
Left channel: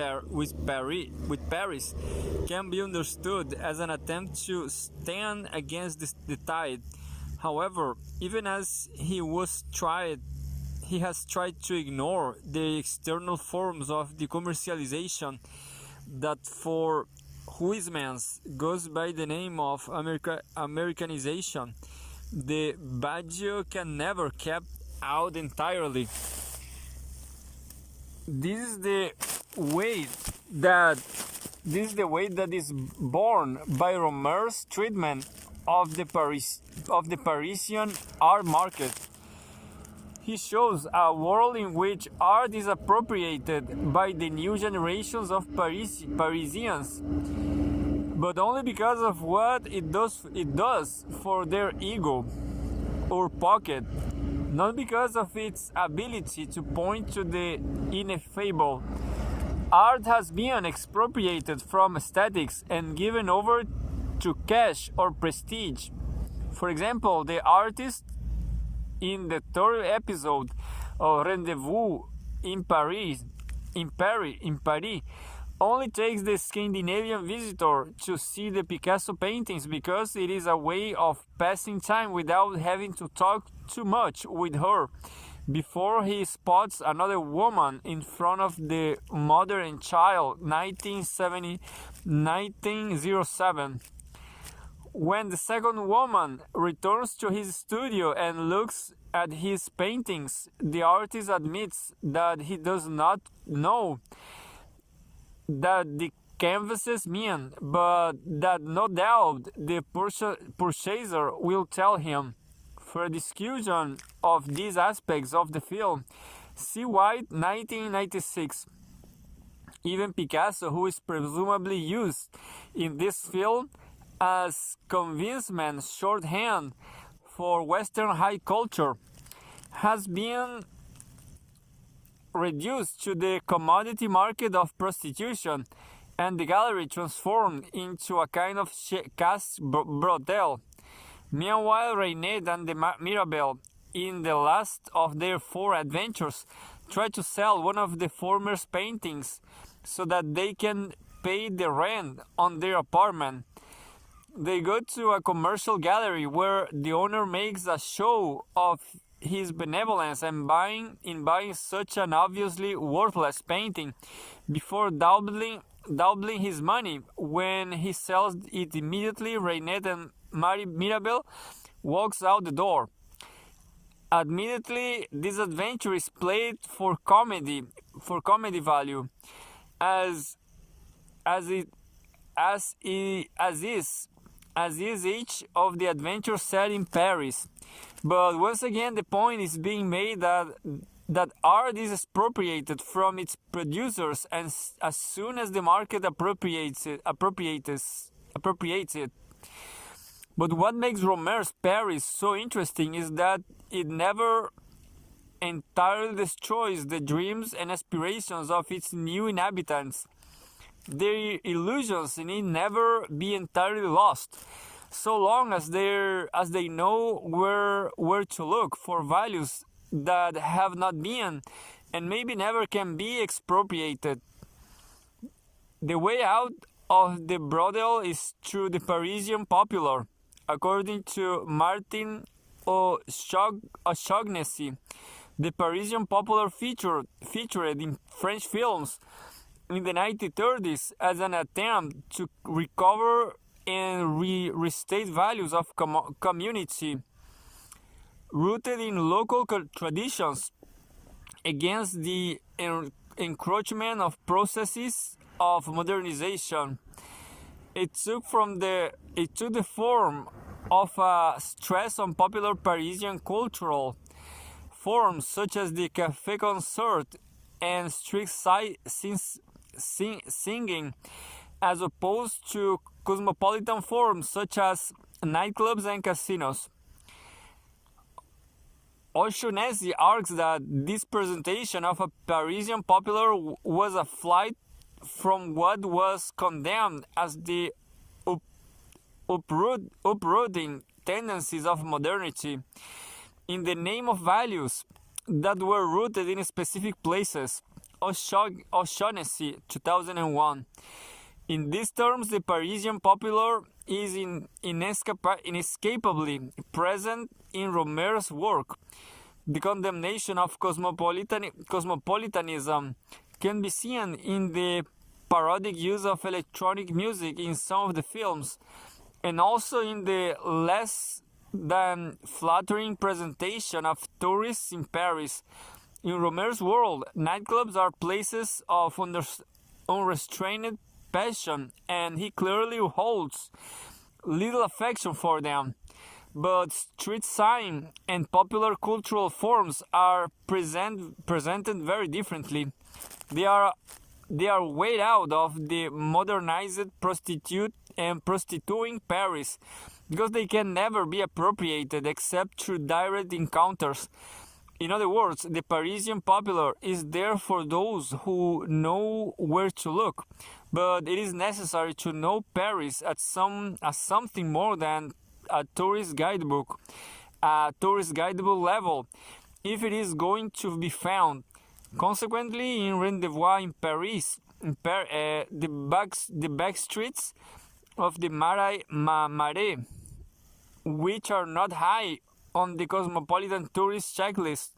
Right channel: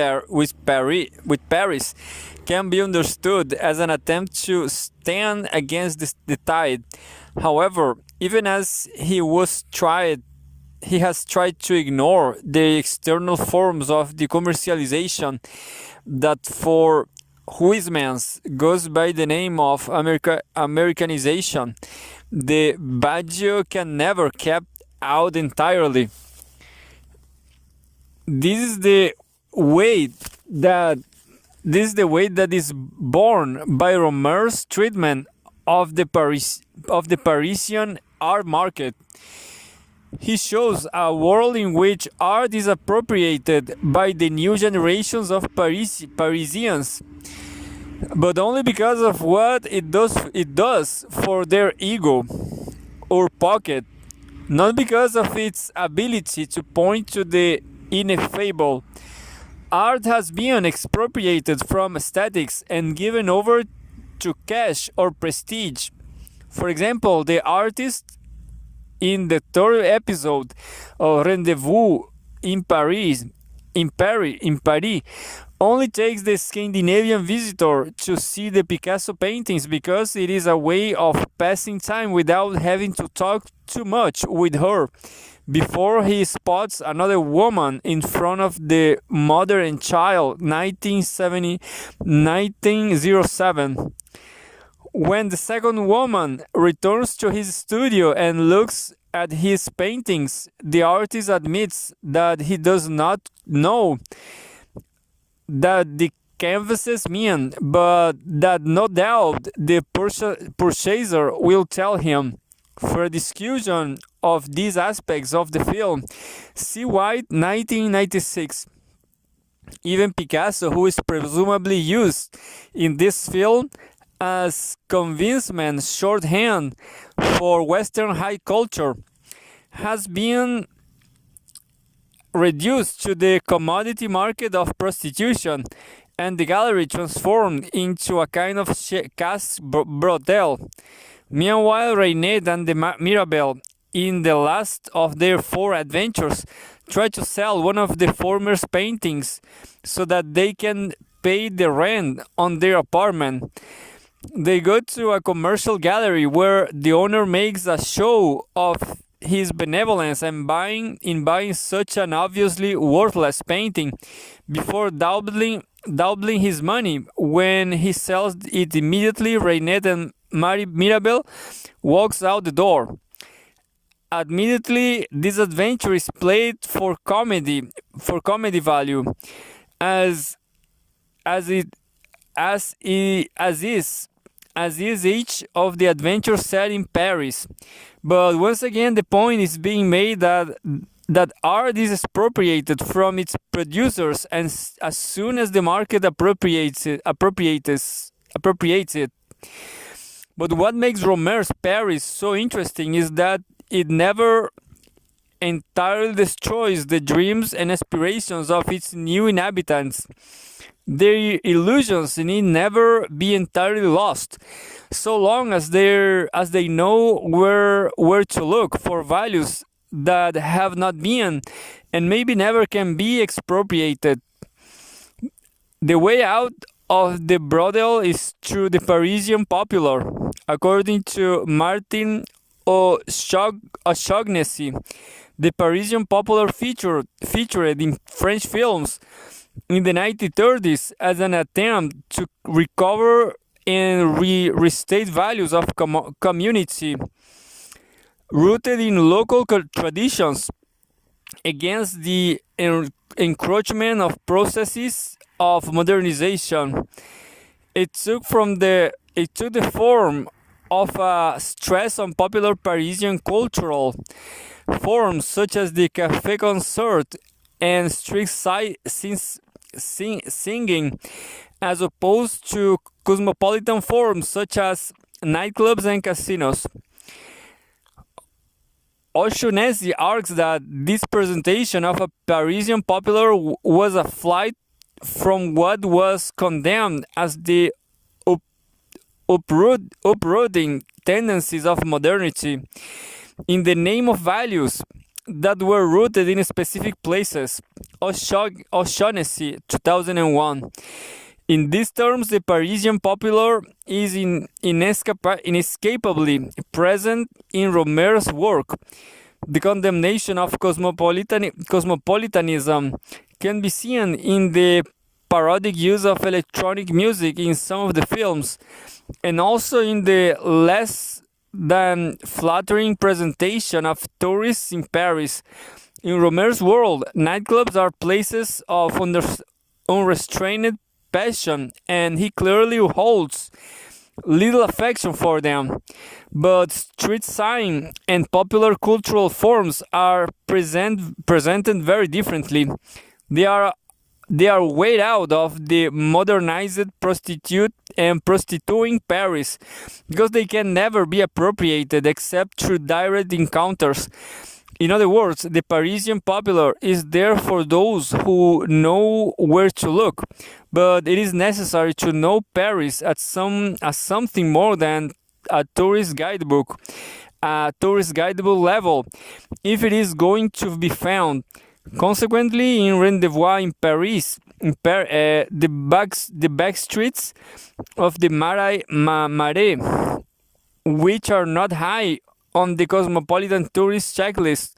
Paris can be understood as an attempt to stand against the tide. However, even as he has tried to ignore the external forms of the commercialization that for Huysmans goes by the name of Americanization. The Baggio can never kept out entirely. This is the way that is born by Rohmer's treatment of the Parisian art market. He shows a world in which art is appropriated by the new generations of Parisians, but only because of what it does for their ego or pocket, not because of its ability to point to the ineffable. Art has been expropriated from aesthetics and given over to cash or prestige. For example, the artist in the third episode of Rendezvous in Paris only takes the Scandinavian visitor to see the Picasso paintings because it is a way of passing time without having to talk too much with her before he spots another woman in front of the Mother and Child, 1907. When the second woman returns to his studio and looks at his paintings, the artist admits that he does not know that the canvases mean, but that no doubt the purchaser will tell him. For a discussion of these aspects of the film, see White, 1996. Even Picasso, who is presumably used in this film as convincement shorthand for Western high culture, has been reduced to the commodity market of prostitution, and the gallery transformed into a kind of caste brothel. Meanwhile, Reinette and the Mirabelle, in the last of their 4 adventures, try to sell one of the former's paintings so that they can pay the rent on their apartment. They go to a commercial gallery where the owner makes a show of his benevolence and buying such an obviously worthless painting before doubling his money. When he sells it immediately, Reinette and Mirabelle walks out the door. Admittedly, this adventure is played for comedy value, as is each of the adventures set in Paris. But once again, the point is being made that art is expropriated from its producers, and as soon as the market appropriates it. But what makes Rohmer's Paris so interesting is that it never entirely destroys the dreams and aspirations of its new inhabitants. Their illusions need never be entirely lost. so long as they know where to look for values that have not been and maybe never can be expropriated. The way out of the brothel is through the Parisian popular, according to Martin O'Shaughnessy. The Parisian popular featured in French films in the 1930s as an attempt to recover and restate values of community rooted in local traditions against the encroachment of processes of modernization. It took the form of a stress on popular Parisian cultural forms such as the café concert and street singing, as opposed to cosmopolitan forms such as nightclubs and casinos. O'Shaughnessy argues that this presentation of a Parisian popular was a flight from what was condemned as the uprooting tendencies of modernity in the name of values that were rooted in specific places. O'Shaughnessy, 2001. In these terms, the Parisian popular is inescapably present in Rohmer's work. The condemnation of cosmopolitanism can be seen in the parodic use of electronic music in some of the films, and also in the less than flattering presentation of tourists in Paris. In Rohmer's world, nightclubs are places of unrestrained passion, and he clearly holds little affection for them. But street sign and popular cultural forms are presented very differently. They are weighed out of the modernized prostitute and prostituting Paris because they can never be appropriated except through direct encounters. In other words, the Parisian popular is there for those who know where to look, but it is necessary to know Paris as something more than a tourist guidebook level, if it is going to be found. Consequently, in Rendezvous in Paris, the back streets of the Marais, which are not high on the cosmopolitan tourist checklist,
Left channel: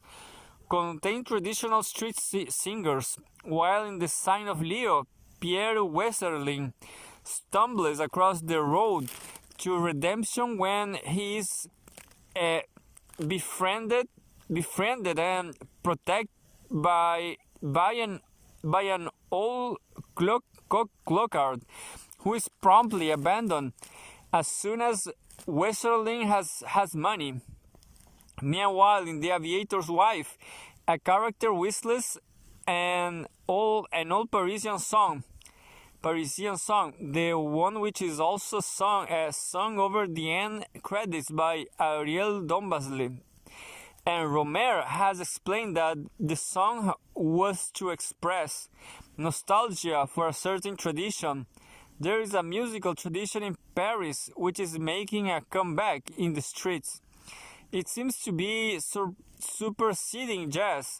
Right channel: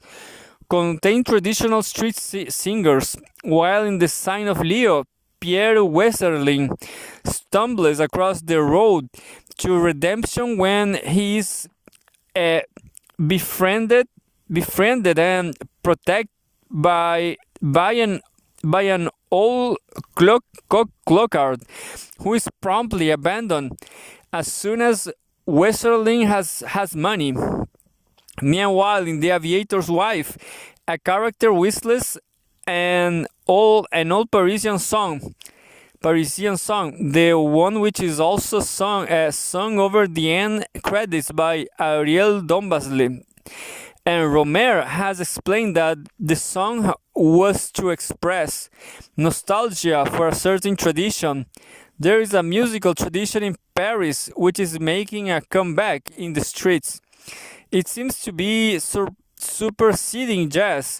contain traditional street singers, while in the sign of Leo, Pierre Westerling stumbles across the road to redemption when he is befriended and protected by an old clockard who is promptly abandoned as soon as Westerling has money. Meanwhile, in The Aviator's Wife, a character whistles an old Parisian song, the one which is also sung over the end credits by Ariel Dombasle. And Rohmer has explained that the song was to express nostalgia for a certain tradition. There is a musical tradition in Paris which is making a comeback in the streets. It seems to be superseding jazz.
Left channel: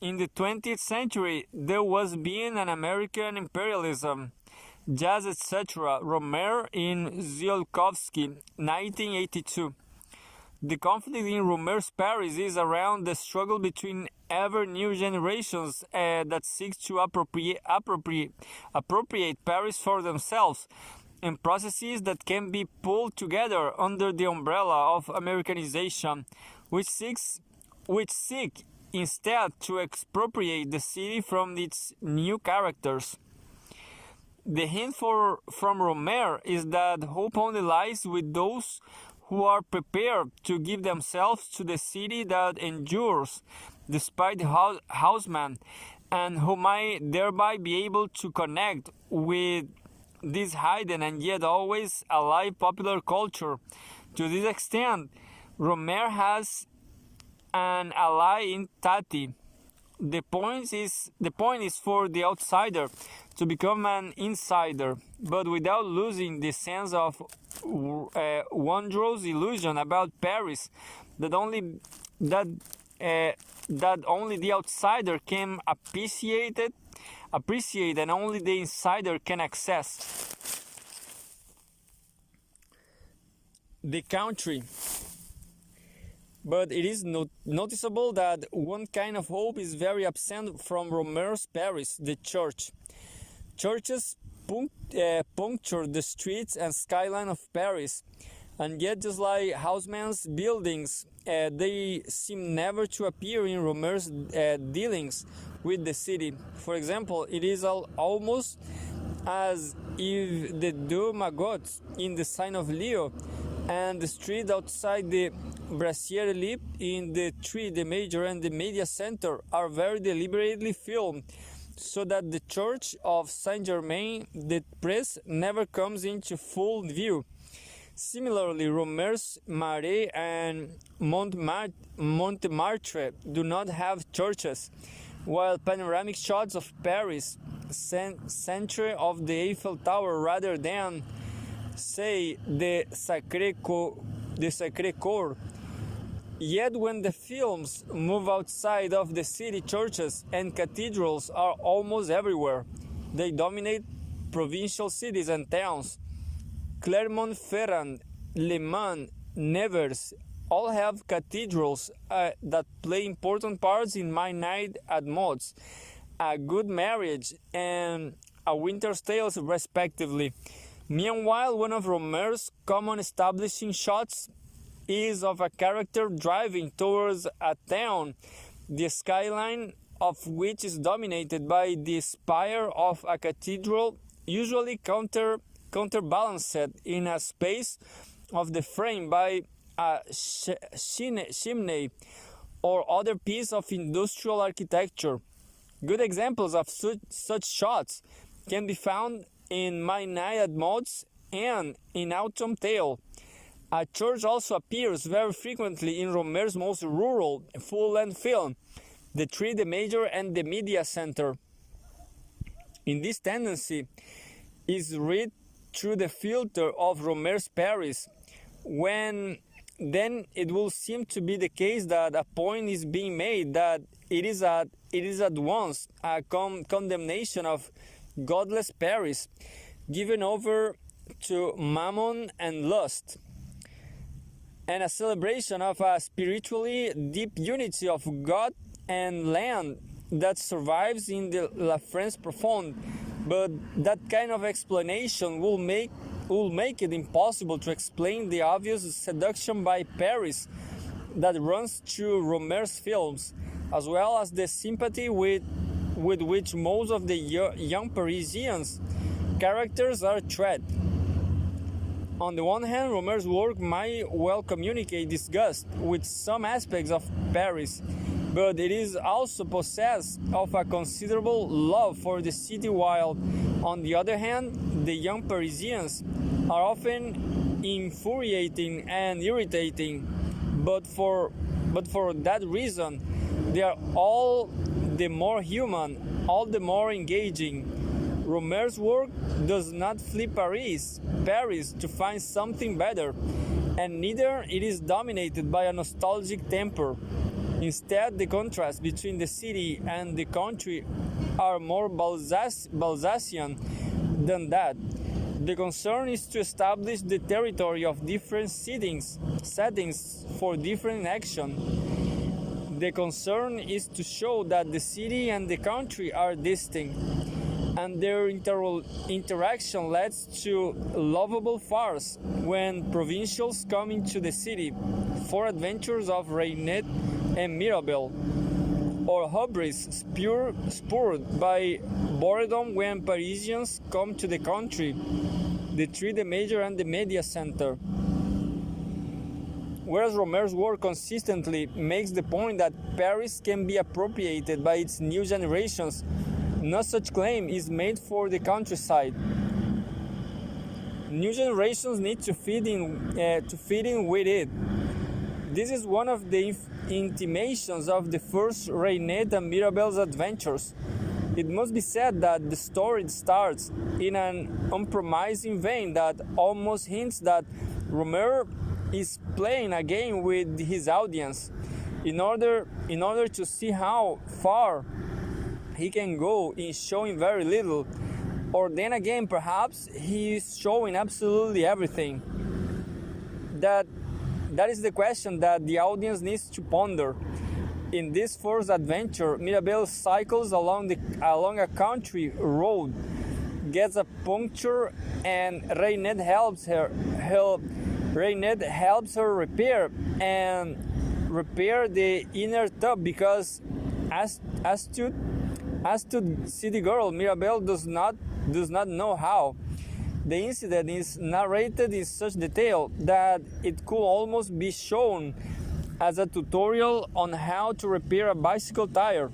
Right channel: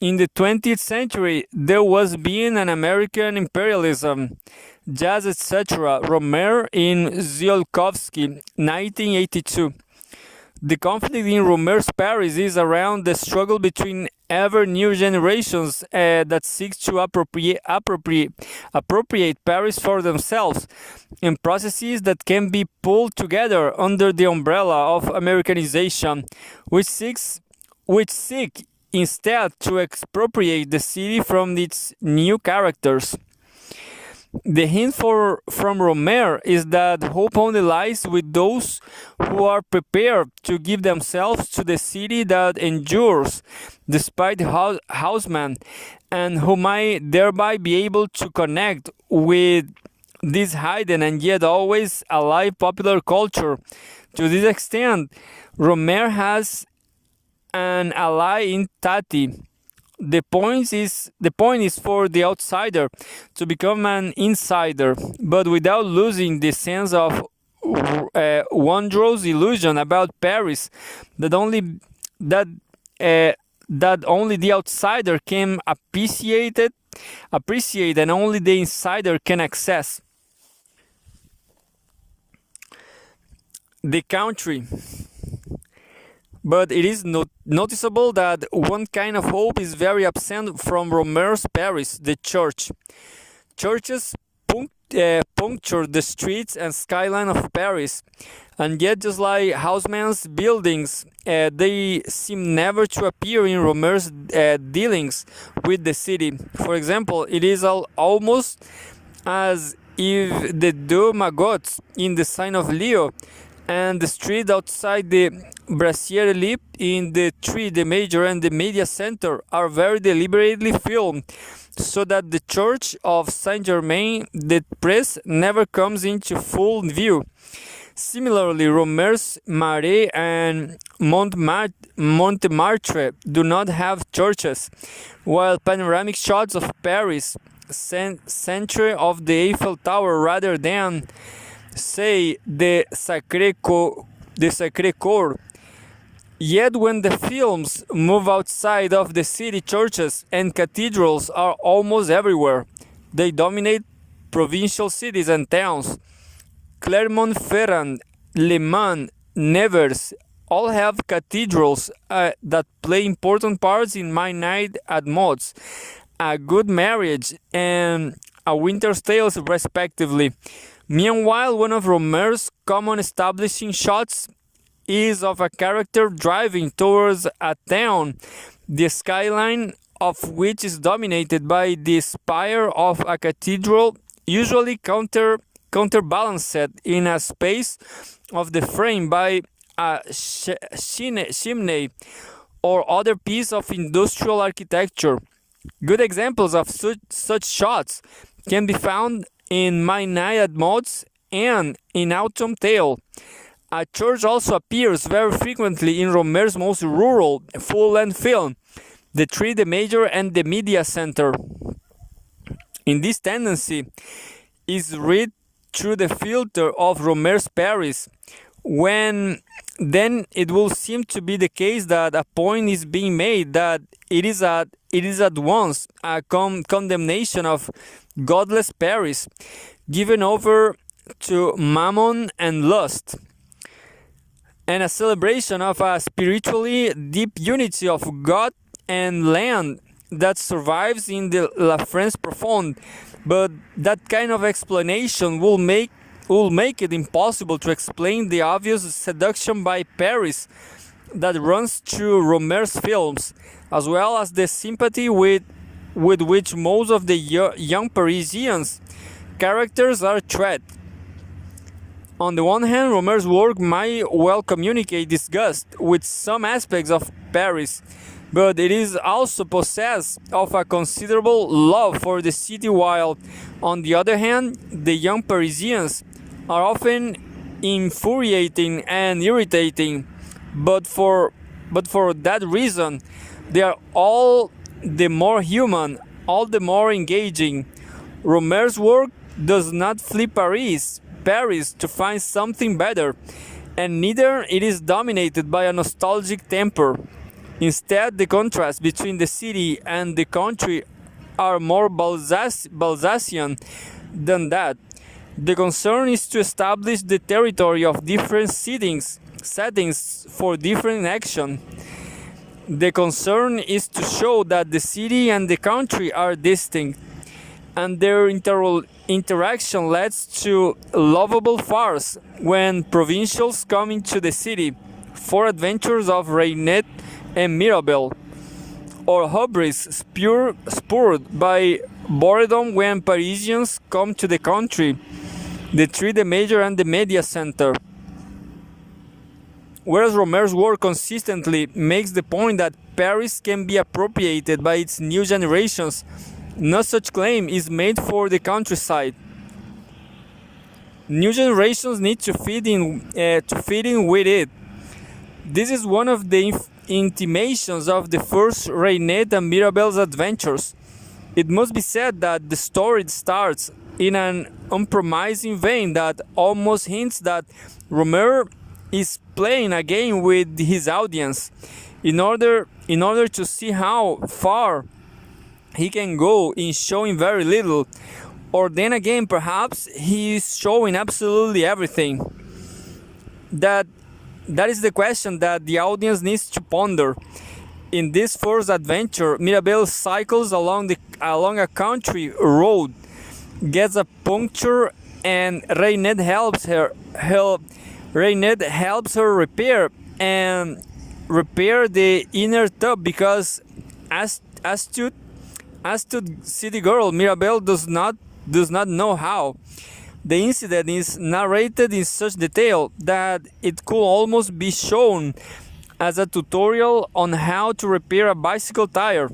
In the 20th century, there was being an American imperialism, jazz, etc. Rohmer in Tsiolkovsky, 1982. The conflict in Rohmer's Paris is around the struggle between ever new generations that seek to appropriate Paris for themselves, and processes that can be pulled together under the umbrella of Americanization, which seek instead to expropriate the city from its new characters. The hint from Rohmer is that hope only lies with those who are prepared to give themselves to the city that endures despite the houseman, and who might thereby be able to connect with this hidden and yet always alive popular culture. To this extent, Rohmer has an ally in Tati, the point is for the outsider to become an insider, but without losing the sense of wondrous illusion about Paris that only the outsider can appreciate and only the insider can access. The country. But it is noticeable that one kind of hope is very absent from Rohmer's Paris, the church. Churches puncture the streets and skyline of Paris, and yet just like Haussmann's buildings, they seem never to appear in Rohmer's dealings with the city. For example, it is almost as if the Deux Magots in the sign of Leo and the street outside the Brasserie Lippe in the Three, the Major and the Media Center are very deliberately filmed, so that the Church of Saint-Germain des Prés never comes into full view. Similarly, Rohmer's Marais and Montmartre do not have churches, while panoramic shots of Paris, centre of the Eiffel Tower rather than, say, the Sacré-Cœur. Yet when the films move outside of the city, churches and cathedrals are almost everywhere. They dominate provincial cities and towns. Clermont-Ferrand, Le Mans, Nevers all have cathedrals that play important parts in My Night at Maud's, A Good Marriage, and A Winter's Tale, respectively. Meanwhile, one of Rohmer's common establishing shots is of a character driving towards a town, the skyline of which is dominated by the spire of a cathedral, usually counterbalanced in a space of the frame by a chimney or other piece of industrial architecture. Good examples of such shots can be found in My Night at Maud's and in Autumn Tale. A church also appears very frequently in Rohmer's most rural full-length film, The Three, the Major and the Media Center. In this tendency is read through the filter of Rohmer's Paris, when then it will seem to be the case that a point is being made that it is at once a condemnation of godless Paris, given over to mammon and lust, and a celebration of a spiritually deep unity of God and land that survives in the La France Profonde. But that kind of explanation will make it impossible to explain the obvious seduction by Paris that runs through Rohmer's films, as well as the sympathy with which most of the young Parisians' characters are treated. On the one hand, Rohmer's work might well communicate disgust with some aspects of Paris, but it is also possessed of a considerable love for the city, while, on the other hand, the young Parisians are often infuriating and irritating, but for that reason, they are all the more human, all the more engaging. Rohmer's work does not flee Paris to find something better, and neither it is dominated by a nostalgic temper. Instead, the contrast between the city and the country are more Balzacian than that. The concern is to establish the territory of different settings for different action. The concern is to show that the city and the country are distinct, and their interaction leads to lovable farce when provincials come into the city for adventures of Reinette and Mirabel, or hubris spurred by boredom when Parisians come to the country, the Three, the Major and the Media Center. Whereas Rohmer's work consistently makes the point that Paris can be appropriated by its new generations, no such claim is made for the countryside. New generations need to fit in with it. This is one of the intimations of the first Reinette and Mirabelle's adventures. It must be said that the story starts in an unpromising vein that almost hints that Rohmer is playing a game with his audience in order to see how far he can go in showing very little, or then again perhaps he is showing absolutely everything. That is the question that the audience needs to ponder. In this first adventure, Mirabelle cycles along a country road, gets a puncture, and Reinette helps her repair the inner tub because as to city girl, Mirabelle does not know how. The incident is narrated in such detail that it could almost be shown as a tutorial on how to repair a bicycle tire.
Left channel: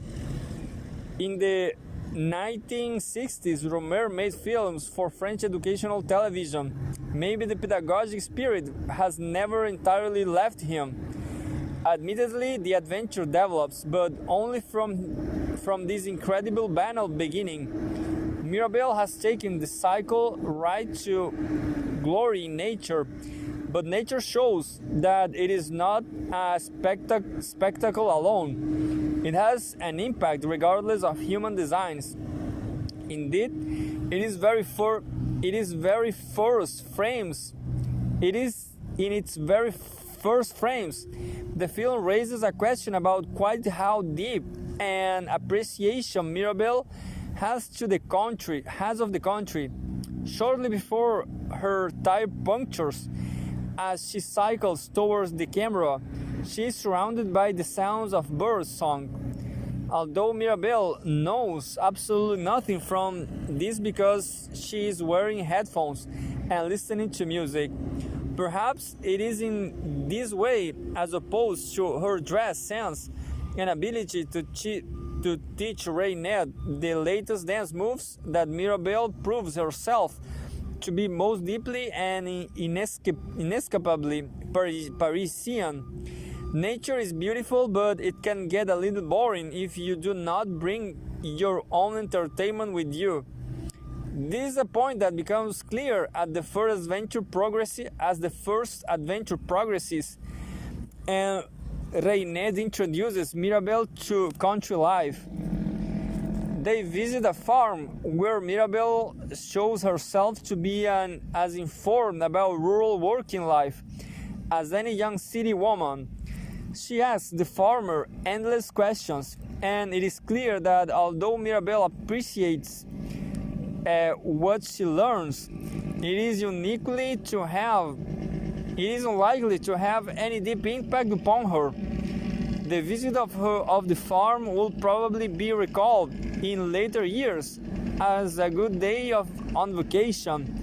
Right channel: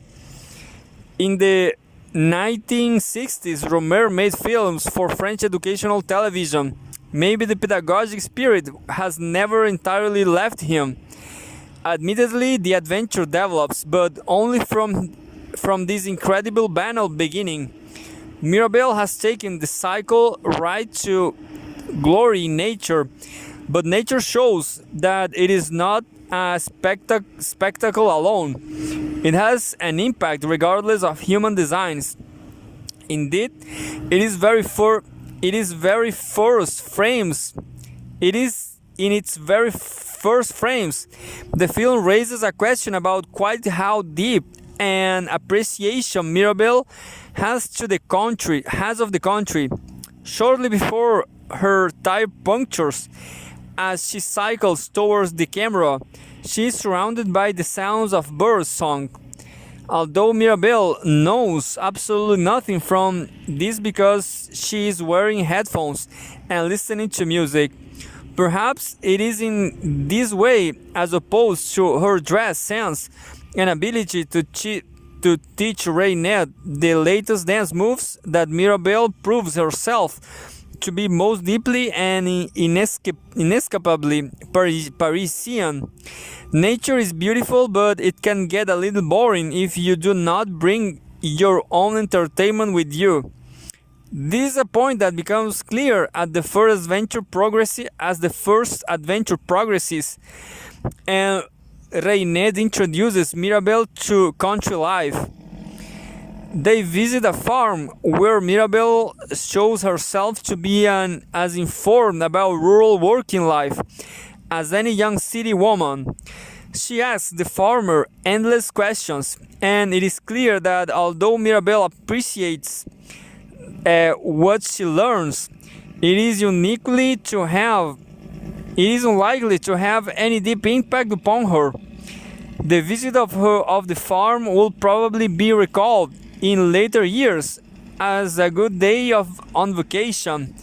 In the 1960s, Rohmer made films for French educational television. Maybe the pedagogic spirit has never entirely left him. Admittedly, the adventure develops, but only from this incredible banal beginning. Mirabelle has taken the cycle right to glory in nature, but nature shows that it is not a spectacle alone. It has an impact regardless of human designs. Indeed, it is in its very first frames. The film raises a question about quite how deep an appreciation Mirabelle has of the country. Shortly before her tire punctures, as she cycles towards the camera, she is surrounded by the sounds of bird song. Although Mirabelle knows absolutely nothing from this because she is wearing headphones and listening to music. Perhaps it is in this way, as opposed to her dress sense and ability to teach Reinette the latest dance moves, that Mirabelle proves herself to be most deeply and inescapably Parisian. Nature is beautiful, but it can get a little boring if you do not bring your own entertainment with you. This is a point that becomes clear as the first adventure progresses, and Reinette introduces Mirabelle to country life. They visit a farm where Mirabelle shows herself to be as informed about rural working life as any young city woman. She asks the farmer endless questions, and it is clear that although Mirabelle appreciates what she learns, it is unlikely to have any deep impact upon her. The visit of the farm will probably be recalled in later years as a good day on vacation,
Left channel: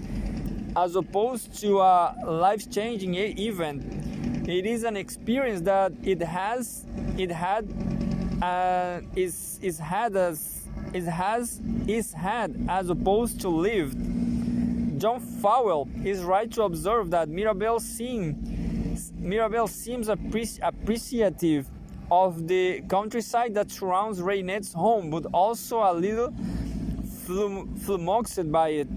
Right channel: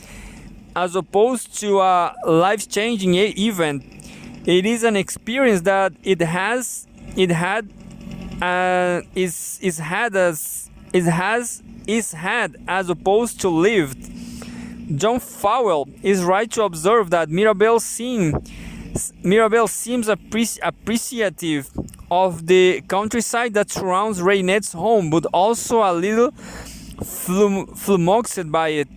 as opposed to a life-changing event. It is an experience that is had as opposed to lived. John Fowell is right to observe that Mirabelle seems appreciative of the countryside that surrounds Reinette's home, but also a little flummoxed by it.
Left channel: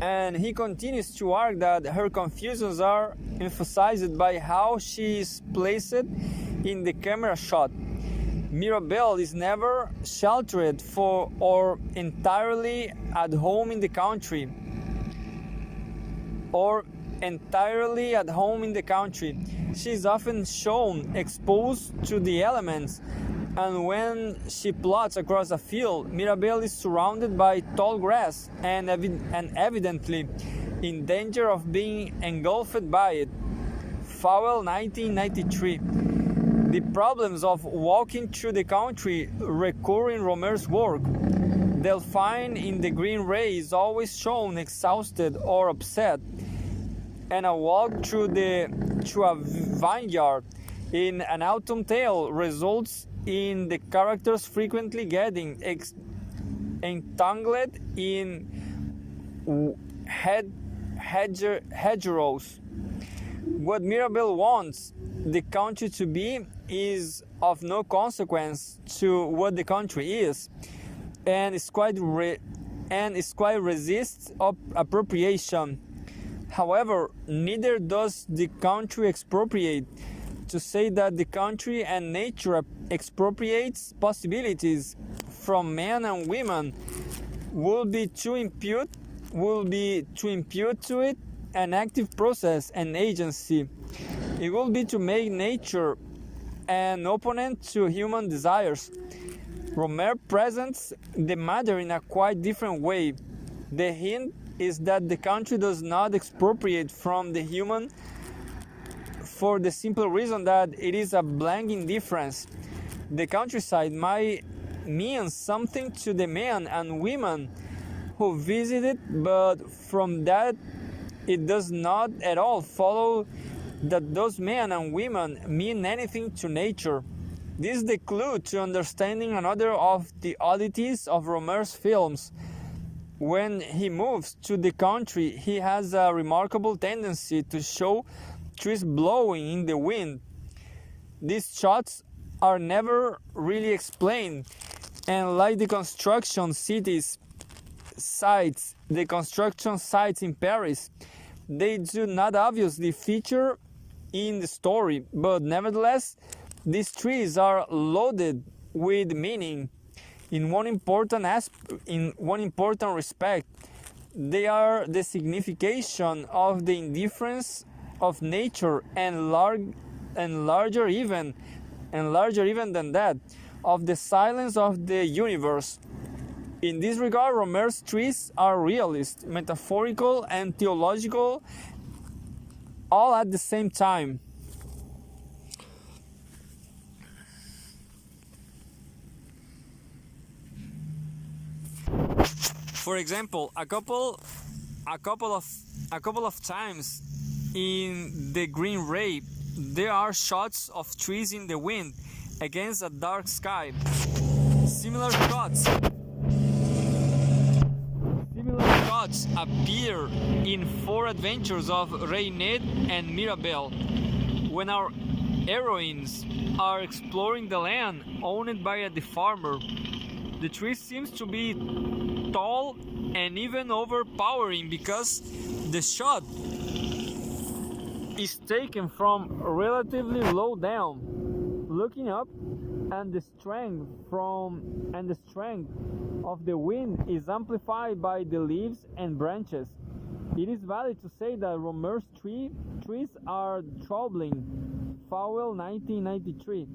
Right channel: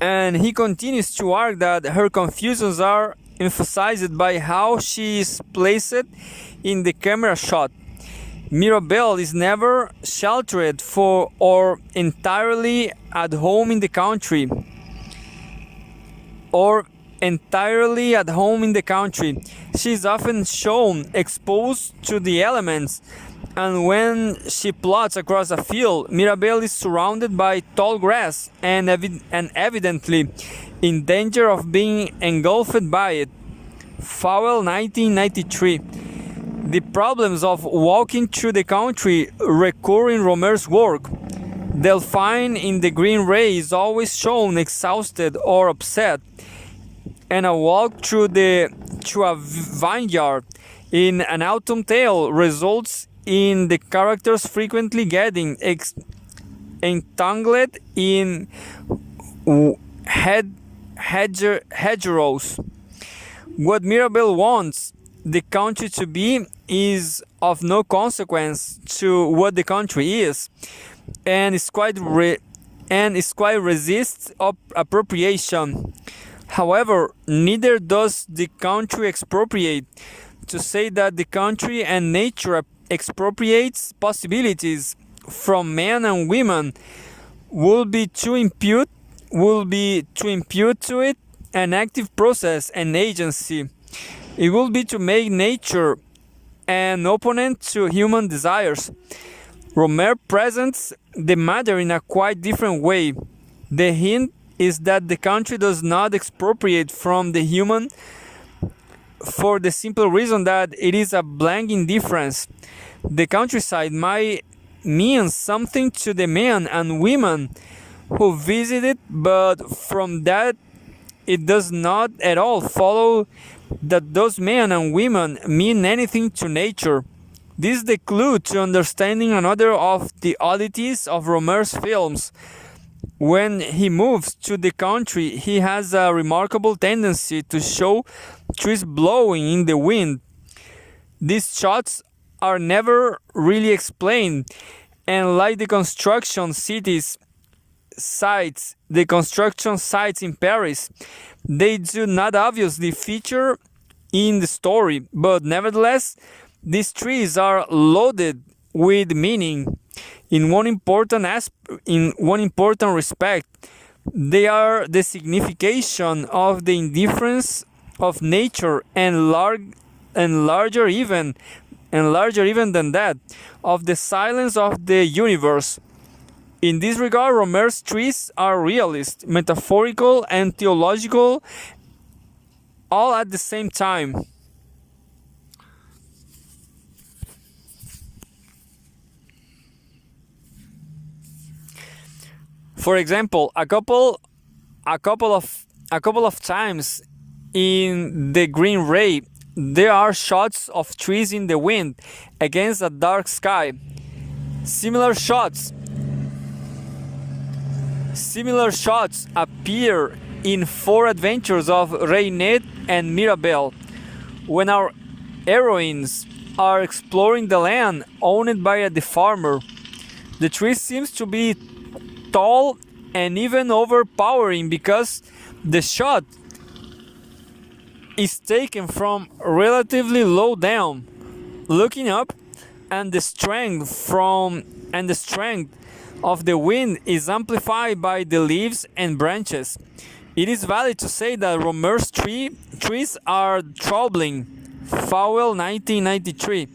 And he continues to argue that her confusions are emphasized by how she is placed in the camera shot. Mirabelle is never sheltered or entirely at home in the country. She is often shown exposed to the elements, and when she plots across a field, Mirabelle is surrounded by tall grass and evidently in danger of being engulfed by it. Fowell, 1993. The problems of walking through the country recur in Rohmer's work. Delphine in The Green Ray is always shown exhausted or upset, and a walk through a vineyard in An Autumn Tale results in the characters frequently getting entangled in hedgerows. What Mirabel wants the country to be is of no consequence to what the country is, and is quite resists appropriation. However, neither does the country expropriate. To say that the country and nature expropriates possibilities from men and women would be to impute to it an active process and agency. It will be to make nature an opponent to human desires. Rohmer presents the matter in a quite different way. The hint is that the country does not expropriate from the human for the simple reason that it is a blank indifference. The countryside might mean something to the men and women who visit it, but from that it does not at all follow that those men and women mean anything to nature. This is the clue to understanding another of the oddities of Rohmer's films. When he moves to the country, he has a remarkable tendency to show trees blowing in the wind. These shots are never really explained, and like the construction sites in Paris, they do not obviously feature in the story, but nevertheless, these trees are loaded with meaning. In one important respect, they are the signification of the indifference of nature, and larger even than that, of the silence of the universe. In this regard, Rohmer's trees are realist, metaphorical, and theological, all at the same time. For example, a couple of times in the Green Ray, there are shots of trees in the wind against a dark sky. Similar shots appear in Four Adventures of Reinette and Mirabel, when our heroines are exploring the land owned by the farmer. The tree seems to be tall and even overpowering because the shot is taken from relatively low down, looking up, and the strength of the wind is amplified by the leaves and branches. It is valid to say that Rohmer's trees are troubling. Fowell, 1993.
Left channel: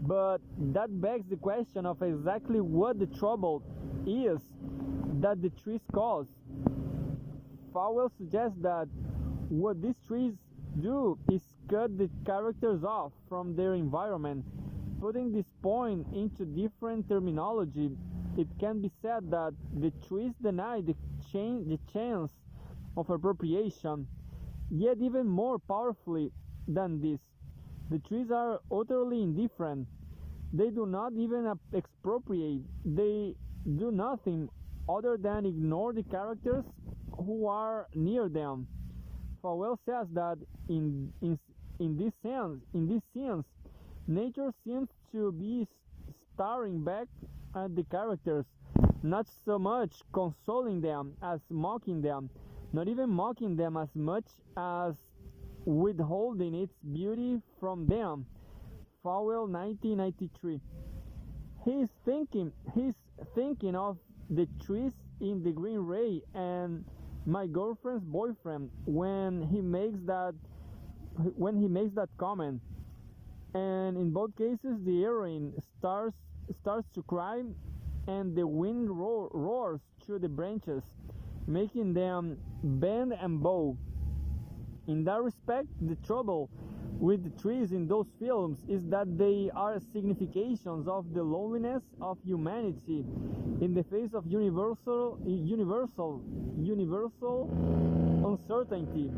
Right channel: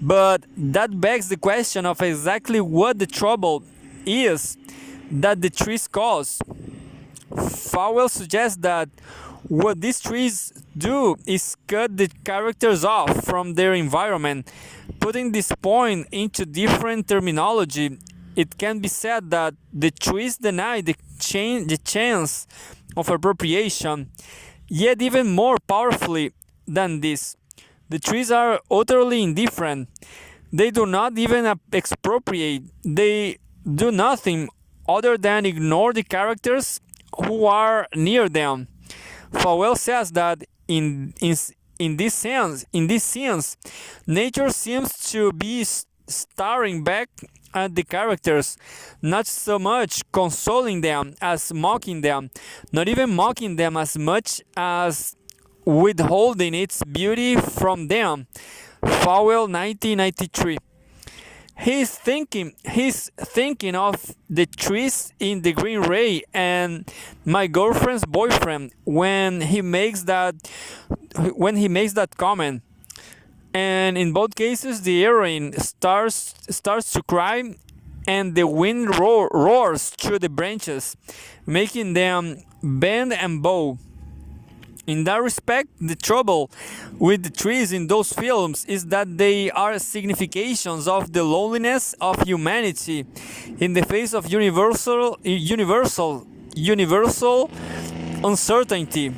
But that begs the question of exactly what the trouble is that the trees cause. Fowell suggests that what these trees do is cut the characters off from their environment. Putting this point into different terminology, it can be said that the trees deny the chance of appropriation. Yet even more powerfully than this, the trees are utterly indifferent. They do not even expropriate. They do nothing other than ignore the characters who are near them. Fowell says that in this sense, nature seems to be staring back at the characters, not so much consoling them as mocking them, not even mocking them as much as withholding its beauty from them. Fowell, 1993. He's thinking of the trees in the Green Ray and My Girlfriend's Boyfriend when he makes that comment. And in both cases, the heroine starts to cry, and the wind roars through the branches, making them bend and bow. In that respect, the trouble with the trees in those films is that they are significations of the loneliness of humanity in the face of universal uncertainty.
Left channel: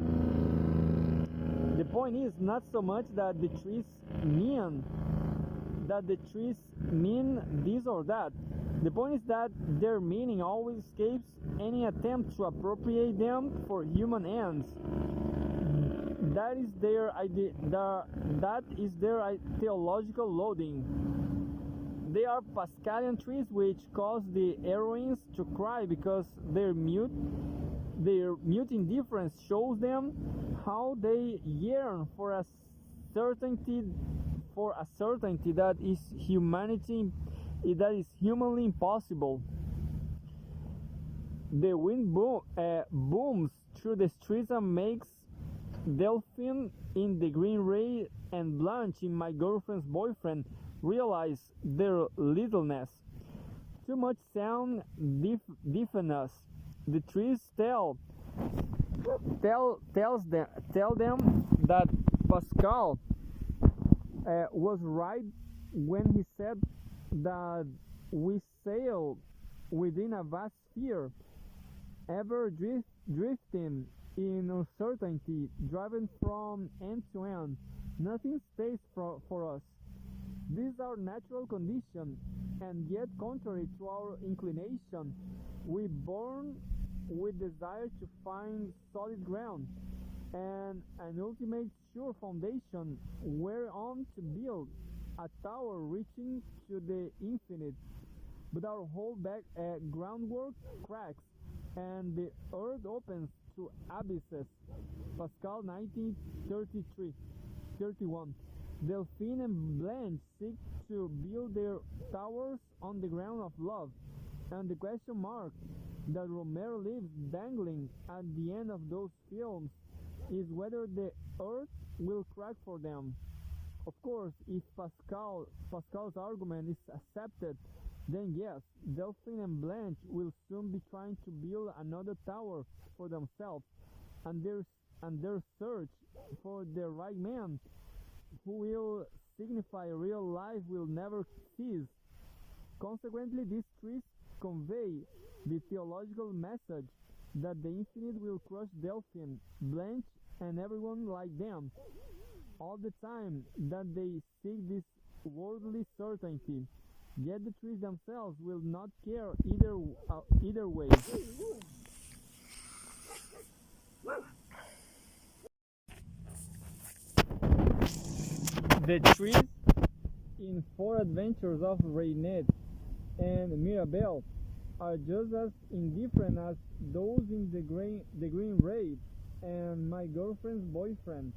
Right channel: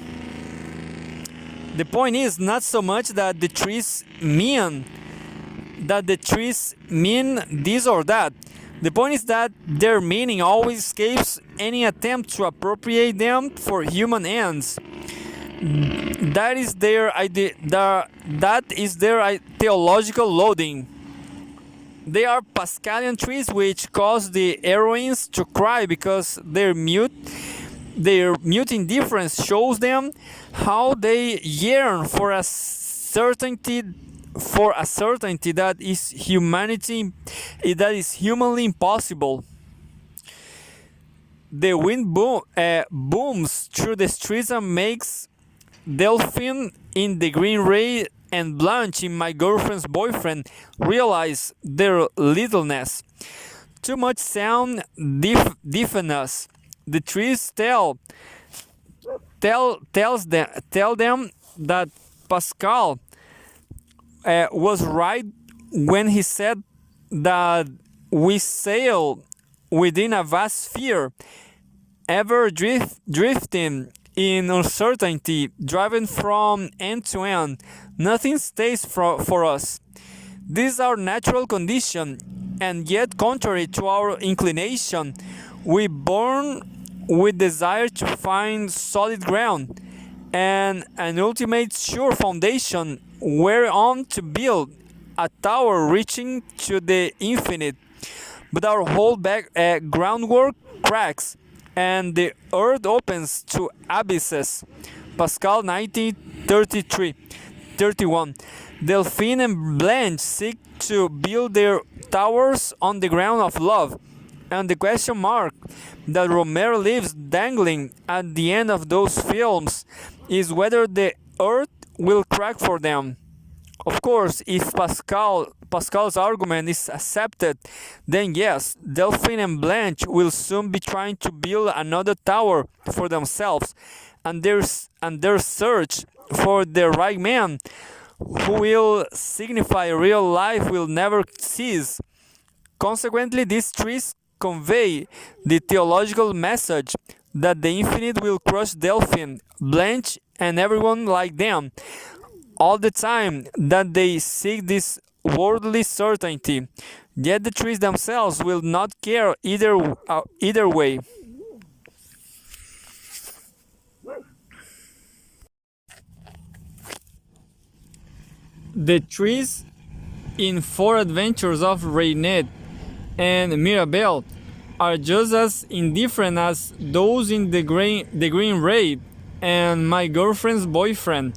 The point is not so much that the trees mean this or that. The point is that their meaning always escapes any attempt to appropriate them for human ends. That is their idea. That is their theological loading. They are Pascalian trees which cause the heroines to cry because their mute indifference shows them how they yearn for a certainty that is humanly impossible. The wind booms through the streets and makes Delphine in the green ray and Blanche in my girlfriend's boyfriend realize their littleness. Too much sound deafen us. The trees tell them that Pascal was right when he said that we sail within a vast sphere, ever drifting in uncertainty, driven from end to end. Nothing stays for us. This is our natural condition, and yet contrary to our inclination, we born with desire to find solid ground and an ultimate sure foundation whereon to build a tower reaching to the infinite. But our whole groundwork cracks, and the earth opens to abysses. Pascal 19:31. Delphine and Blanche seek to build their towers on the ground of love, and the question mark that Rohmer leaves dangling at the end of those films is whether the earth will crack for them. Of course, if Pascal's argument is accepted, then yes, Delphine and Blanche will soon be trying to build another tower for themselves, and their search for the right man who will signify real life will never cease. Consequently, these trees convey the theological message that the infinite will crush Delphine, Blanche, and everyone like them, all the time that they seek this worldly certainty. Yet the trees themselves will not care either way. The trees in Four Adventures of Reynette and Mirabelle are just as indifferent as those in the Green Ray and My Girlfriend's Boyfriend,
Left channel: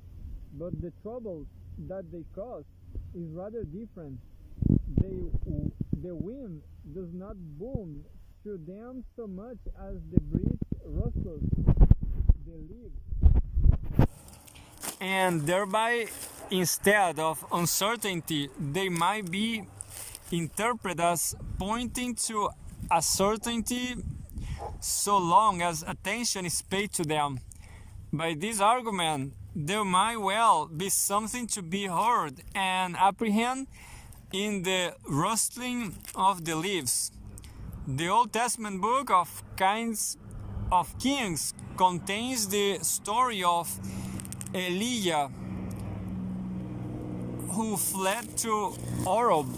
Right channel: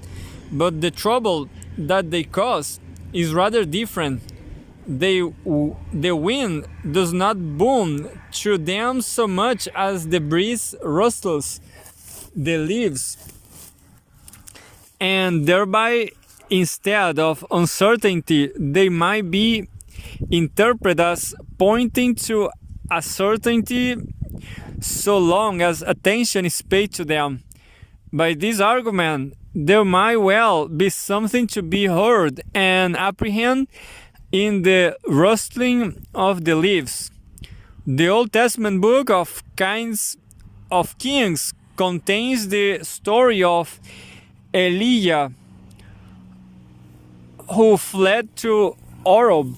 but the trouble that they cause is rather different. The wind does not boom through them so much as the breeze rustles the leaves, and thereby, instead of uncertainty, they might be interpreted as pointing to a certainty so long as attention is paid to them. By this argument, there might well be something to be heard and apprehended in the rustling of the leaves. The Old Testament book of Kings contains the story of Elijah, who fled to Oreb,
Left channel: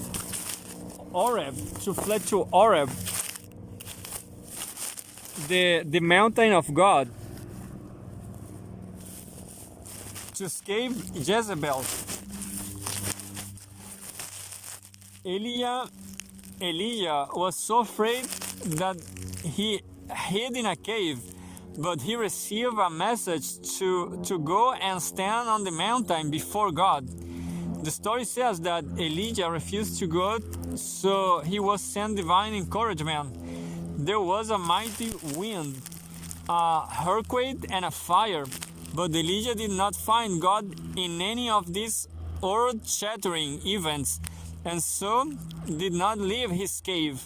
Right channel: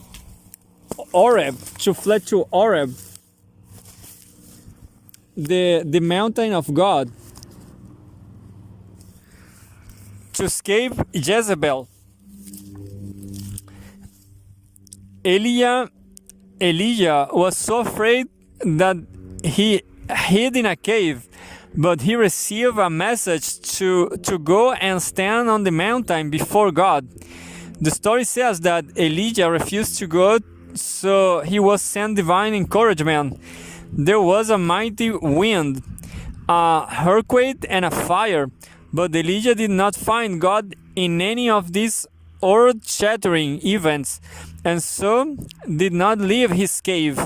the mountain of God, to escape Jezebel. Elijah was so afraid that he hid in a cave, but he received a message to go and stand on the mountain before God. The story says that Elijah refused to go, so he was sent divine encouragement. There was a mighty wind, a earthquake, and a fire, but Elijah did not find God in any of these earth-shattering events, and so did not leave his cave.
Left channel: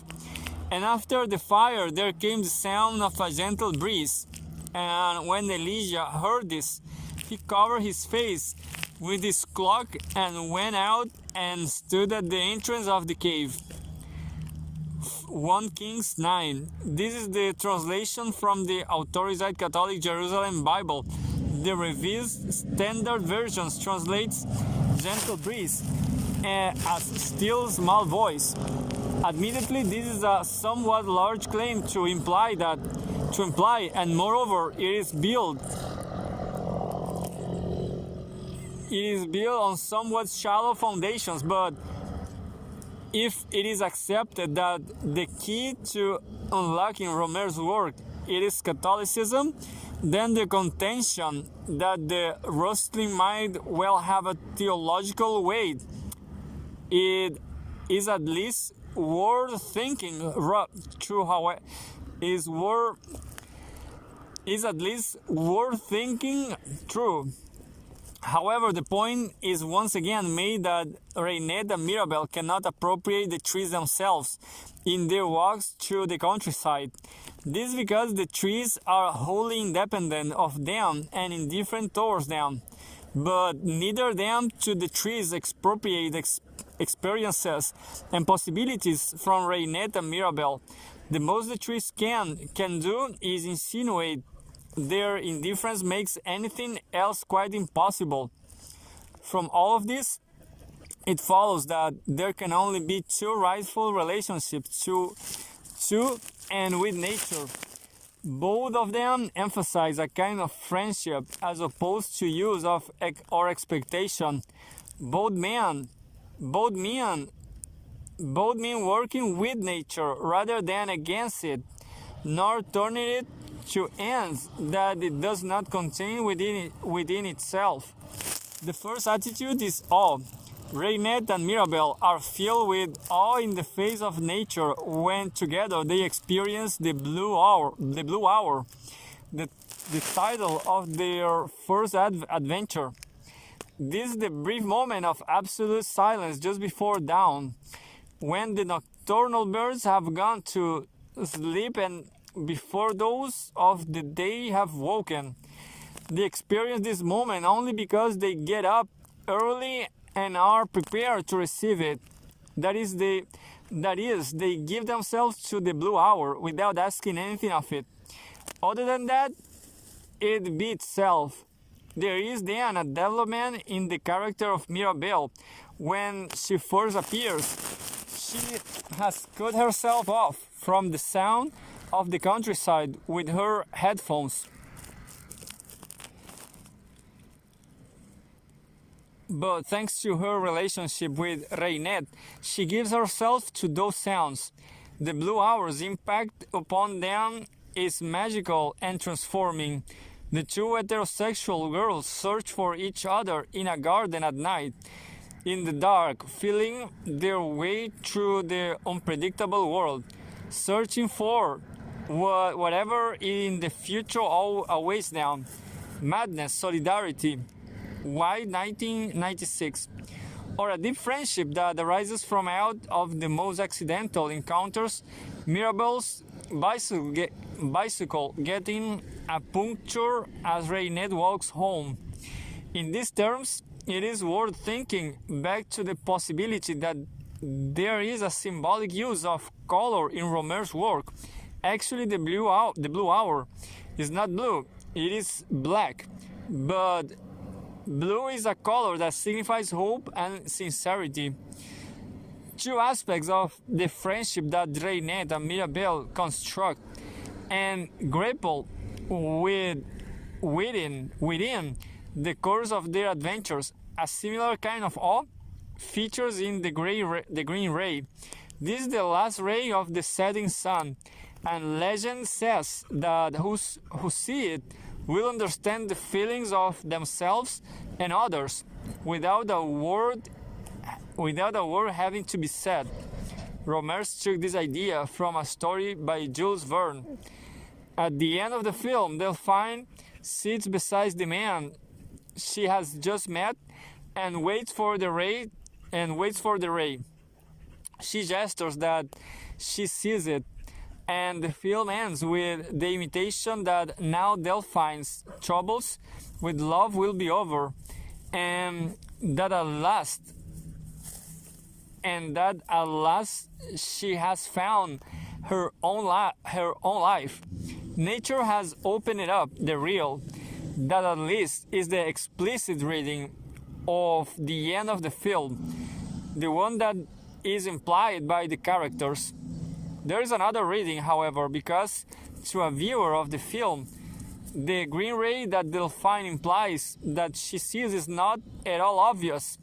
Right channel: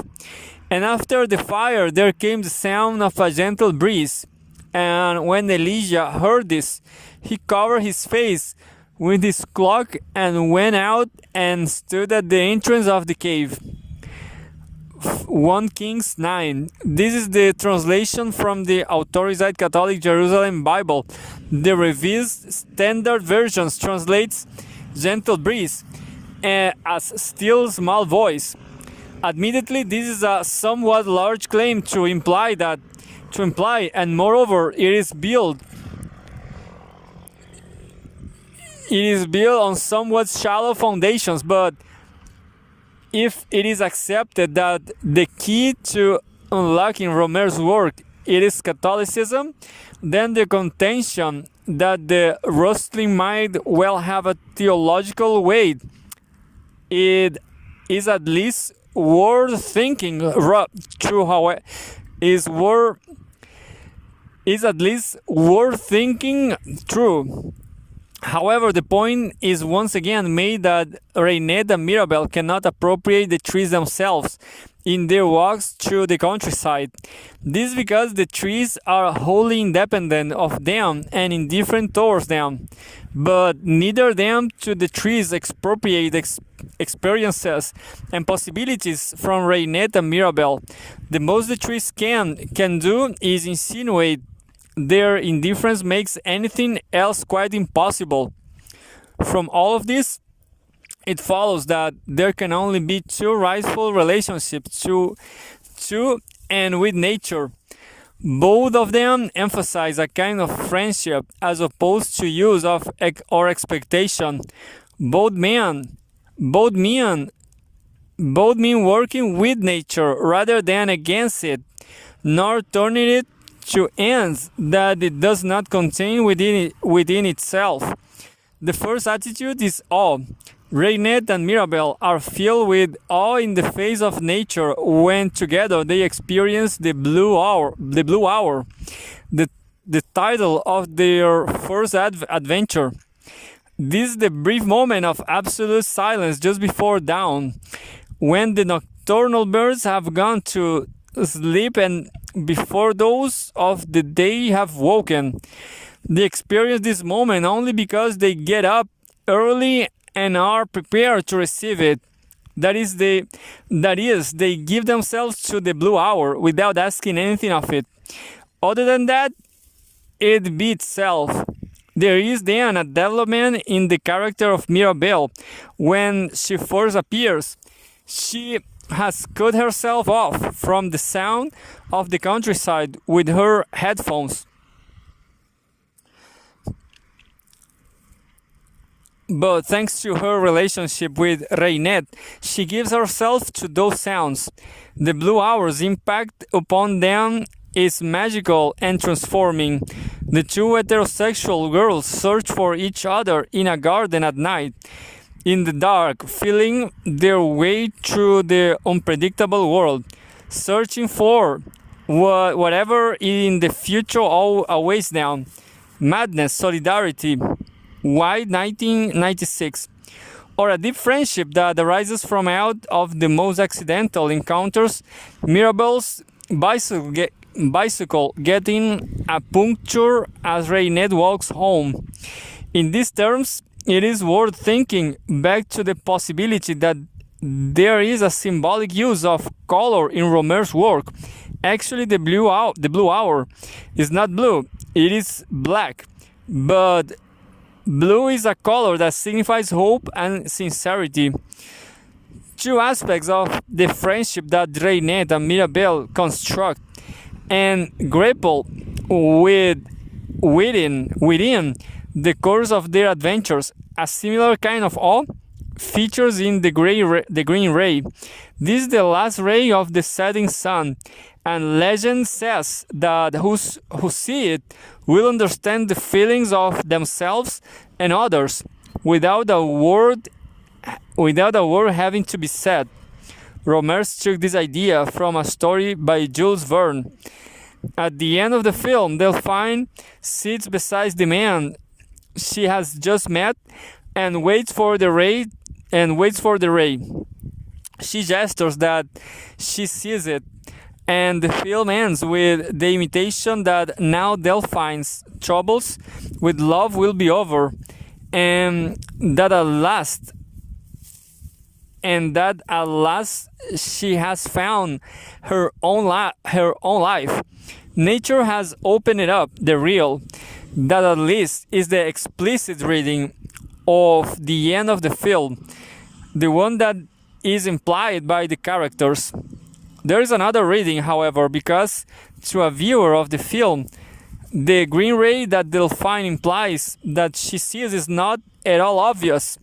And after the fire there came the sound of a gentle breeze, and when Elijah heard this, he covered his face with his cloak and went out and stood at the entrance of the cave. 1 Kings 9. This is the translation from the Authorized Catholic Jerusalem Bible. The Revised Standard Versions translates gentle breeze as still small voice. Admittedly, this is a somewhat large claim to imply, and moreover, it is built it is built on somewhat shallow foundations, but if it is accepted that the key to unlocking Rohmer's work it is Catholicism, then the contention that the rustling might well have a theological weight, it is at least worth thinking through. How is at least worth thinking through. However, the point is once again made that Reinette and Mirabel cannot appropriate the trees themselves in their walks through the countryside. This is because the trees are wholly independent of them and indifferent towards them. But neither them to the trees expropriate experiences and possibilities from Reinette and Mirabel. The most the trees can do is insinuate their indifference makes anything else quite impossible. From all of this, it follows that there can only be two rightful relationships to and with nature. Both of them emphasize a kind of friendship as opposed to use of or expectation. Both mean working with nature rather than against it, nor turning it to ends that it does not contain within itself. The first attitude is awe. Reinette and Mirabel are filled with awe in the face of nature when together they experience the blue hour, the title of their first adventure. This is the brief moment of absolute silence just before dawn, when the nocturnal birds have gone to sleep and before those of the day have woken. They experience this moment only because they get up early and are prepared to receive it. That is, they give themselves to the blue hour without asking anything of it. Other than that, it be itself. There is then a development in the character of Mirabel. When she first appears, she has cut herself off from the sound of the countryside with her headphones. But thanks to her relationship with Reinette, she gives herself to those sounds. The blue hour's impact upon them is magical and transforming. The two heterosexual girls search for each other in a garden at night, in the dark, feeling their way through the unpredictable world, searching for whatever in the future awaits them. Madness, solidarity, White 1996. Or a deep friendship that arises from out of the most accidental encounters. Mirabel's bicycle getting a puncture as Reinette walks home. In these terms, it is worth thinking back to the possibility that there is a symbolic use of color in Rohmer's work. Actually, the blue hour is not blue, it is black. But blue is a color that signifies hope and sincerity. Two aspects of the friendship that Reinette and Mirabel construct and grapple with within the course of their adventures. A similar kind of awe features in the green ray. This is the last ray of the setting sun, and legend says that who see it will understand the feelings of themselves and others without a word having to be said. Rohmer took this idea from a story by Jules Verne. At the end of the film, Delphine sits beside the man she has just met and waits for the ray. She gestures that she sees it, and the film ends with the intimation that now Delphine's troubles with love will be over, and that at last she has found her own life. Nature has opened it up, the real. That at least is the explicit reading of the end of the film, the one that is implied by the characters. There is another reading, however, because to a viewer of the film, The green ray that Delphine implies that she sees is not at all obvious,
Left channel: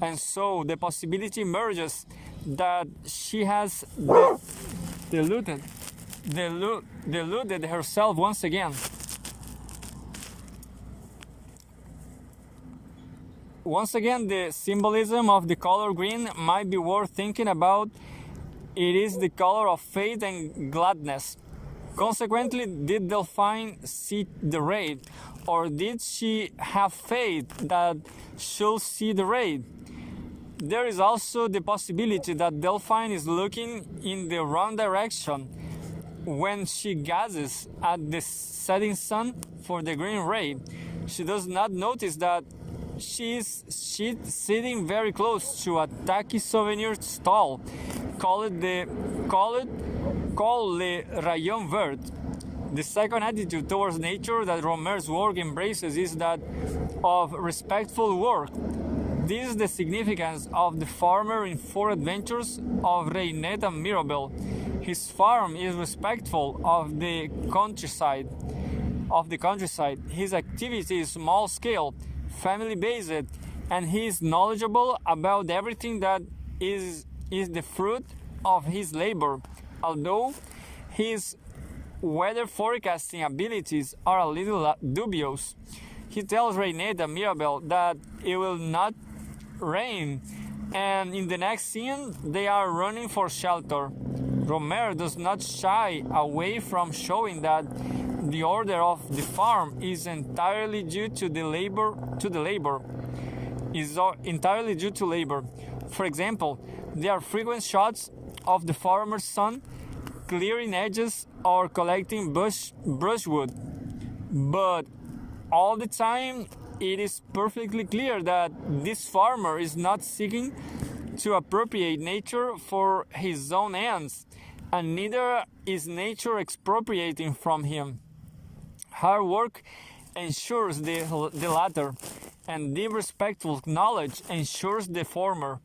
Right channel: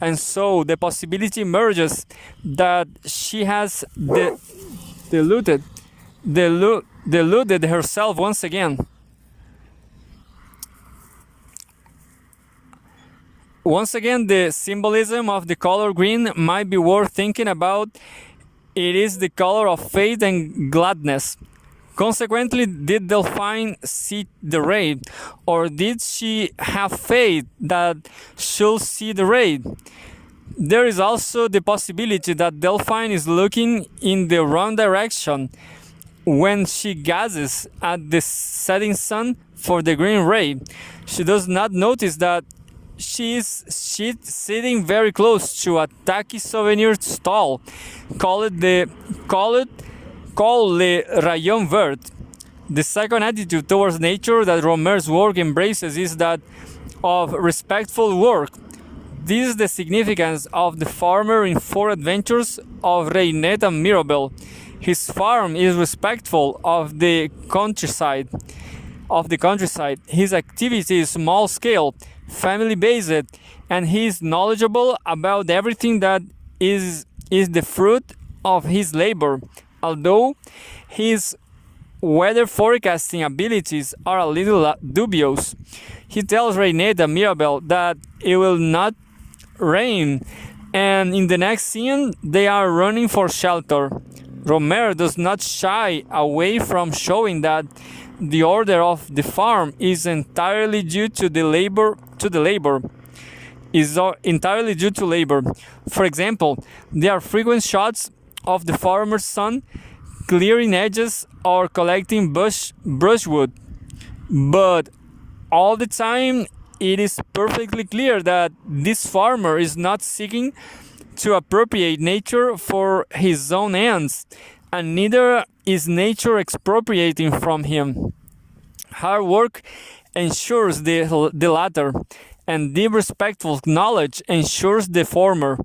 and so the possibility emerges that she has deluded herself once again. Once again, the symbolism of the color green might be worth thinking about. It is the color of faith and gladness. Consequently, did Delphine see the ray, or did she have faith that she'll see the ray? There is also the possibility that Delphine is looking in the wrong direction when she gazes at the setting sun for the green ray. She does not notice that she's sitting very close to a tacky souvenir stall called Le Rayon Vert. The second attitude towards nature that Rohmer's work embraces is that of respectful work. This is the significance of the farmer in Four Adventures of Reinette and Mirabel. His farm is respectful of the countryside. His activity is small scale, family based, and he is knowledgeable about everything that is the fruit of his labor. Although his weather forecasting abilities are a little dubious, he tells Reinette and Mirabel that it will not rain, and in the next scene they are running for shelter. Rohmer does not shy away from showing that the order of the farm is entirely due to labor. For example, there are frequent shots of the farmer's son clearing edges or collecting brushwood, but all the time it is perfectly clear that this farmer is not seeking to appropriate nature for his own ends, and neither is nature expropriating from him. Hard work ensures the latter, and deep respectful knowledge ensures the former.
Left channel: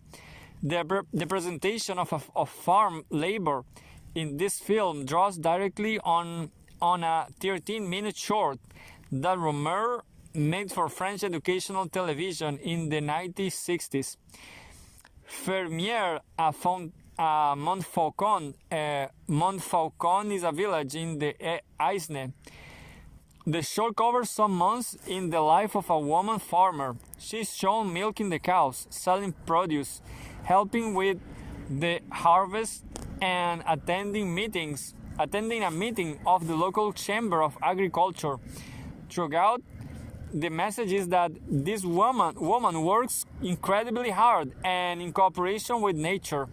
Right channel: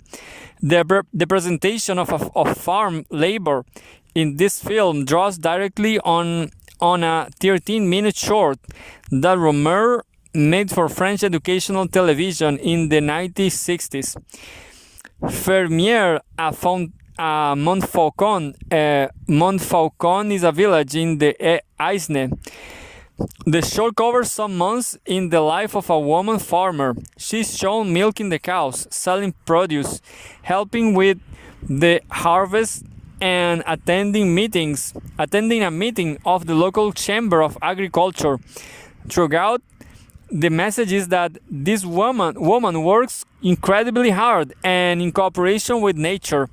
The presentation of farm labor in this film draws directly on a 13-minute short that Rohmer made for French educational television in the 1960s. Fermier à Montfaucon. Montfaucon is a village in the Aisne. The show covers some months in the life of a woman farmer. She's shown milking the cows, selling produce, helping with the harvest, and attending a meeting of the local chamber of agriculture. Throughout, the message is that this woman works incredibly hard and in cooperation with nature.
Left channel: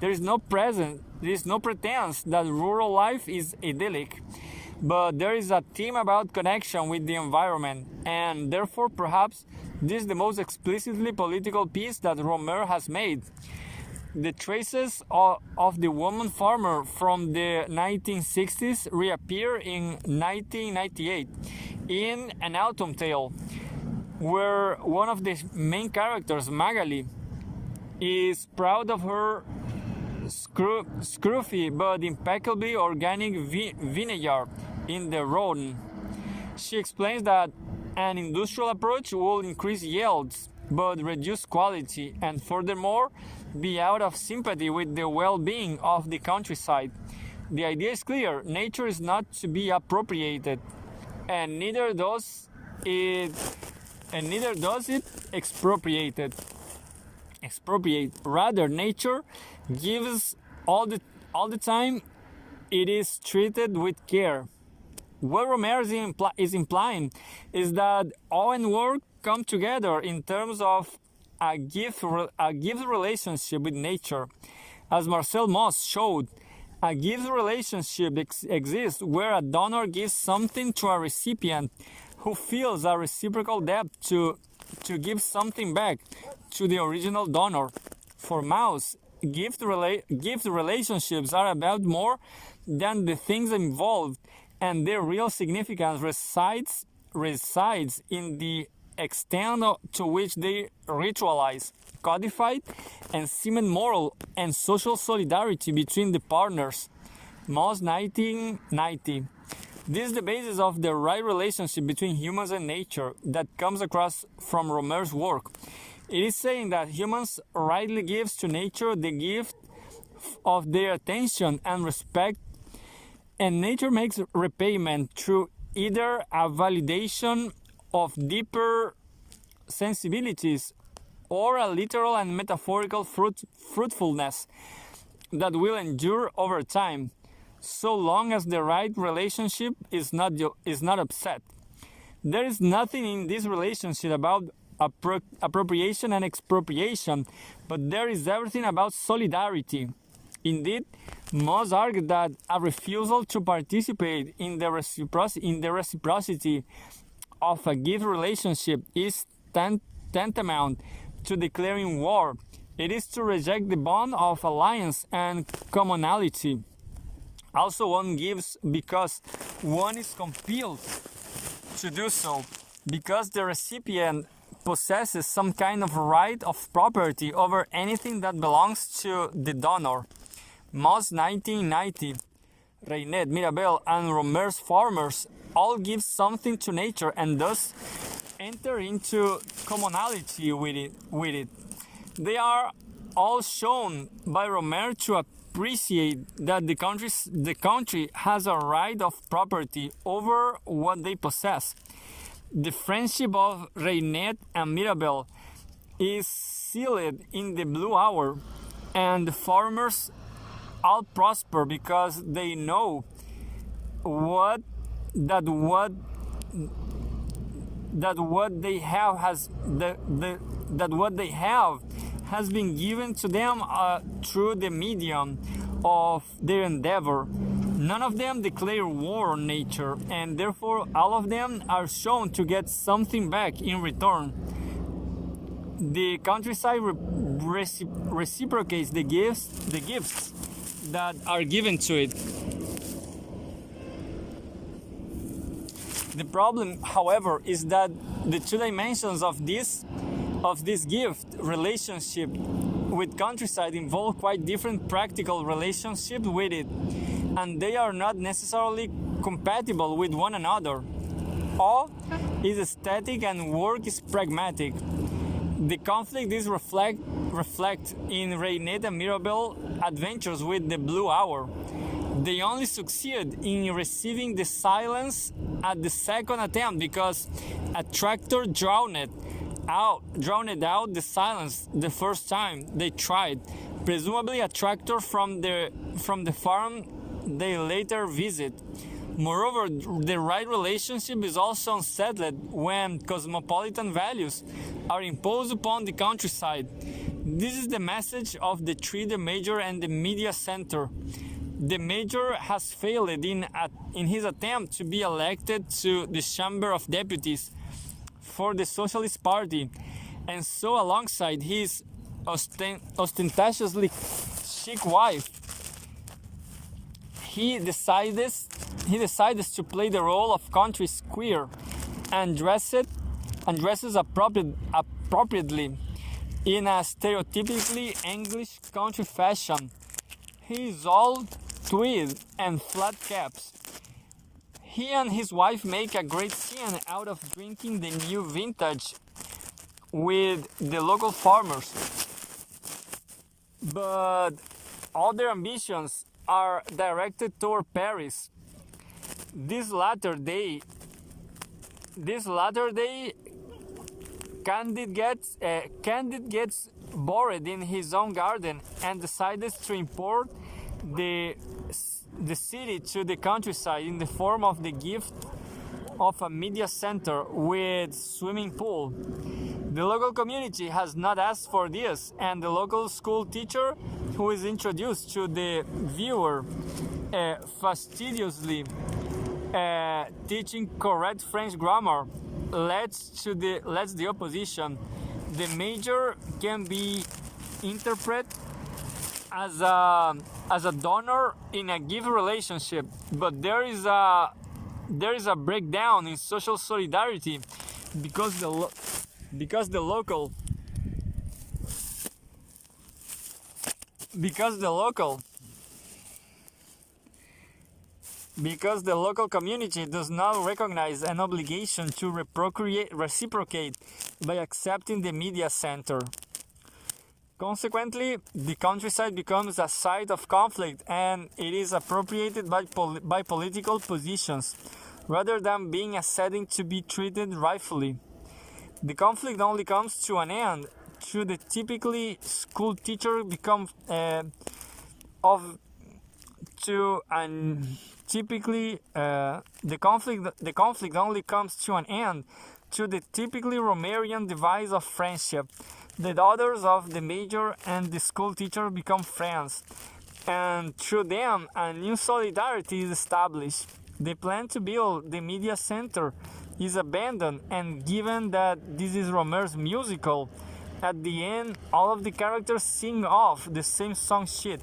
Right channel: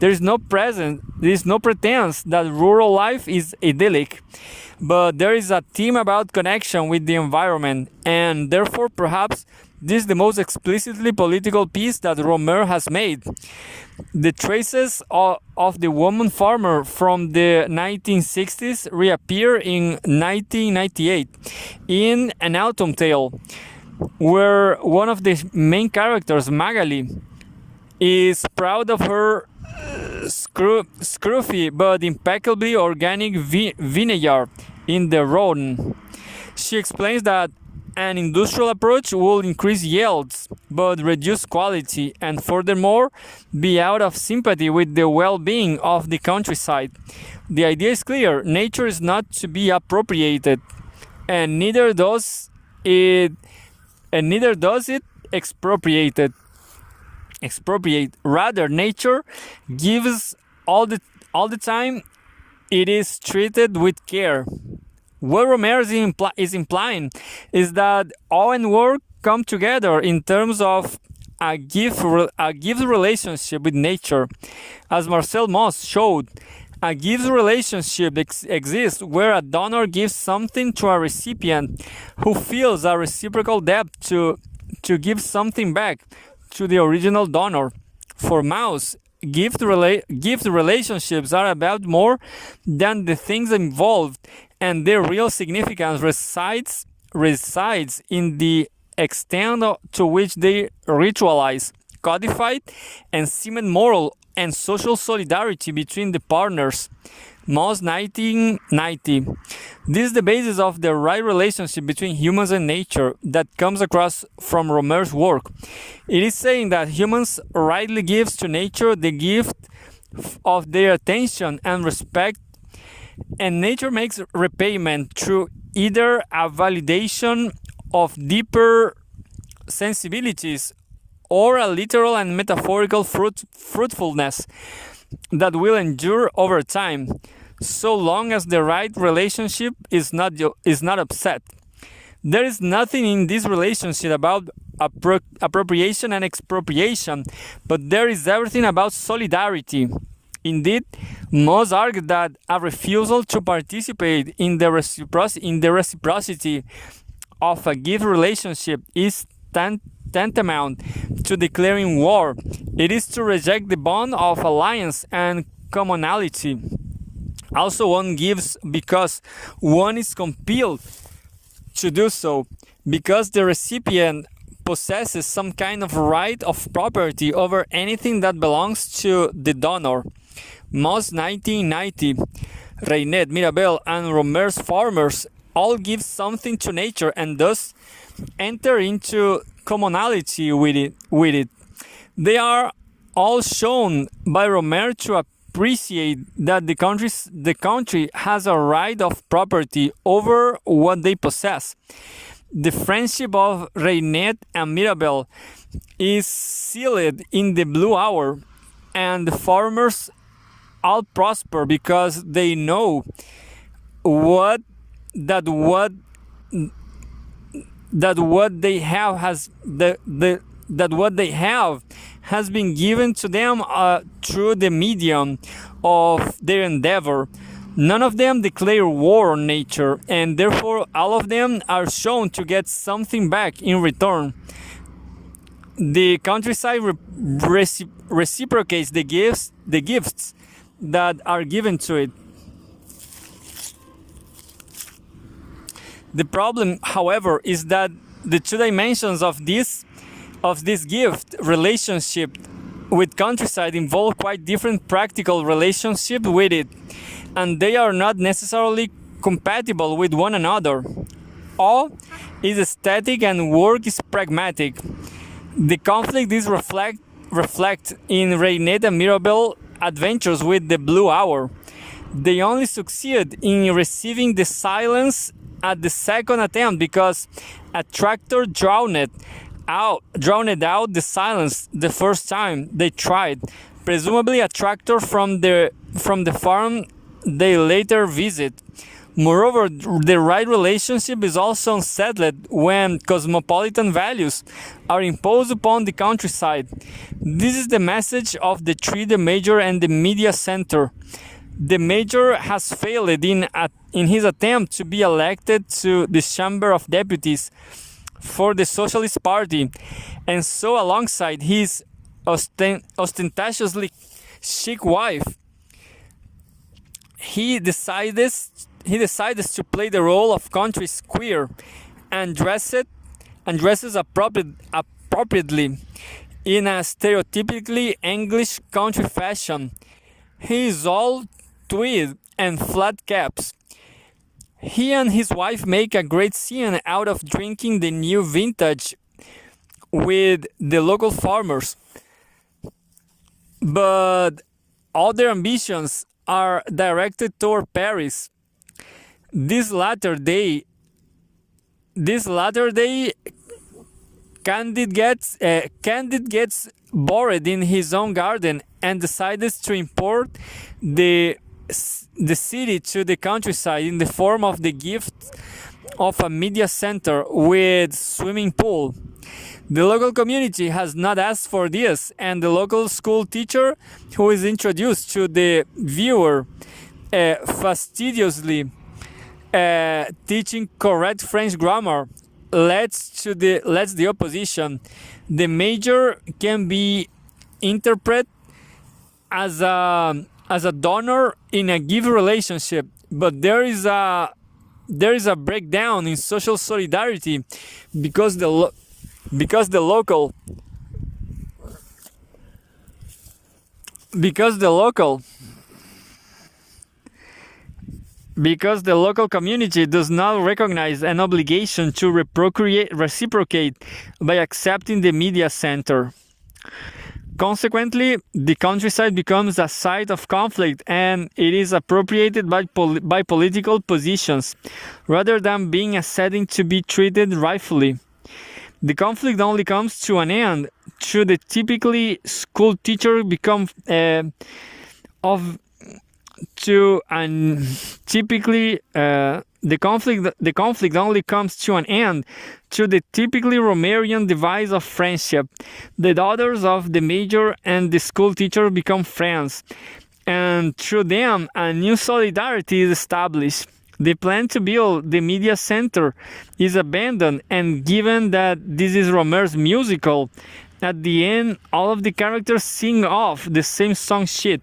There is no pretense that rural life is idyllic, but there is a theme about connection with the environment, and therefore perhaps this is the most explicitly political piece that Rohmer has made. The traces of the woman farmer from the 1960s reappear in 1998 in An Autumn Tale, where one of the main characters, Magali, is proud of her scruffy but impeccably organic vineyard in the Rhone. She explains that an industrial approach will increase yields but reduce quality, and furthermore be out of sympathy with the well-being of the countryside. The idea is clear: nature is not to be appropriated, and neither does it expropriate. Rather, nature gives all the time. It is treated with care. What Rohmer is implying is that awe and work come together in terms of a gift relationship with nature. As Marcel Mauss showed, a gift relationship exists where a donor gives something to a recipient who feels a reciprocal debt to give something back to the original donor. For Mauss, gift relationships are about more than the things involved, and their real significance resides in the extent to which they ritualize, codify, and cement moral and social solidarity between the partners. Moss 1990. This is the basis of the right relationship between humans and nature that comes across from Rohmer's work. It is saying that humans rightly gives to nature the gift of their attention and respect, and nature makes repayment through either a validation of deeper sensibilities or a literal and metaphorical fruitfulness that will endure over time, so long as the right relationship is not upset. There is nothing in this relationship about appropriation and expropriation, but there is everything about solidarity. Indeed, Moss argued that a refusal to participate in the reciprocity of a gift relationship is tantamount to declaring war. It is to reject the bond of alliance and commonality. Also, one gives because one is compelled to do so, because the recipient possesses some kind of right of property over anything that belongs to the donor. Moss 1990, Reynet, Mirabel, and Rohmer's farmers all give something to nature and thus enter into commonality with it. They are all shown by Rohmer to appreciate that the country has a right of property over what they possess. The friendship of Reynet and Mirabel is sealed in the blue hour, and the farmers all prosper because they know what they have has been given to them through the medium of their endeavor. None of them declare war on nature, and therefore all of them are shown to get something back in return. The countryside reciprocates the gifts that are given to it. The problem, however, is that the two dimensions of this gift relationship with countryside involve quite different practical relationship with it, and they are not necessarily compatible with one another. All is aesthetic and work is pragmatic. The conflict is reflect in Reynet and Mirabel adventures with the blue hour. They only succeed in receiving the silence at the second attempt because a tractor drowned out the silence the first time they tried, presumably a tractor from the farm they later visit. Moreover, the right relationship is also unsettled when cosmopolitan values are imposed upon the countryside. This is the message of the three, the major and the media center. The major has failed in his attempt to be elected to the Chamber of Deputies for the Socialist Party, and so alongside his ostentatiously chic wife, he decides to play the role of country squire and dresses appropriately in a stereotypically English country fashion. He is all tweed and flat caps. He and his wife make a great scene out of drinking the new vintage with the local farmers, but all their ambitions are directed toward Paris. This latter day, Candide gets bored in his own garden and decides to import the city to the countryside in the form of the gift of a media center with swimming pool. The local community has not asked for this, and the local school teacher, who is introduced to the viewer fastidiously teaching correct French grammar, lets the opposition. The major can be interpreted as a donor in a give relationship, but there is a breakdown in social solidarity because the local because the local community does not recognize an obligation to reciprocate by accepting the media center. Consequently, the countryside becomes a site of conflict, and it is appropriated by political positions, rather than being a setting to be treated rightfully. The conflict only comes to an end should the typically school teacher become the conflict only comes to an end through the typically Romerian device of friendship. The daughters of the major and the school teacher become friends, and through them a new solidarity is established. The plan to build the media center is abandoned, and given that this is Rohmer's musical, at the end all of the characters sing off the same song sheet.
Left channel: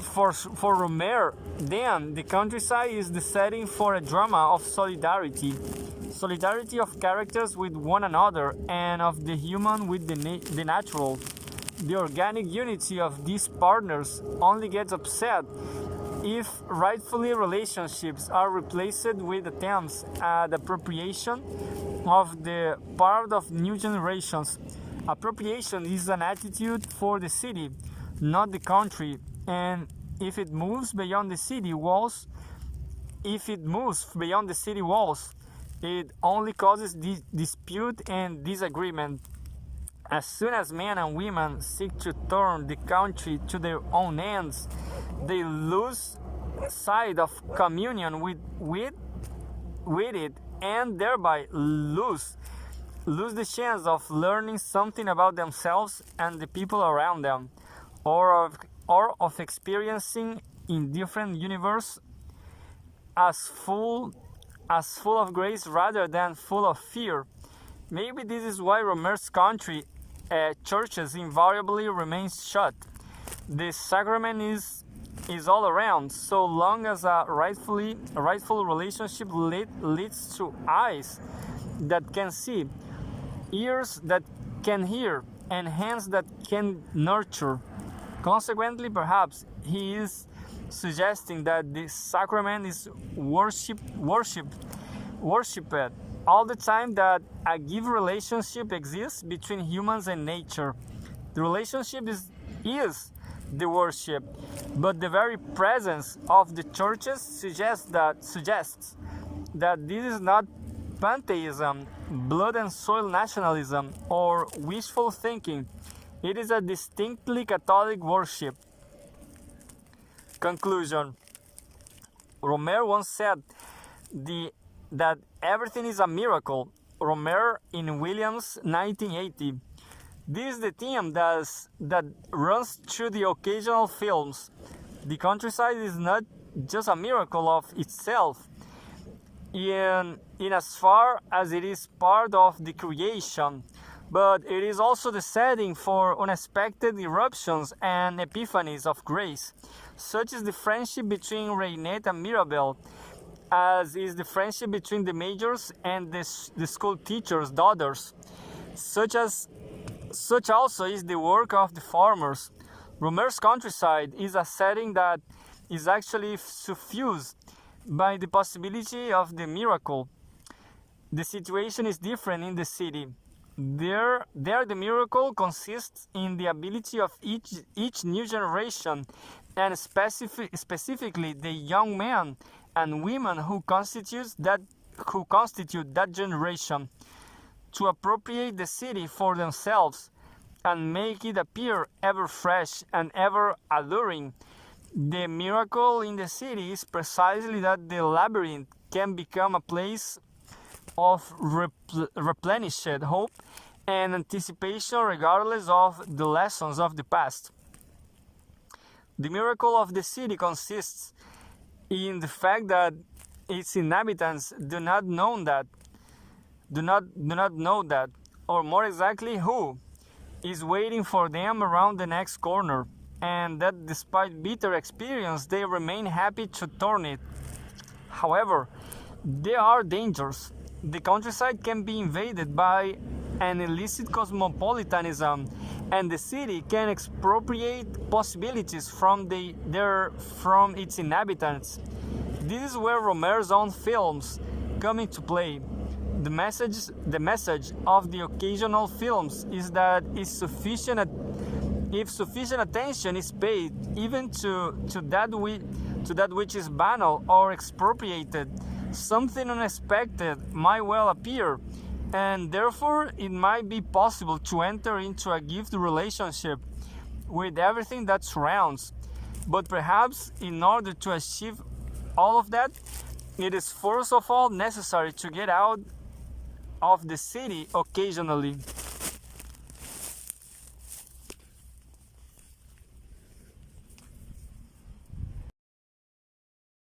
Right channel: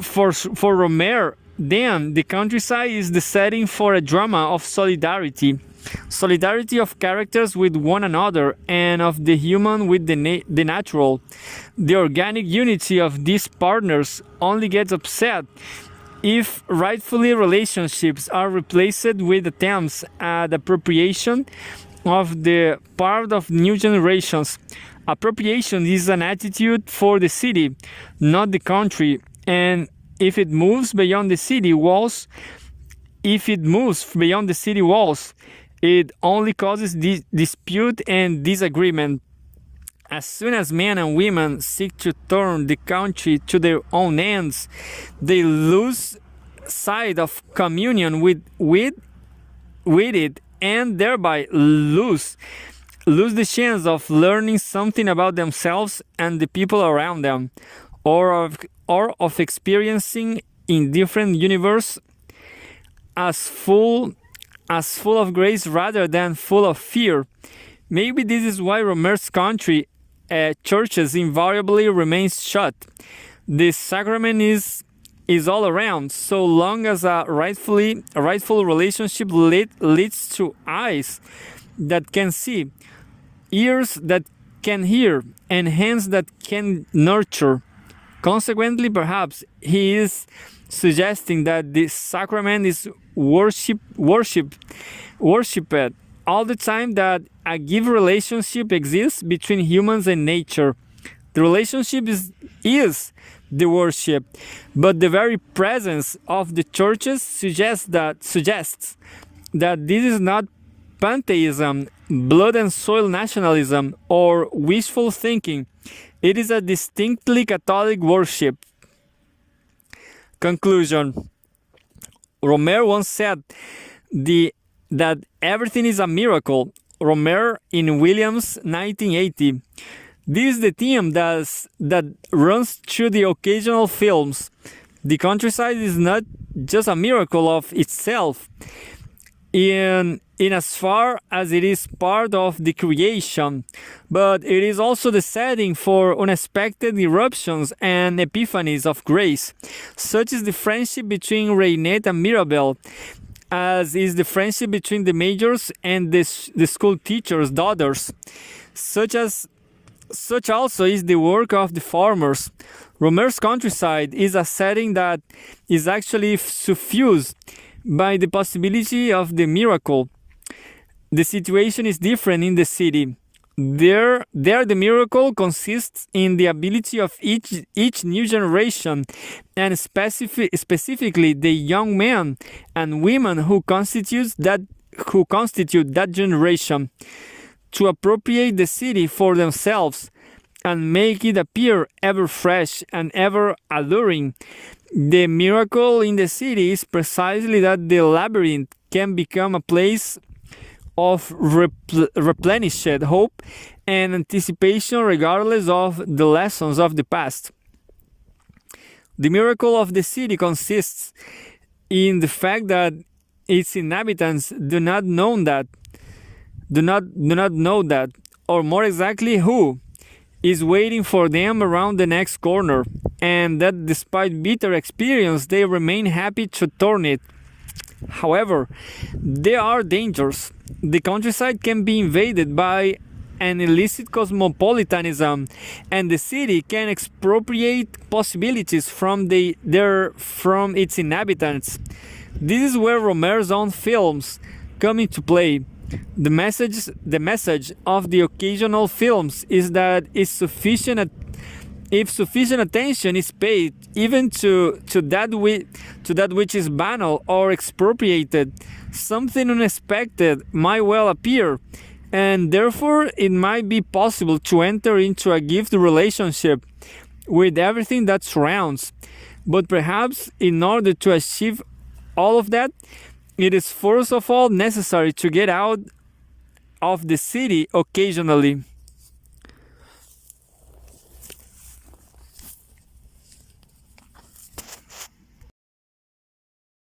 For Rohmer, then, the countryside is the setting for a drama of solidarity of characters with one another and of the human with the natural. The organic unity of these partners only gets upset if rightfully relationships are replaced with attempts at appropriation of the part of new generations. Appropriation is an attitude for the city, not the country, and if it moves beyond the city walls, it only causes dispute and disagreement. As soon as men and women seek to turn the country to their own ends, they lose sight of communion with it, and thereby lose the chance of learning something about themselves and the people around them, or of experiencing in different universe as full of grace rather than full of fear. Maybe this is why Rohmer's country churches invariably remains shut. The sacrament is all around, so long as a rightful relationship leads to eyes that can see, ears that can hear, and hands that can nurture. Consequently, perhaps he is suggesting that the sacrament is worshipped all the time, that a given relationship exists between humans and nature. The relationship is the worship, but the very presence of the churches suggests that this is not pantheism, blood and soil nationalism, or wishful thinking. It is a distinctly Catholic worship. Conclusion. Rohmer once said that everything is a miracle. Rohmer in Williams 1980. This is the theme that runs through the occasional films. The countryside is not just a miracle of itself, in as far as it is part of the creation, but it is also the setting for unexpected eruptions and epiphanies of grace. Such is the friendship between Reinette and Mirabel, as is the friendship between the majors and the school teachers' daughters. Such also is the work of the farmers. Rohmer's countryside is a setting that is actually suffused by the possibility of the miracle. The situation is different in the city. There the miracle consists in the ability of each new generation, and specifically the young men and women who constitute that generation, to appropriate the city for themselves and make it appear ever fresh and ever alluring. The miracle in the city is precisely that the labyrinth can become a place of replenished hope and anticipation regardless of the lessons of the past. The miracle of the city consists in the fact that its inhabitants do not know that, or more exactly, who is waiting for them around the next corner, and that despite bitter experience they remain happy to turn it. However, there are dangers. The countryside can be invaded by an illicit cosmopolitanism, and the city can expropriate possibilities from its inhabitants. This is where Rohmer's own films come into play. The message of the occasional films is that if sufficient attention is paid even to that which is banal or expropriated, something unexpected might well appear, and therefore it might be possible to enter into a gift relationship with everything that surrounds. But perhaps in order to achieve all of that, it is first of all necessary to get out of the city occasionally.